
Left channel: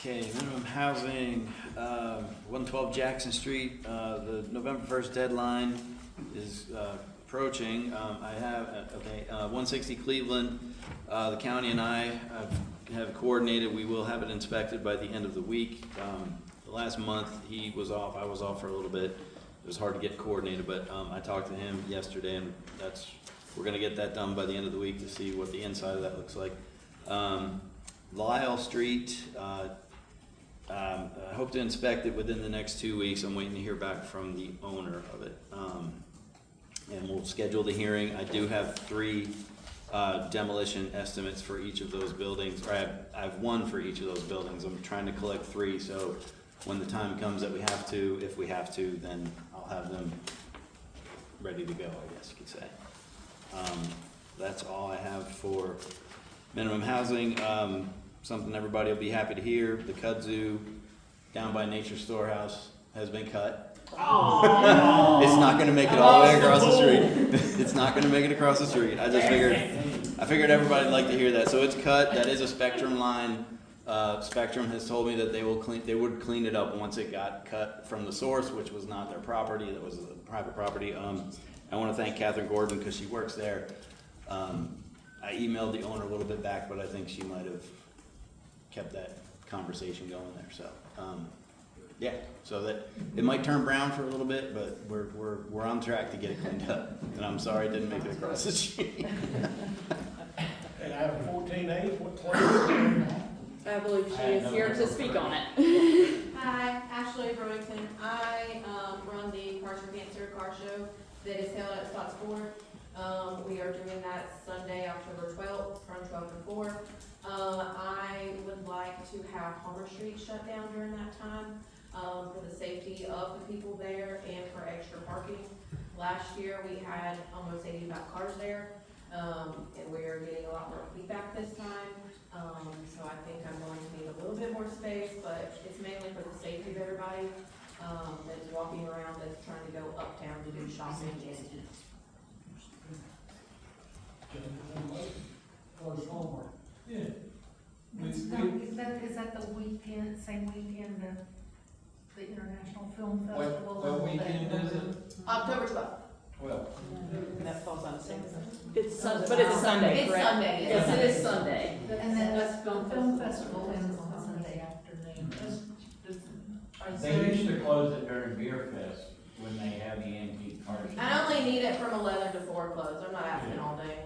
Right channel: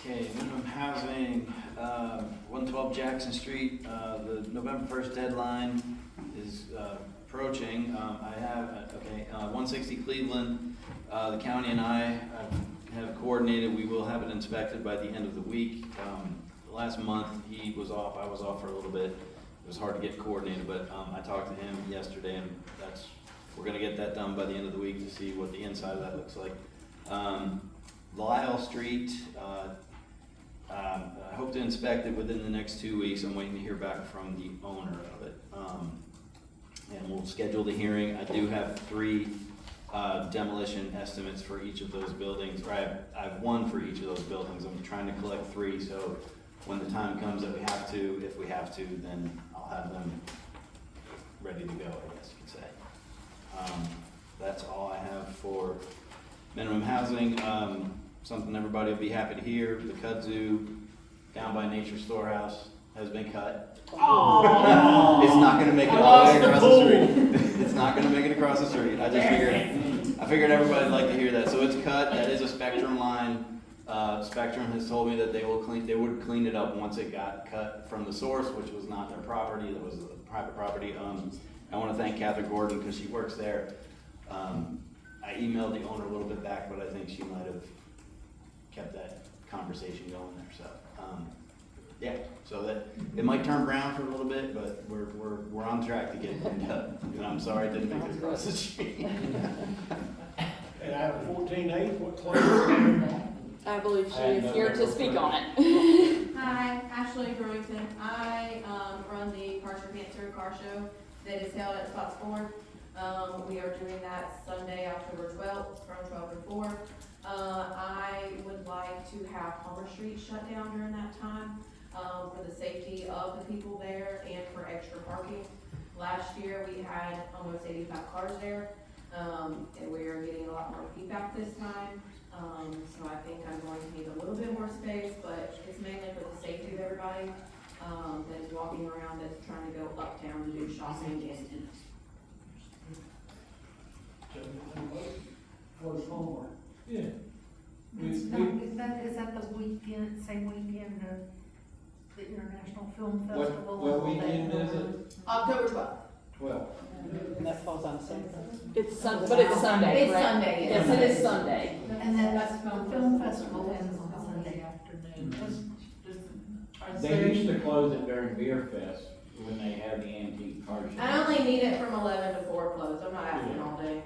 Okay, minimum housing, 112 Jackson Street, the November 1st deadline is approaching. I have, 160 Cleveland, the county and I have coordinated, we will have it inspected by the end of the week. Last month, he was off, I was off for a little bit. It was hard to get coordinated, but I talked to him yesterday, and we're gonna get that done by the end of the week to see what the inside of that looks like. Lyle Street, I hope to inspect it within the next 2 weeks. I'm waiting to hear back from the owner of it. And we'll schedule the hearing. I do have 3 demolition estimates for each of those buildings, or I have 1 for each of those buildings. I'm trying to collect 3, so when the time comes that we have to, if we have to, then I'll have them ready to go, I guess you could say. That's all I have for minimum housing. Something everybody will be happy to hear, the kudzu down by Nature Storehouse has been cut. It's not gonna make it all the way across the street. It's not gonna make it across the street. I figured everybody'd like to hear that. So it's cut, that is a Spectrum line. Spectrum has told me that they would clean it up once it got cut from the source, which was not their property, that was a private property. I wanna thank Catherine Gordon, because she works there. I emailed the owner a little bit back, but I think she might have kept that conversation going there, so, yeah, so that, it might turn brown for a little bit, but we're on track to get it cleaned up, and I'm sorry it didn't make it across the street. And I have a 14A, what class? I believe she is here to speak on it. Hi, Ashley Brewington. I run the Cars for Cancer car show that is held at Scottsburg. We are doing that Sunday, October 12th, from 12 to 4. I would like to have Homer Street shut down during that time for the safety of the people there and for extra parking. Last year, we had almost 85 cars there, and we are getting a lot more feedback this time. So I think I'm going to need a little bit more space, but it's mainly for the safety of everybody, that's walking around, that's trying to go uptown to do shopping and eat. Yeah. Is that the weekend, same weekend, the International Film Festival? What weekend is it? October 12th. Well, And that falls on Saturday. It's but it's Sunday, It's correct? Sunday, Yes, it is Sunday. And then the film festival ends on Sunday afternoon. they used to close it during Beer Fest when they had the antique car show. I only need it from 11 to 4 close, I'm not asking all day.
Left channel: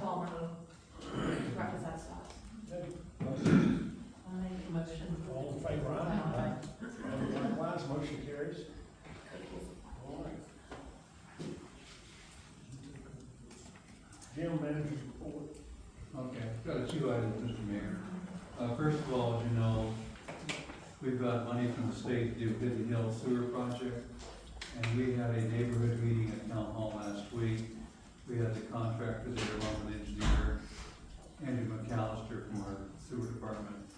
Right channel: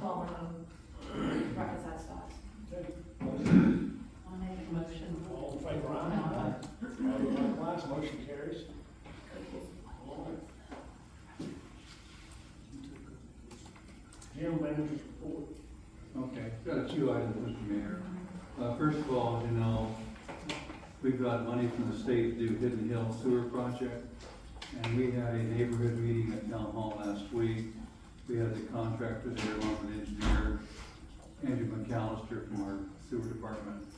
Palmer, right beside Stops. I'll make a motion. All in favor, aye? Likewise, motion carries. All right. General manager's report. Okay, got a few items, Mr. Mayor. First of all, as you know, we've got money from the state to do Hidden Hill Sewer Project. And we had a neighborhood meeting at Town Hall last week. We had the contractor there along with engineer Andrew McAllister from our sewer department.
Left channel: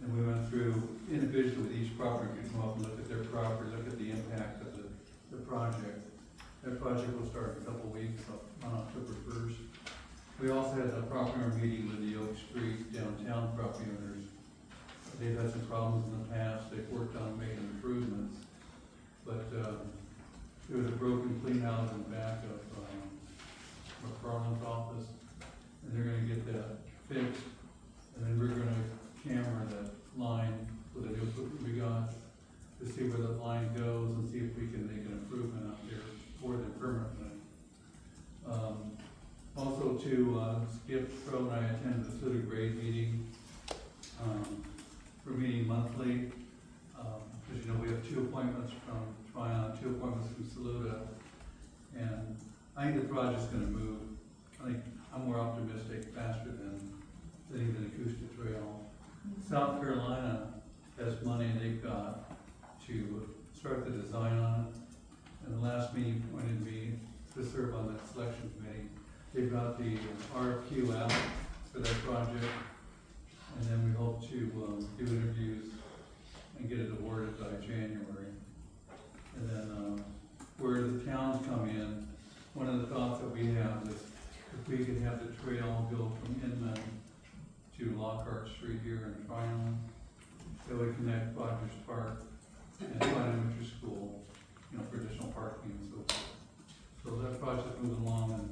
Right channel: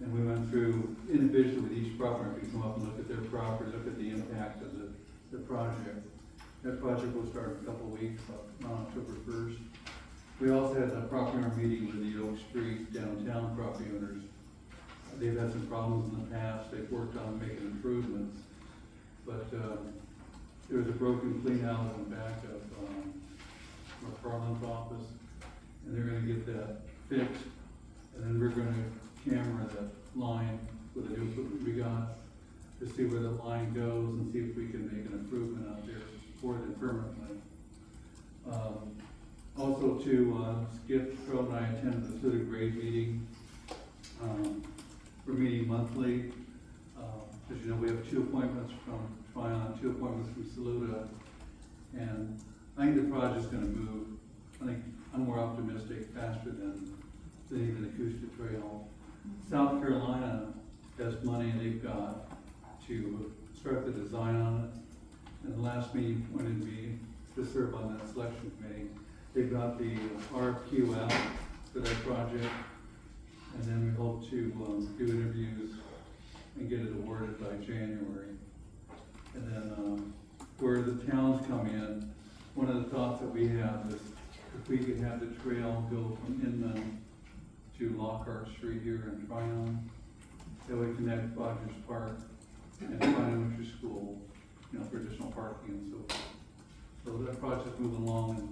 And we went through individually with each property, we come up and look at their property, look at the impact of the project. That project will start in a couple of weeks, on October 1st. We also had a property owner meeting with the Oak Street downtown property owners. They've had some problems in the past, they've worked on making improvements. But there was a broken clean out in the back of McFarland's office, and they're gonna get that fixed. And then we're gonna camera that line with the new equipment we got to see where the line goes and see if we can make an improvement out there for them permanently. Also Skip, Pro, and I attended the Fluid Grade meeting. We're meeting monthly. As you know, we have 2 appointments from Tryon, 2 appointments from Saluda, and I think the project's gonna move. I think I'm more optimistic, faster than even Acoustic Trail. South Carolina has money they've got to start the design on it, and the last meeting appointed me to serve on that selection committee. They've got the RFQ out for that project, and then we hope to do interviews and get it awarded by January. And then where the towns come in, one of the thoughts that we have is if we could have the trail go from Inman to Lockhart Street here in Tryon, that would connect Rogers Park and Tryon Elementary School, for additional parking and so forth. So that project's moving along, and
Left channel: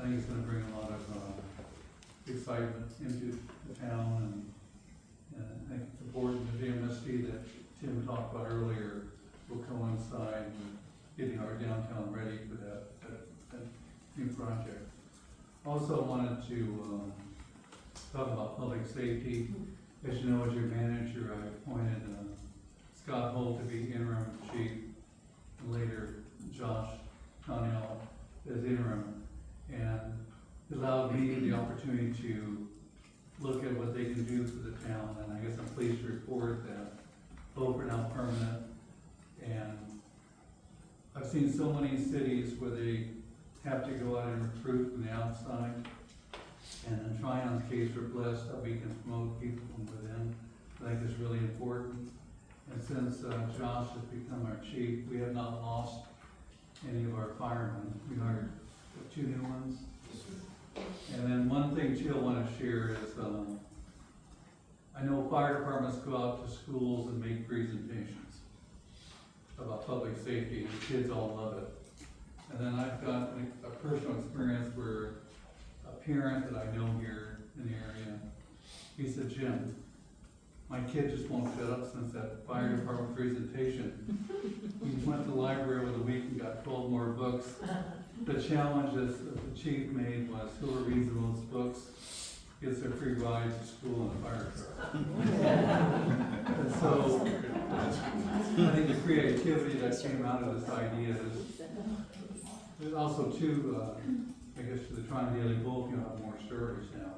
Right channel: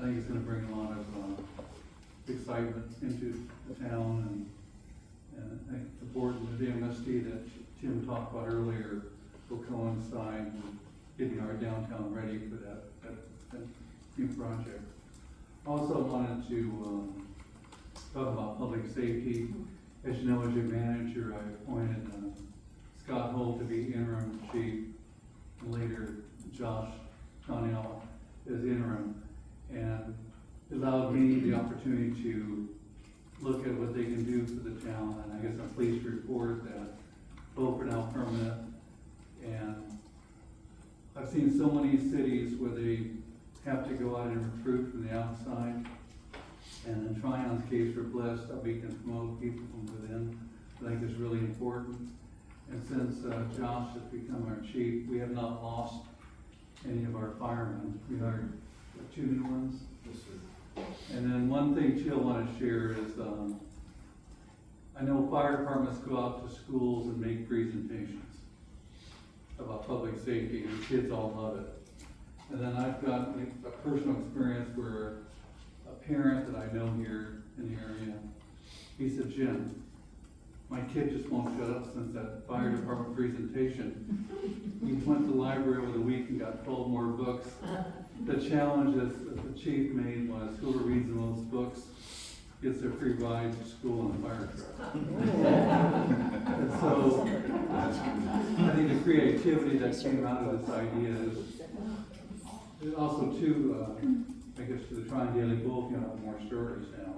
I think it's gonna bring a lot of excitement into the town, and I think it's important that the MST that Tim talked about earlier will coincide with getting our downtown ready for that new project. Also wanted to talk about public safety. As you know, as your manager, I appointed Scott Holt to be interim chief, and later Josh Connell as interim, and allowed me the opportunity to look at what they can do for the town, and I guess I'm pleased to report that both are now permanent. And I've seen so many cities where they have to go out and recruit from the outside, and in Tryon's case, we're blessed that we can promote people from within. I think it's really important. And since Josh has become our chief, we have not lost any of our firemen. We hired 2 new ones. And then one thing too I want to share is, I know fire departments go out to schools and make presentations about public safety, and the kids all love it. And then I've got a personal experience where a parent that I know here in the area, he said, Jim, my kid just won't shut up since that fire department presentation. He went to the library over the week and got 12 more books. The challenge that the chief made was whoever reads the most books gets a free ride to school in a fire truck. And so I think the creativity that came out of this idea is also too, I guess to the Tryon Daily Bulletin, you'll have more stories now.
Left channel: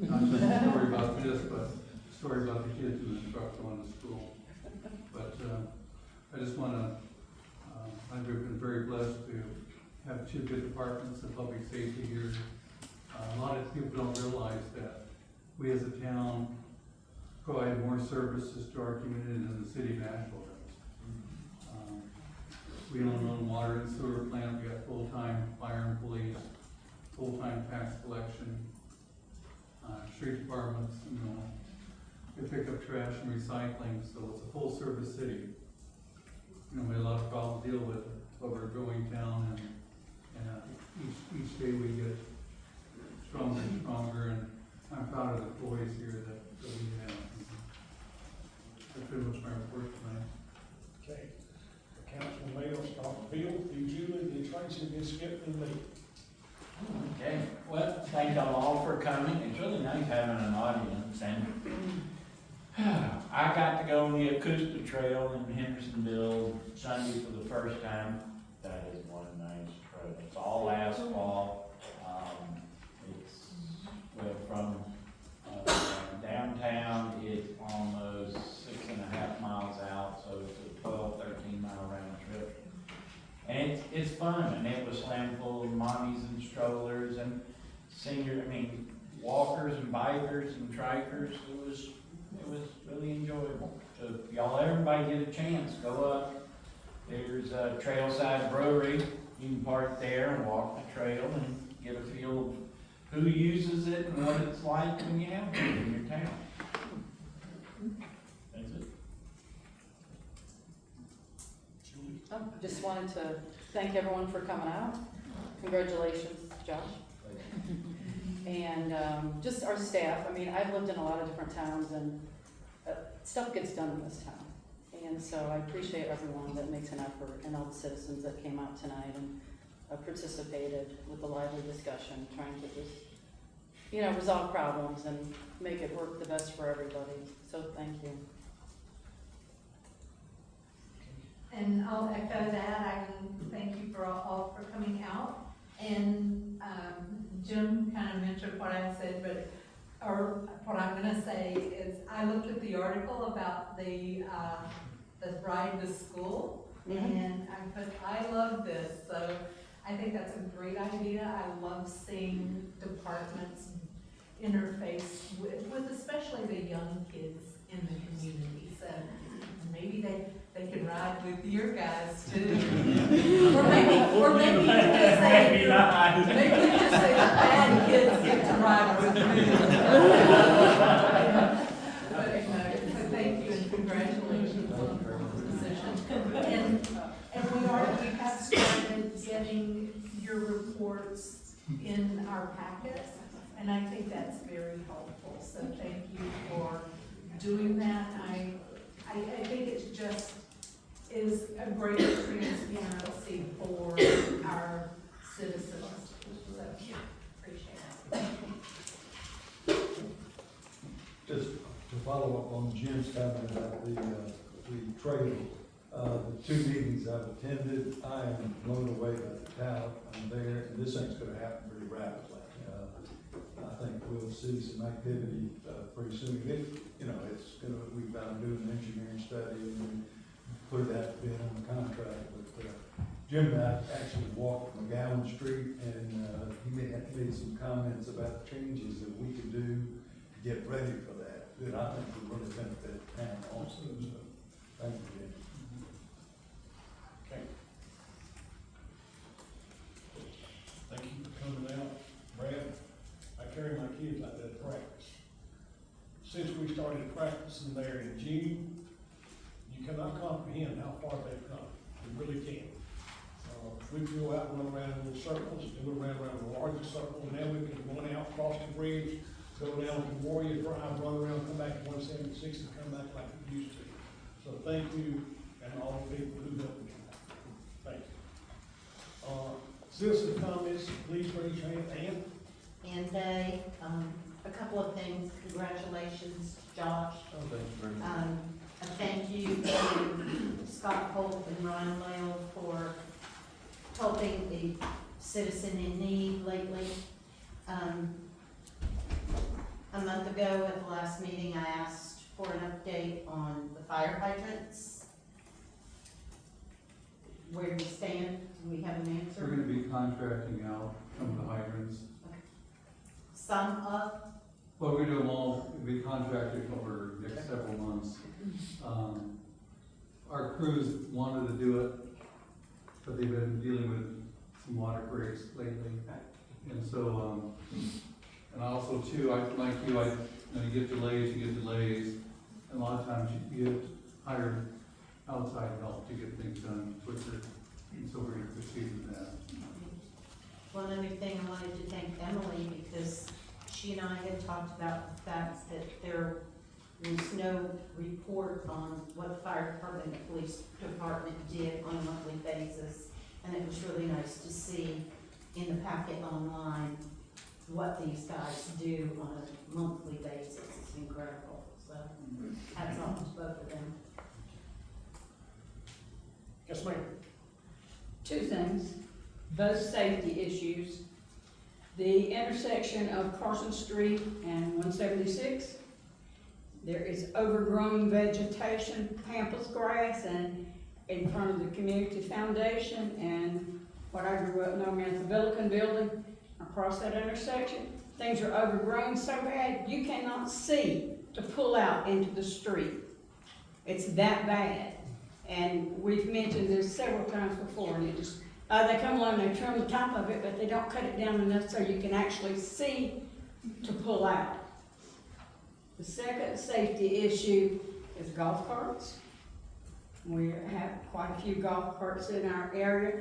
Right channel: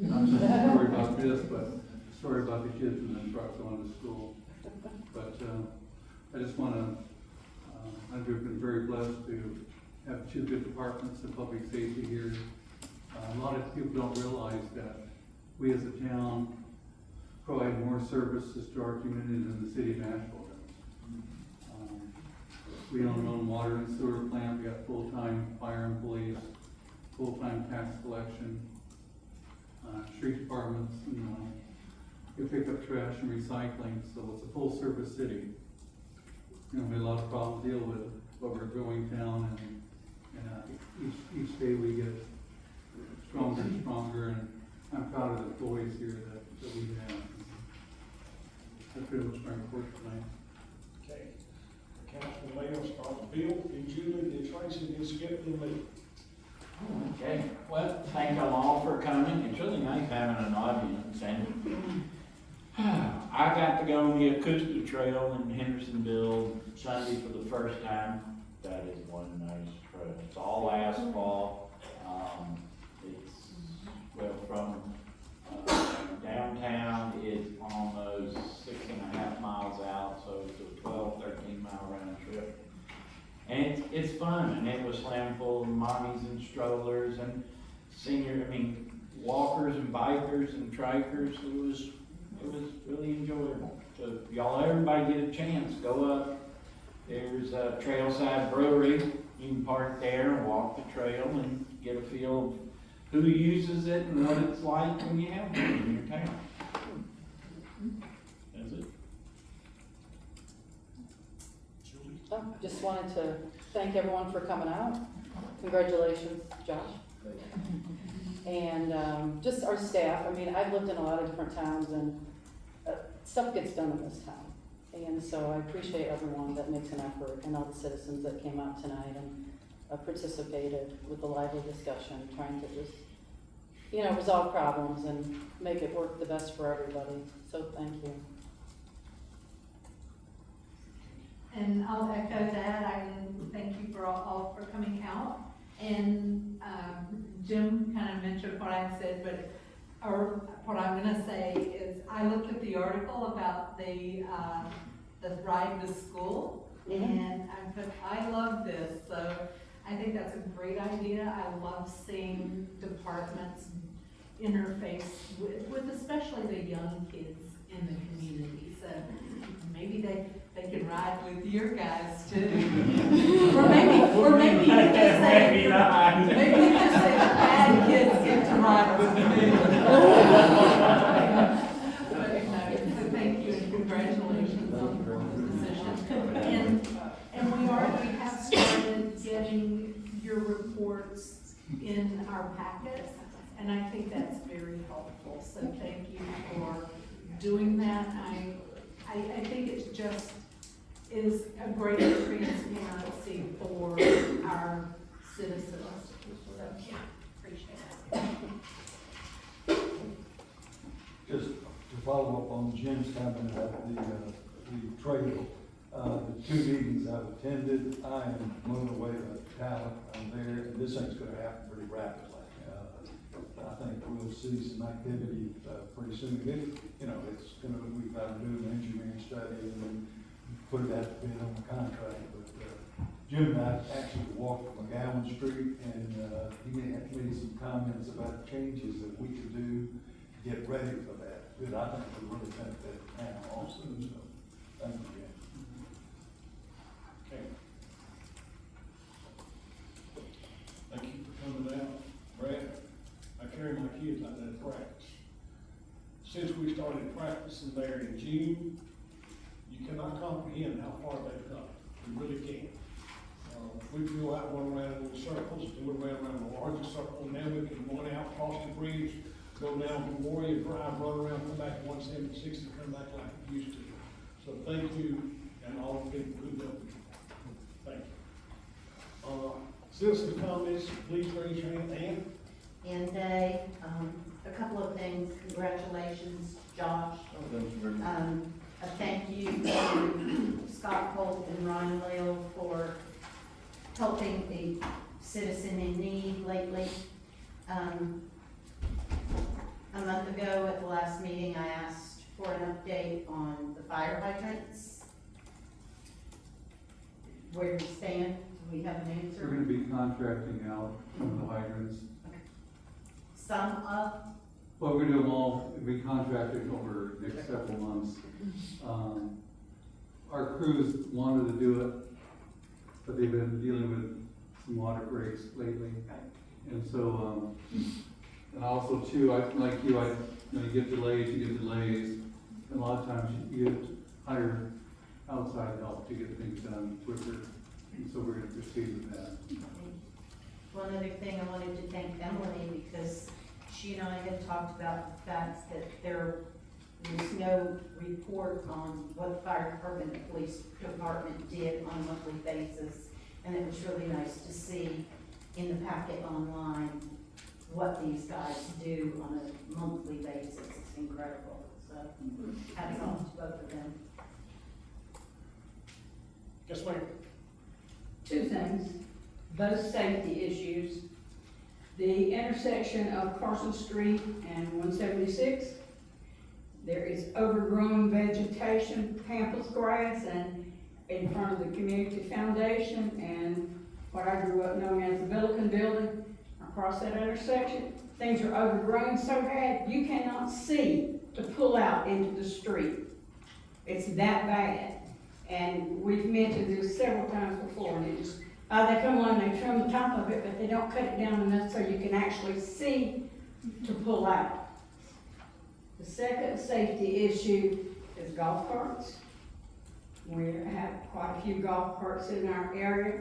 Not just a story about this, but a story about the kids in the truck going to school. But I just want to, I've been very blessed to have two good departments of public safety here. A lot of people don't realize that we as a town provide more services to our community than the city of Nashville does. We don't own water and sewer plant, we got full-time fire employees, full-time tax collection, street departments, we pick up trash and recycling, so it's a full-service city. We have a lot of problems to deal with, but we're a growing town, and each day we get stronger and stronger, and I'm proud of the employees here that we have. That's pretty much my report tonight. Okay. Councilman Mayo, start Bill, then Julie, then Tracy, then Skip, then Lee. Okay, well, thank y'all all for coming. It's really nice having an audience, and I got to go on the acoustic trail in Hendersonville Sunday for the first time. That is one nice trail. It's all asphalt. Well, from downtown, it's almost 6.5 miles out, so it's a 12, 13 mile round trip. And it's fun, and it was slammed full of mommies and strollers and walkers and bikers and trikers. It was really enjoyable. So if everybody get a chance, go up. There's a Trailside Brewery. You can park there and walk the trail and get a feel of who uses it and what it's like when you have it in your town. That's it. Oh, just wanted to thank everyone for coming out. Congratulations, Josh. And just our staff. I've lived in a lot of different towns, and stuff gets done in this town. And so I appreciate everyone that makes an effort, and all the citizens that came out tonight and participated with a lively discussion, trying to just, resolve problems and make it work the best for everybody. So thank you. And I'll echo that. I thank you for all for coming out. And Jim kind of mentioned what I said, or what I'm going to say is I looked at the article about the ride to school, and I put, I love this. So I think that's a great idea. I love seeing departments interface with especially the young kids in the community. So maybe they could ride with your guys too. or maybe you could just say, maybe you could say the bad kids get to ride with me. So thank you and congratulations on the position. And we have started getting your reports in our packets, and I think that's very helpful. So thank you for doing that. I think it just is a great transparency for our citizens. So, yeah, appreciate it. Just to follow up on Jim's comment about the trail, the 2 meetings I've attended, I am blown away by the talent there, and this thing's going to happen pretty rapidly. I think we'll see some activity pretty soon. It's going to, we've got to do an engineering study and then put it out to bid on the contract. But Jim and I actually walked McGowan Street, and he made some comments about changes that we could do to get ready for that I think will really benefit the town also. So thank you, Jim. Okay. Thank you for coming out. Brad, I carry my kids out there to practice. Since we started practicing there in June, you cannot comprehend how far they've come. You really can't. We can go out and run around in little circles, we went around the largest circle, and now we can go out, cross the bridge, go down to Warrior Drive, run around, come back to 176 and come back like we used to. So thank you, and all the people who helped me. Thank you. Citizen comments, please raise your hand. And a couple of things. Congratulations, Josh. A thank you to Scott Holt and Ryan Lale for helping a citizen in need lately. A month ago at the last meeting, I asked for an update on the fire hydrants. Where we stand we have an answer? We're gonna be contracting out some of the hydrants. Some of, Well, we're gonna do them all, we'll be contracted over the next several months. Our crews wanted to do it, but they've been dealing with some water breaks lately. And so, and also too, like you, you know, you get delays, and a lot of times you have to hire outside help to get things done quicker. And so we're gonna proceed with that. one other thing, I wanted to thank Emily because she and I have talked about the fact that there was no report on what the fire department and the police department did on a monthly basis. And it was really nice to see in the packet online what these guys do on a monthly basis. It's incredible. So hats off to both of them. Yes, ma'am. Two things, both safety issues. The intersection of Carson Street and 176, there is overgrown vegetation, pampas grass, and in front of the community foundation and what I grew up knowing as the Billiken Building, across that intersection. Things are overgrown so bad, you cannot see to pull out into the street. It's that bad. And we've mentioned this several times before, and it just, they come along, they trim the top of it, but they don't cut it down enough so you can actually see to pull out. The second safety issue is golf carts. We have quite a few golf carts in our area,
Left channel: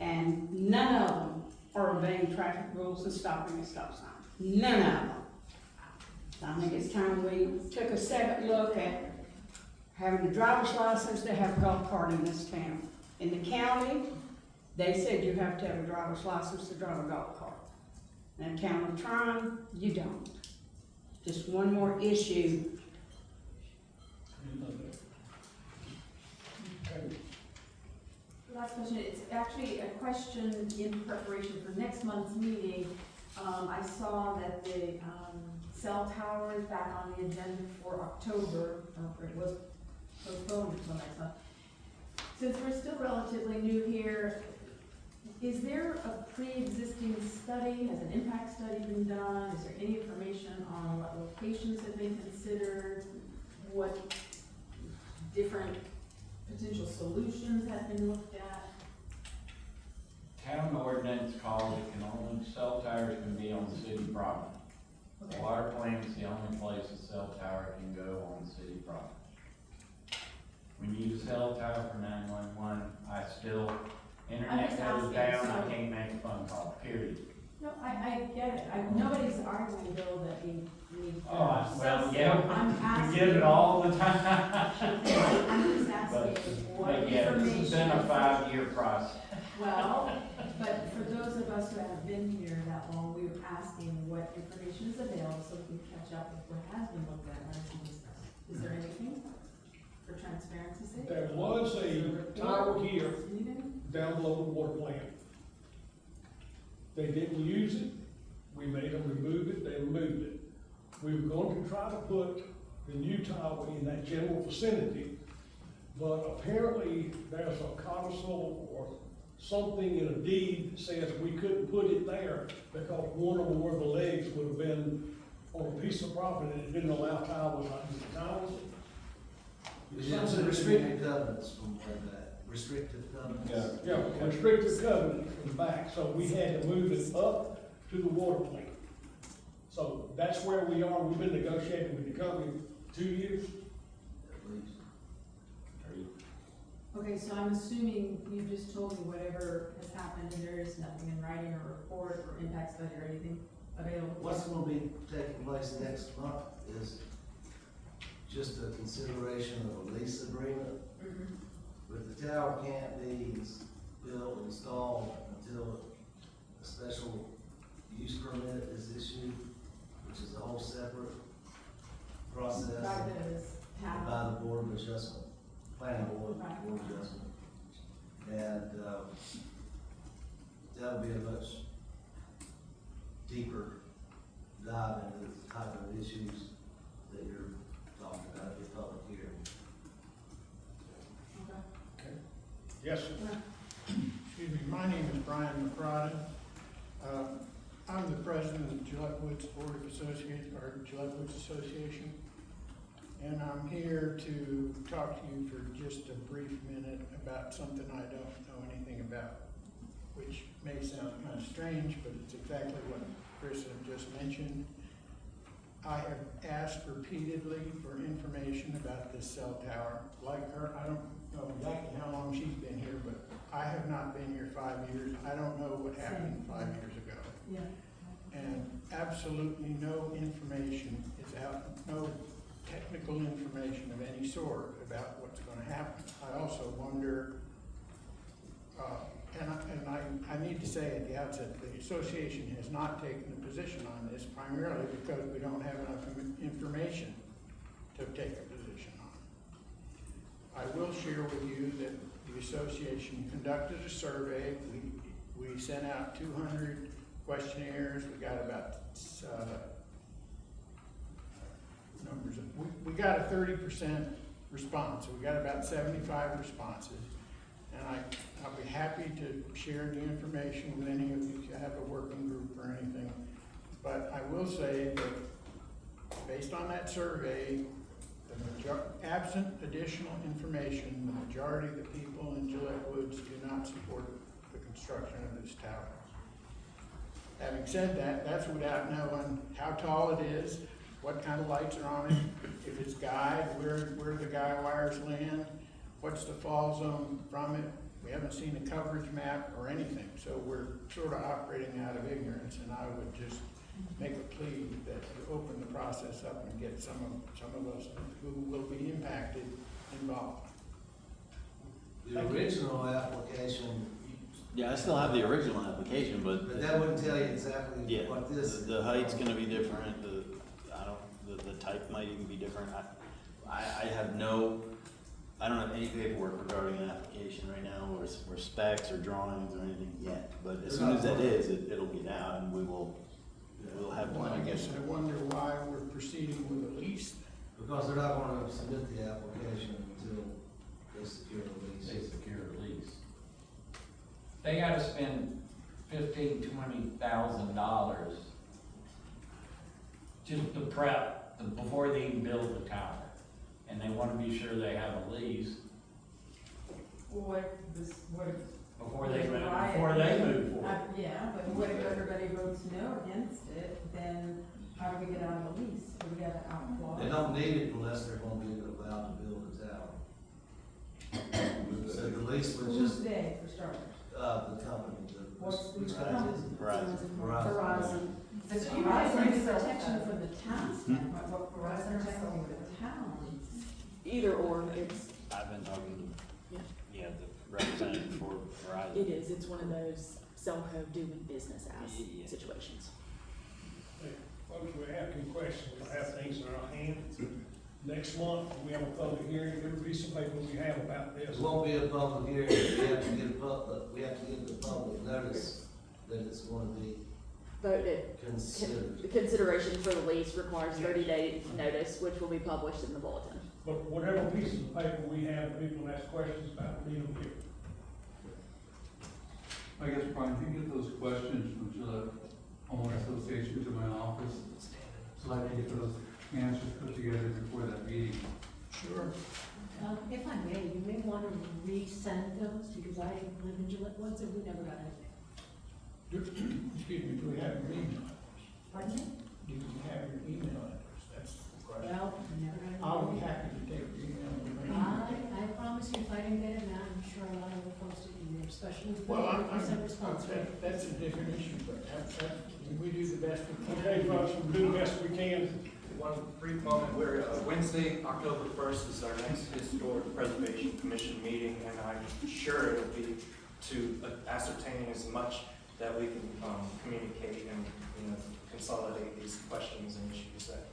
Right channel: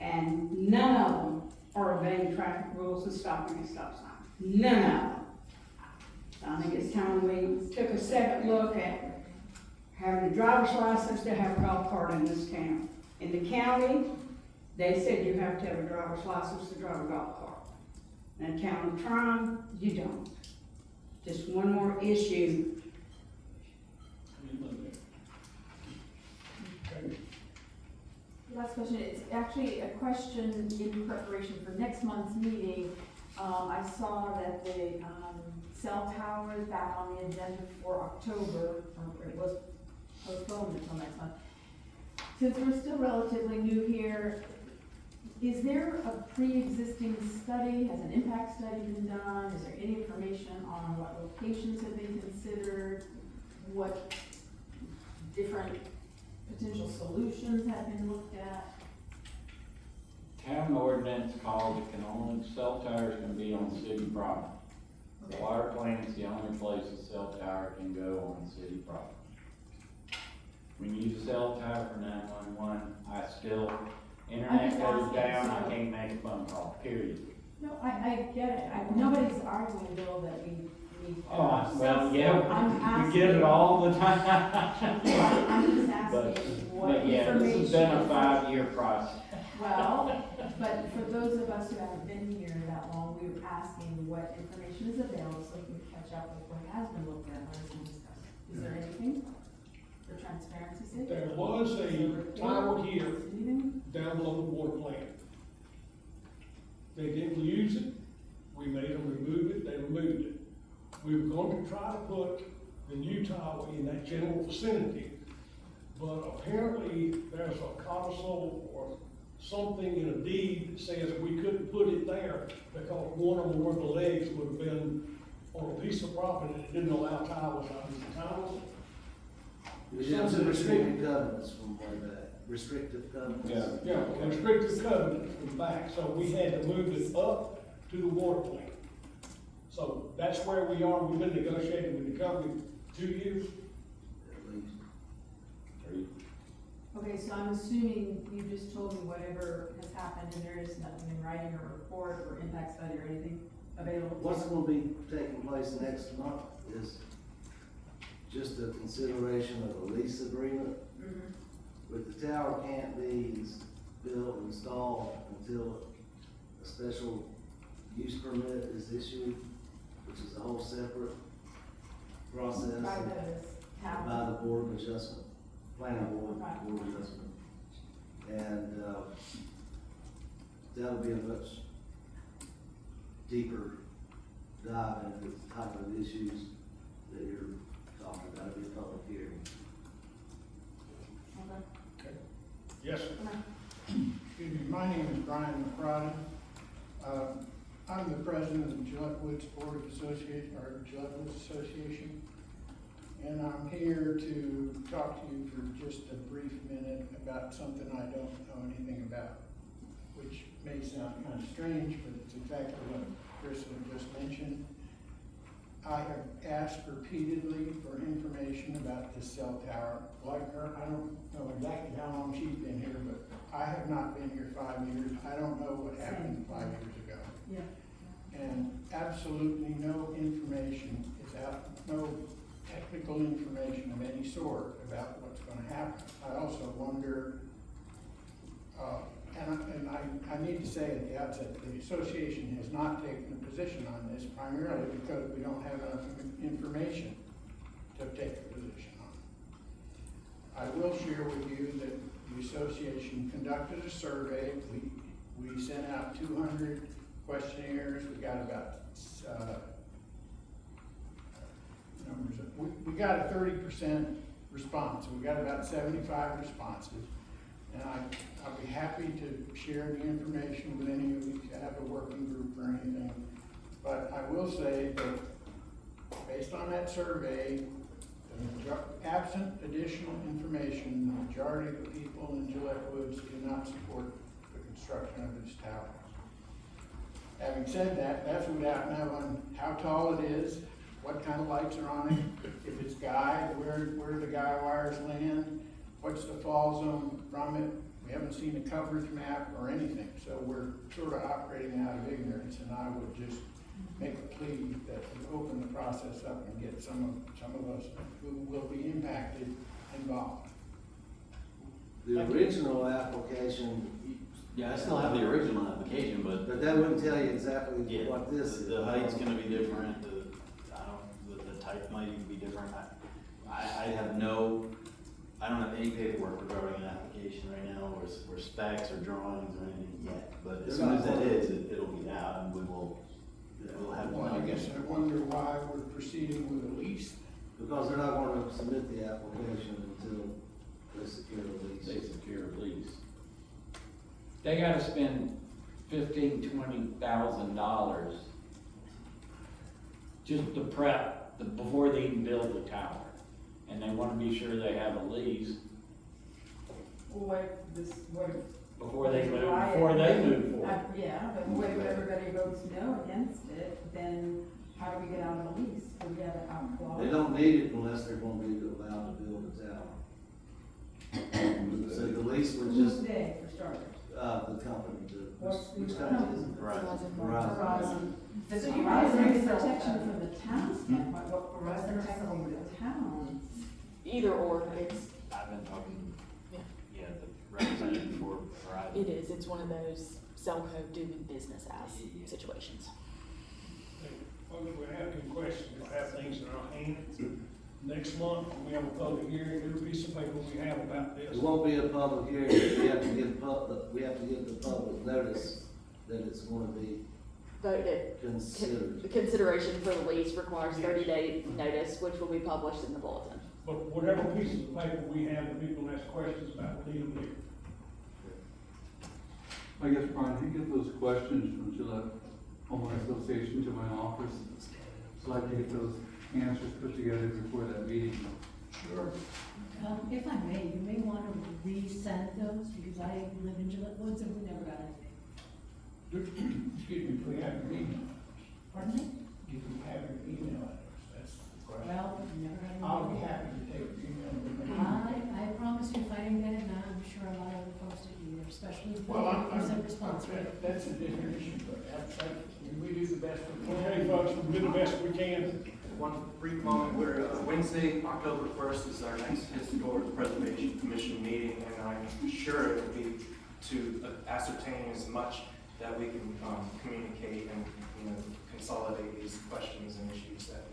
and none of them are obeying traffic rules and stopping at stop signs. None of them. So I think it's time we took a second look at having a driver's license to have a golf cart in this town. In the county, they said you have to have a driver's license to drive a golf cart. In the town of Tryon, you don't. Just one more issue. Last question, it's actually a question in preparation for next month's meeting. I saw that the, cell tower is back on the agenda for October, or it was postponed until next month. Since we're still relatively new here, is there a pre-existing study? Has an impact study been done? Is there any information on what locations have been considered? What different potential solutions have been looked at? Town ordinance calls it can only, cell towers can be on city property. The water plant's the only place a cell tower can go on city property. When you use a cell tower for 911, internet goes down, I can't make a phone call, period. No, I get it. Nobody's arguing, Bill, that we need. Well, yeah, we get it all the time. I'm just asking what But yeah, this has been a information- 5-year process. Well, but for those of us who haven't been here that long, we were asking what information is available so we can catch up with what has been looked at, what has been discussed. Is there anything for transparency's sake? There was a tower here Anything? down below the water plant. They didn't use it, we made them remove it, they removed it. We were going to try to put the new tower in that general vicinity, but apparently there's a codicil or something in a deed that says we couldn't put it there because one or more of the legs would have been on a piece of property that didn't allow towers out in the towers. We have some restricted covenants from way back, restrictive covenants. Yeah, restricted covenant from back, so we had to move it up to the water plant. So that's where we are, we've been negotiating with the company 2 years. At least. Okay, so I'm assuming you just told me whatever has happened and there is nothing in writing or report or impact study or anything available? What's gonna be taking place next month is just a consideration of a lease agreement. Mhm. But the tower can't be built, installed until a special use permit is issued, which is a whole separate process By the town. by the Board of Adjustment, Planning Board, Okay. Board of Adjustment. And, that would be a much deeper dive into the type of issues that you're talking about, it'd be a public hearing. Okay. Yes, sir. Woods Board of Association, or Gillette Woods Association. And I'm here to talk to you for just a brief minute about something I don't know anything about, which may sound kind of strange, but it's exactly what Chris had just mentioned. I have asked repeatedly for information about this cell tower. Like her, I don't know exactly how long she's been here, but I have not been here 5 years. I don't know what happened 5 years ago. Yeah. And absolutely no information is out, no technical information of any sort about what's gonna happen. I also wonder, and I need to say at the outset, the association has not taken a position on this primarily because we don't have enough information to take a position on. I will share with you that the association conducted a survey. We sent out 200 questionnaires. We got about we got a 30% response. We got about 75 responses, and I'll be happy to share the information with any of you if you have a working group or anything. But I will say that based on that survey, absent additional information, the majority of the people in Gillette Woods do not support the construction of this tower. Having said that, that's without knowing how tall it is, what kind of lights are on it, if it's guide, where the guy wires land, what's the fall zone from it. We haven't seen a coverage map or anything, so we're sort of operating out of ignorance, and I would just make a plea that we open the process up and get some of us who will be impacted involved. The original application. Yeah, I still have the original application, but that wouldn't tell you exactly yeah, what this is. the height's gonna be different, the type might even be different. I don't have any paperwork regarding an application right now, or specs or drawings or anything yet, but as soon as that is, it'll get out and we'll have. Well, I guess I wonder why we're proceeding with a lease. Because they're not gonna submit the application until they secure the lease. They secure a lease. They gotta spend $15,000-$20,000 just to prep, before they even build the tower. And they wanna be sure they have a lease before they move forward. Yeah, but what if everybody votes no against it, then how do we get out of the lease? Do we have an out clause? They don't need it unless they're gonna be allowed to build a tower. So the lease was Who's just, they, for starters? the company, What's the which company is it? Verizon. So you Verizon guys is are protection from the town standpoint, but Verizon is selling the town. Either or, it's, I've been talking yeah, to, the representative for Verizon. it is, it's one of those Selco doing business as situations. Folks, we're asking questions, we have things in our hands. Next month, we have a public hearing, there'll be some paper we have about this. It won't be a public hearing, we have to give the public notice that it's gonna be Voted. considered. The consideration for the lease requires 30-day notice, which will be published in the bulletin. But whatever pieces of paper we have, that people ask questions about, we need them here. I guess, Brian, if you get those questions from Gillette Homeowner Association to my office, so I can get those answers put together before that meeting. Sure. If I may, you may want to resend those, because I live in Gillette Woods and we never got anything. Excuse me, do we have your email? Pardon me? Do we have your email address? That's the question. Well, we never got anything. I'll be happy to take your email. I promise you, if I didn't get it now, I'm sure a lot of the folks didn't either, especially the Well, people who sent response. That's a different issue, but we do the best we can. Okay, folks, we'll do the best we can. One brief moment, we're, Wednesday, October 1st is our next Historic Preservation Commission meeting, and I'm sure it'll be to ascertain as much that we can communicate and, consolidate these questions and issues that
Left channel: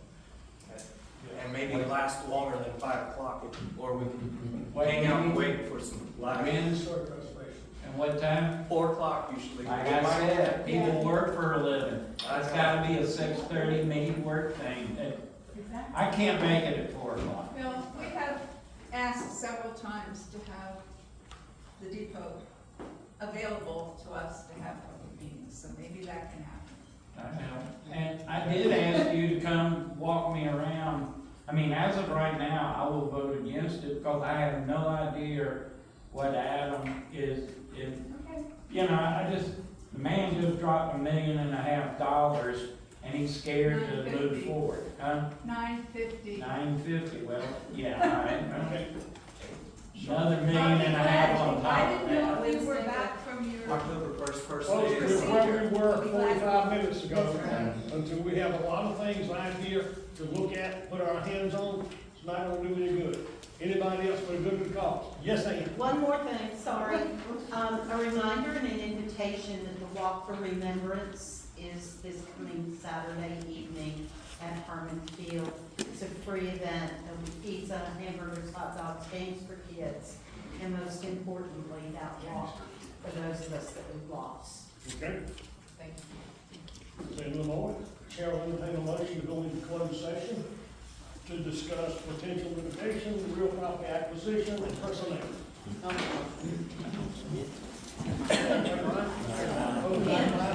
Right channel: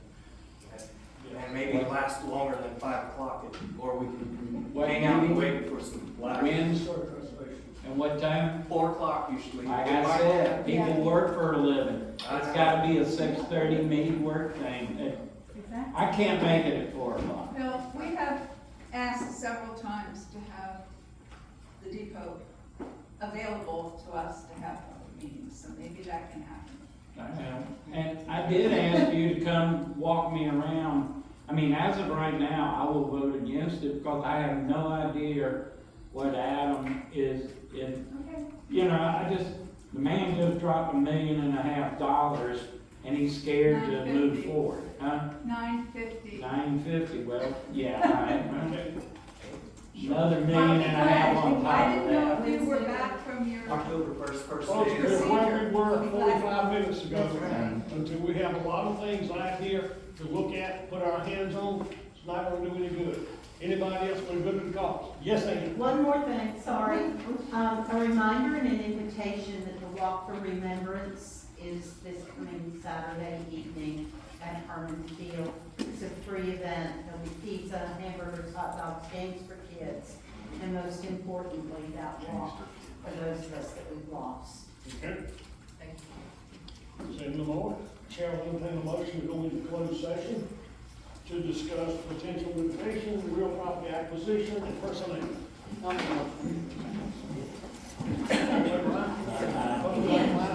and maybe last longer than 5 o'clock, or we can hang out and wait for some live. And what time? 4 o'clock usually. Like I said, people work for a living. It's gotta be a 6:30 meeting work thing. I can't make it at 4 o'clock. Well, we have asked several times to have the depot available to us to have public meetings, so maybe that can happen. I know. And I did ask you to come walk me around. I mean, as of right now, I will vote against it because I have no idea what Adam is in. You know, the man just dropped $1.5 million and he's scared to move forward, huh? $950. $950, well, yeah, all right, well, another $1.5 million on top I of didn't know that. if we were back from your. October first Well, day. we're where we were 45 minutes ago, That's right. until we have a lot of things out here to look at, put our hands on, it's not gonna do any good. Anybody else would go to the cause? Yes, Ann? One more thing, sorry. A reminder and an invitation that the Walk for Remembrance is this coming Saturday evening at Herman Field. It's a free event. There'll be pizza, hamburgers, hot dogs, games for kids, and most importantly, that walk for those of us that we've lost. Okay. Say no more. Chair will entertain a motion to go into closed session to discuss potential litigation, real property acquisition, and personnel.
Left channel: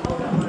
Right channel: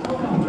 Hold on.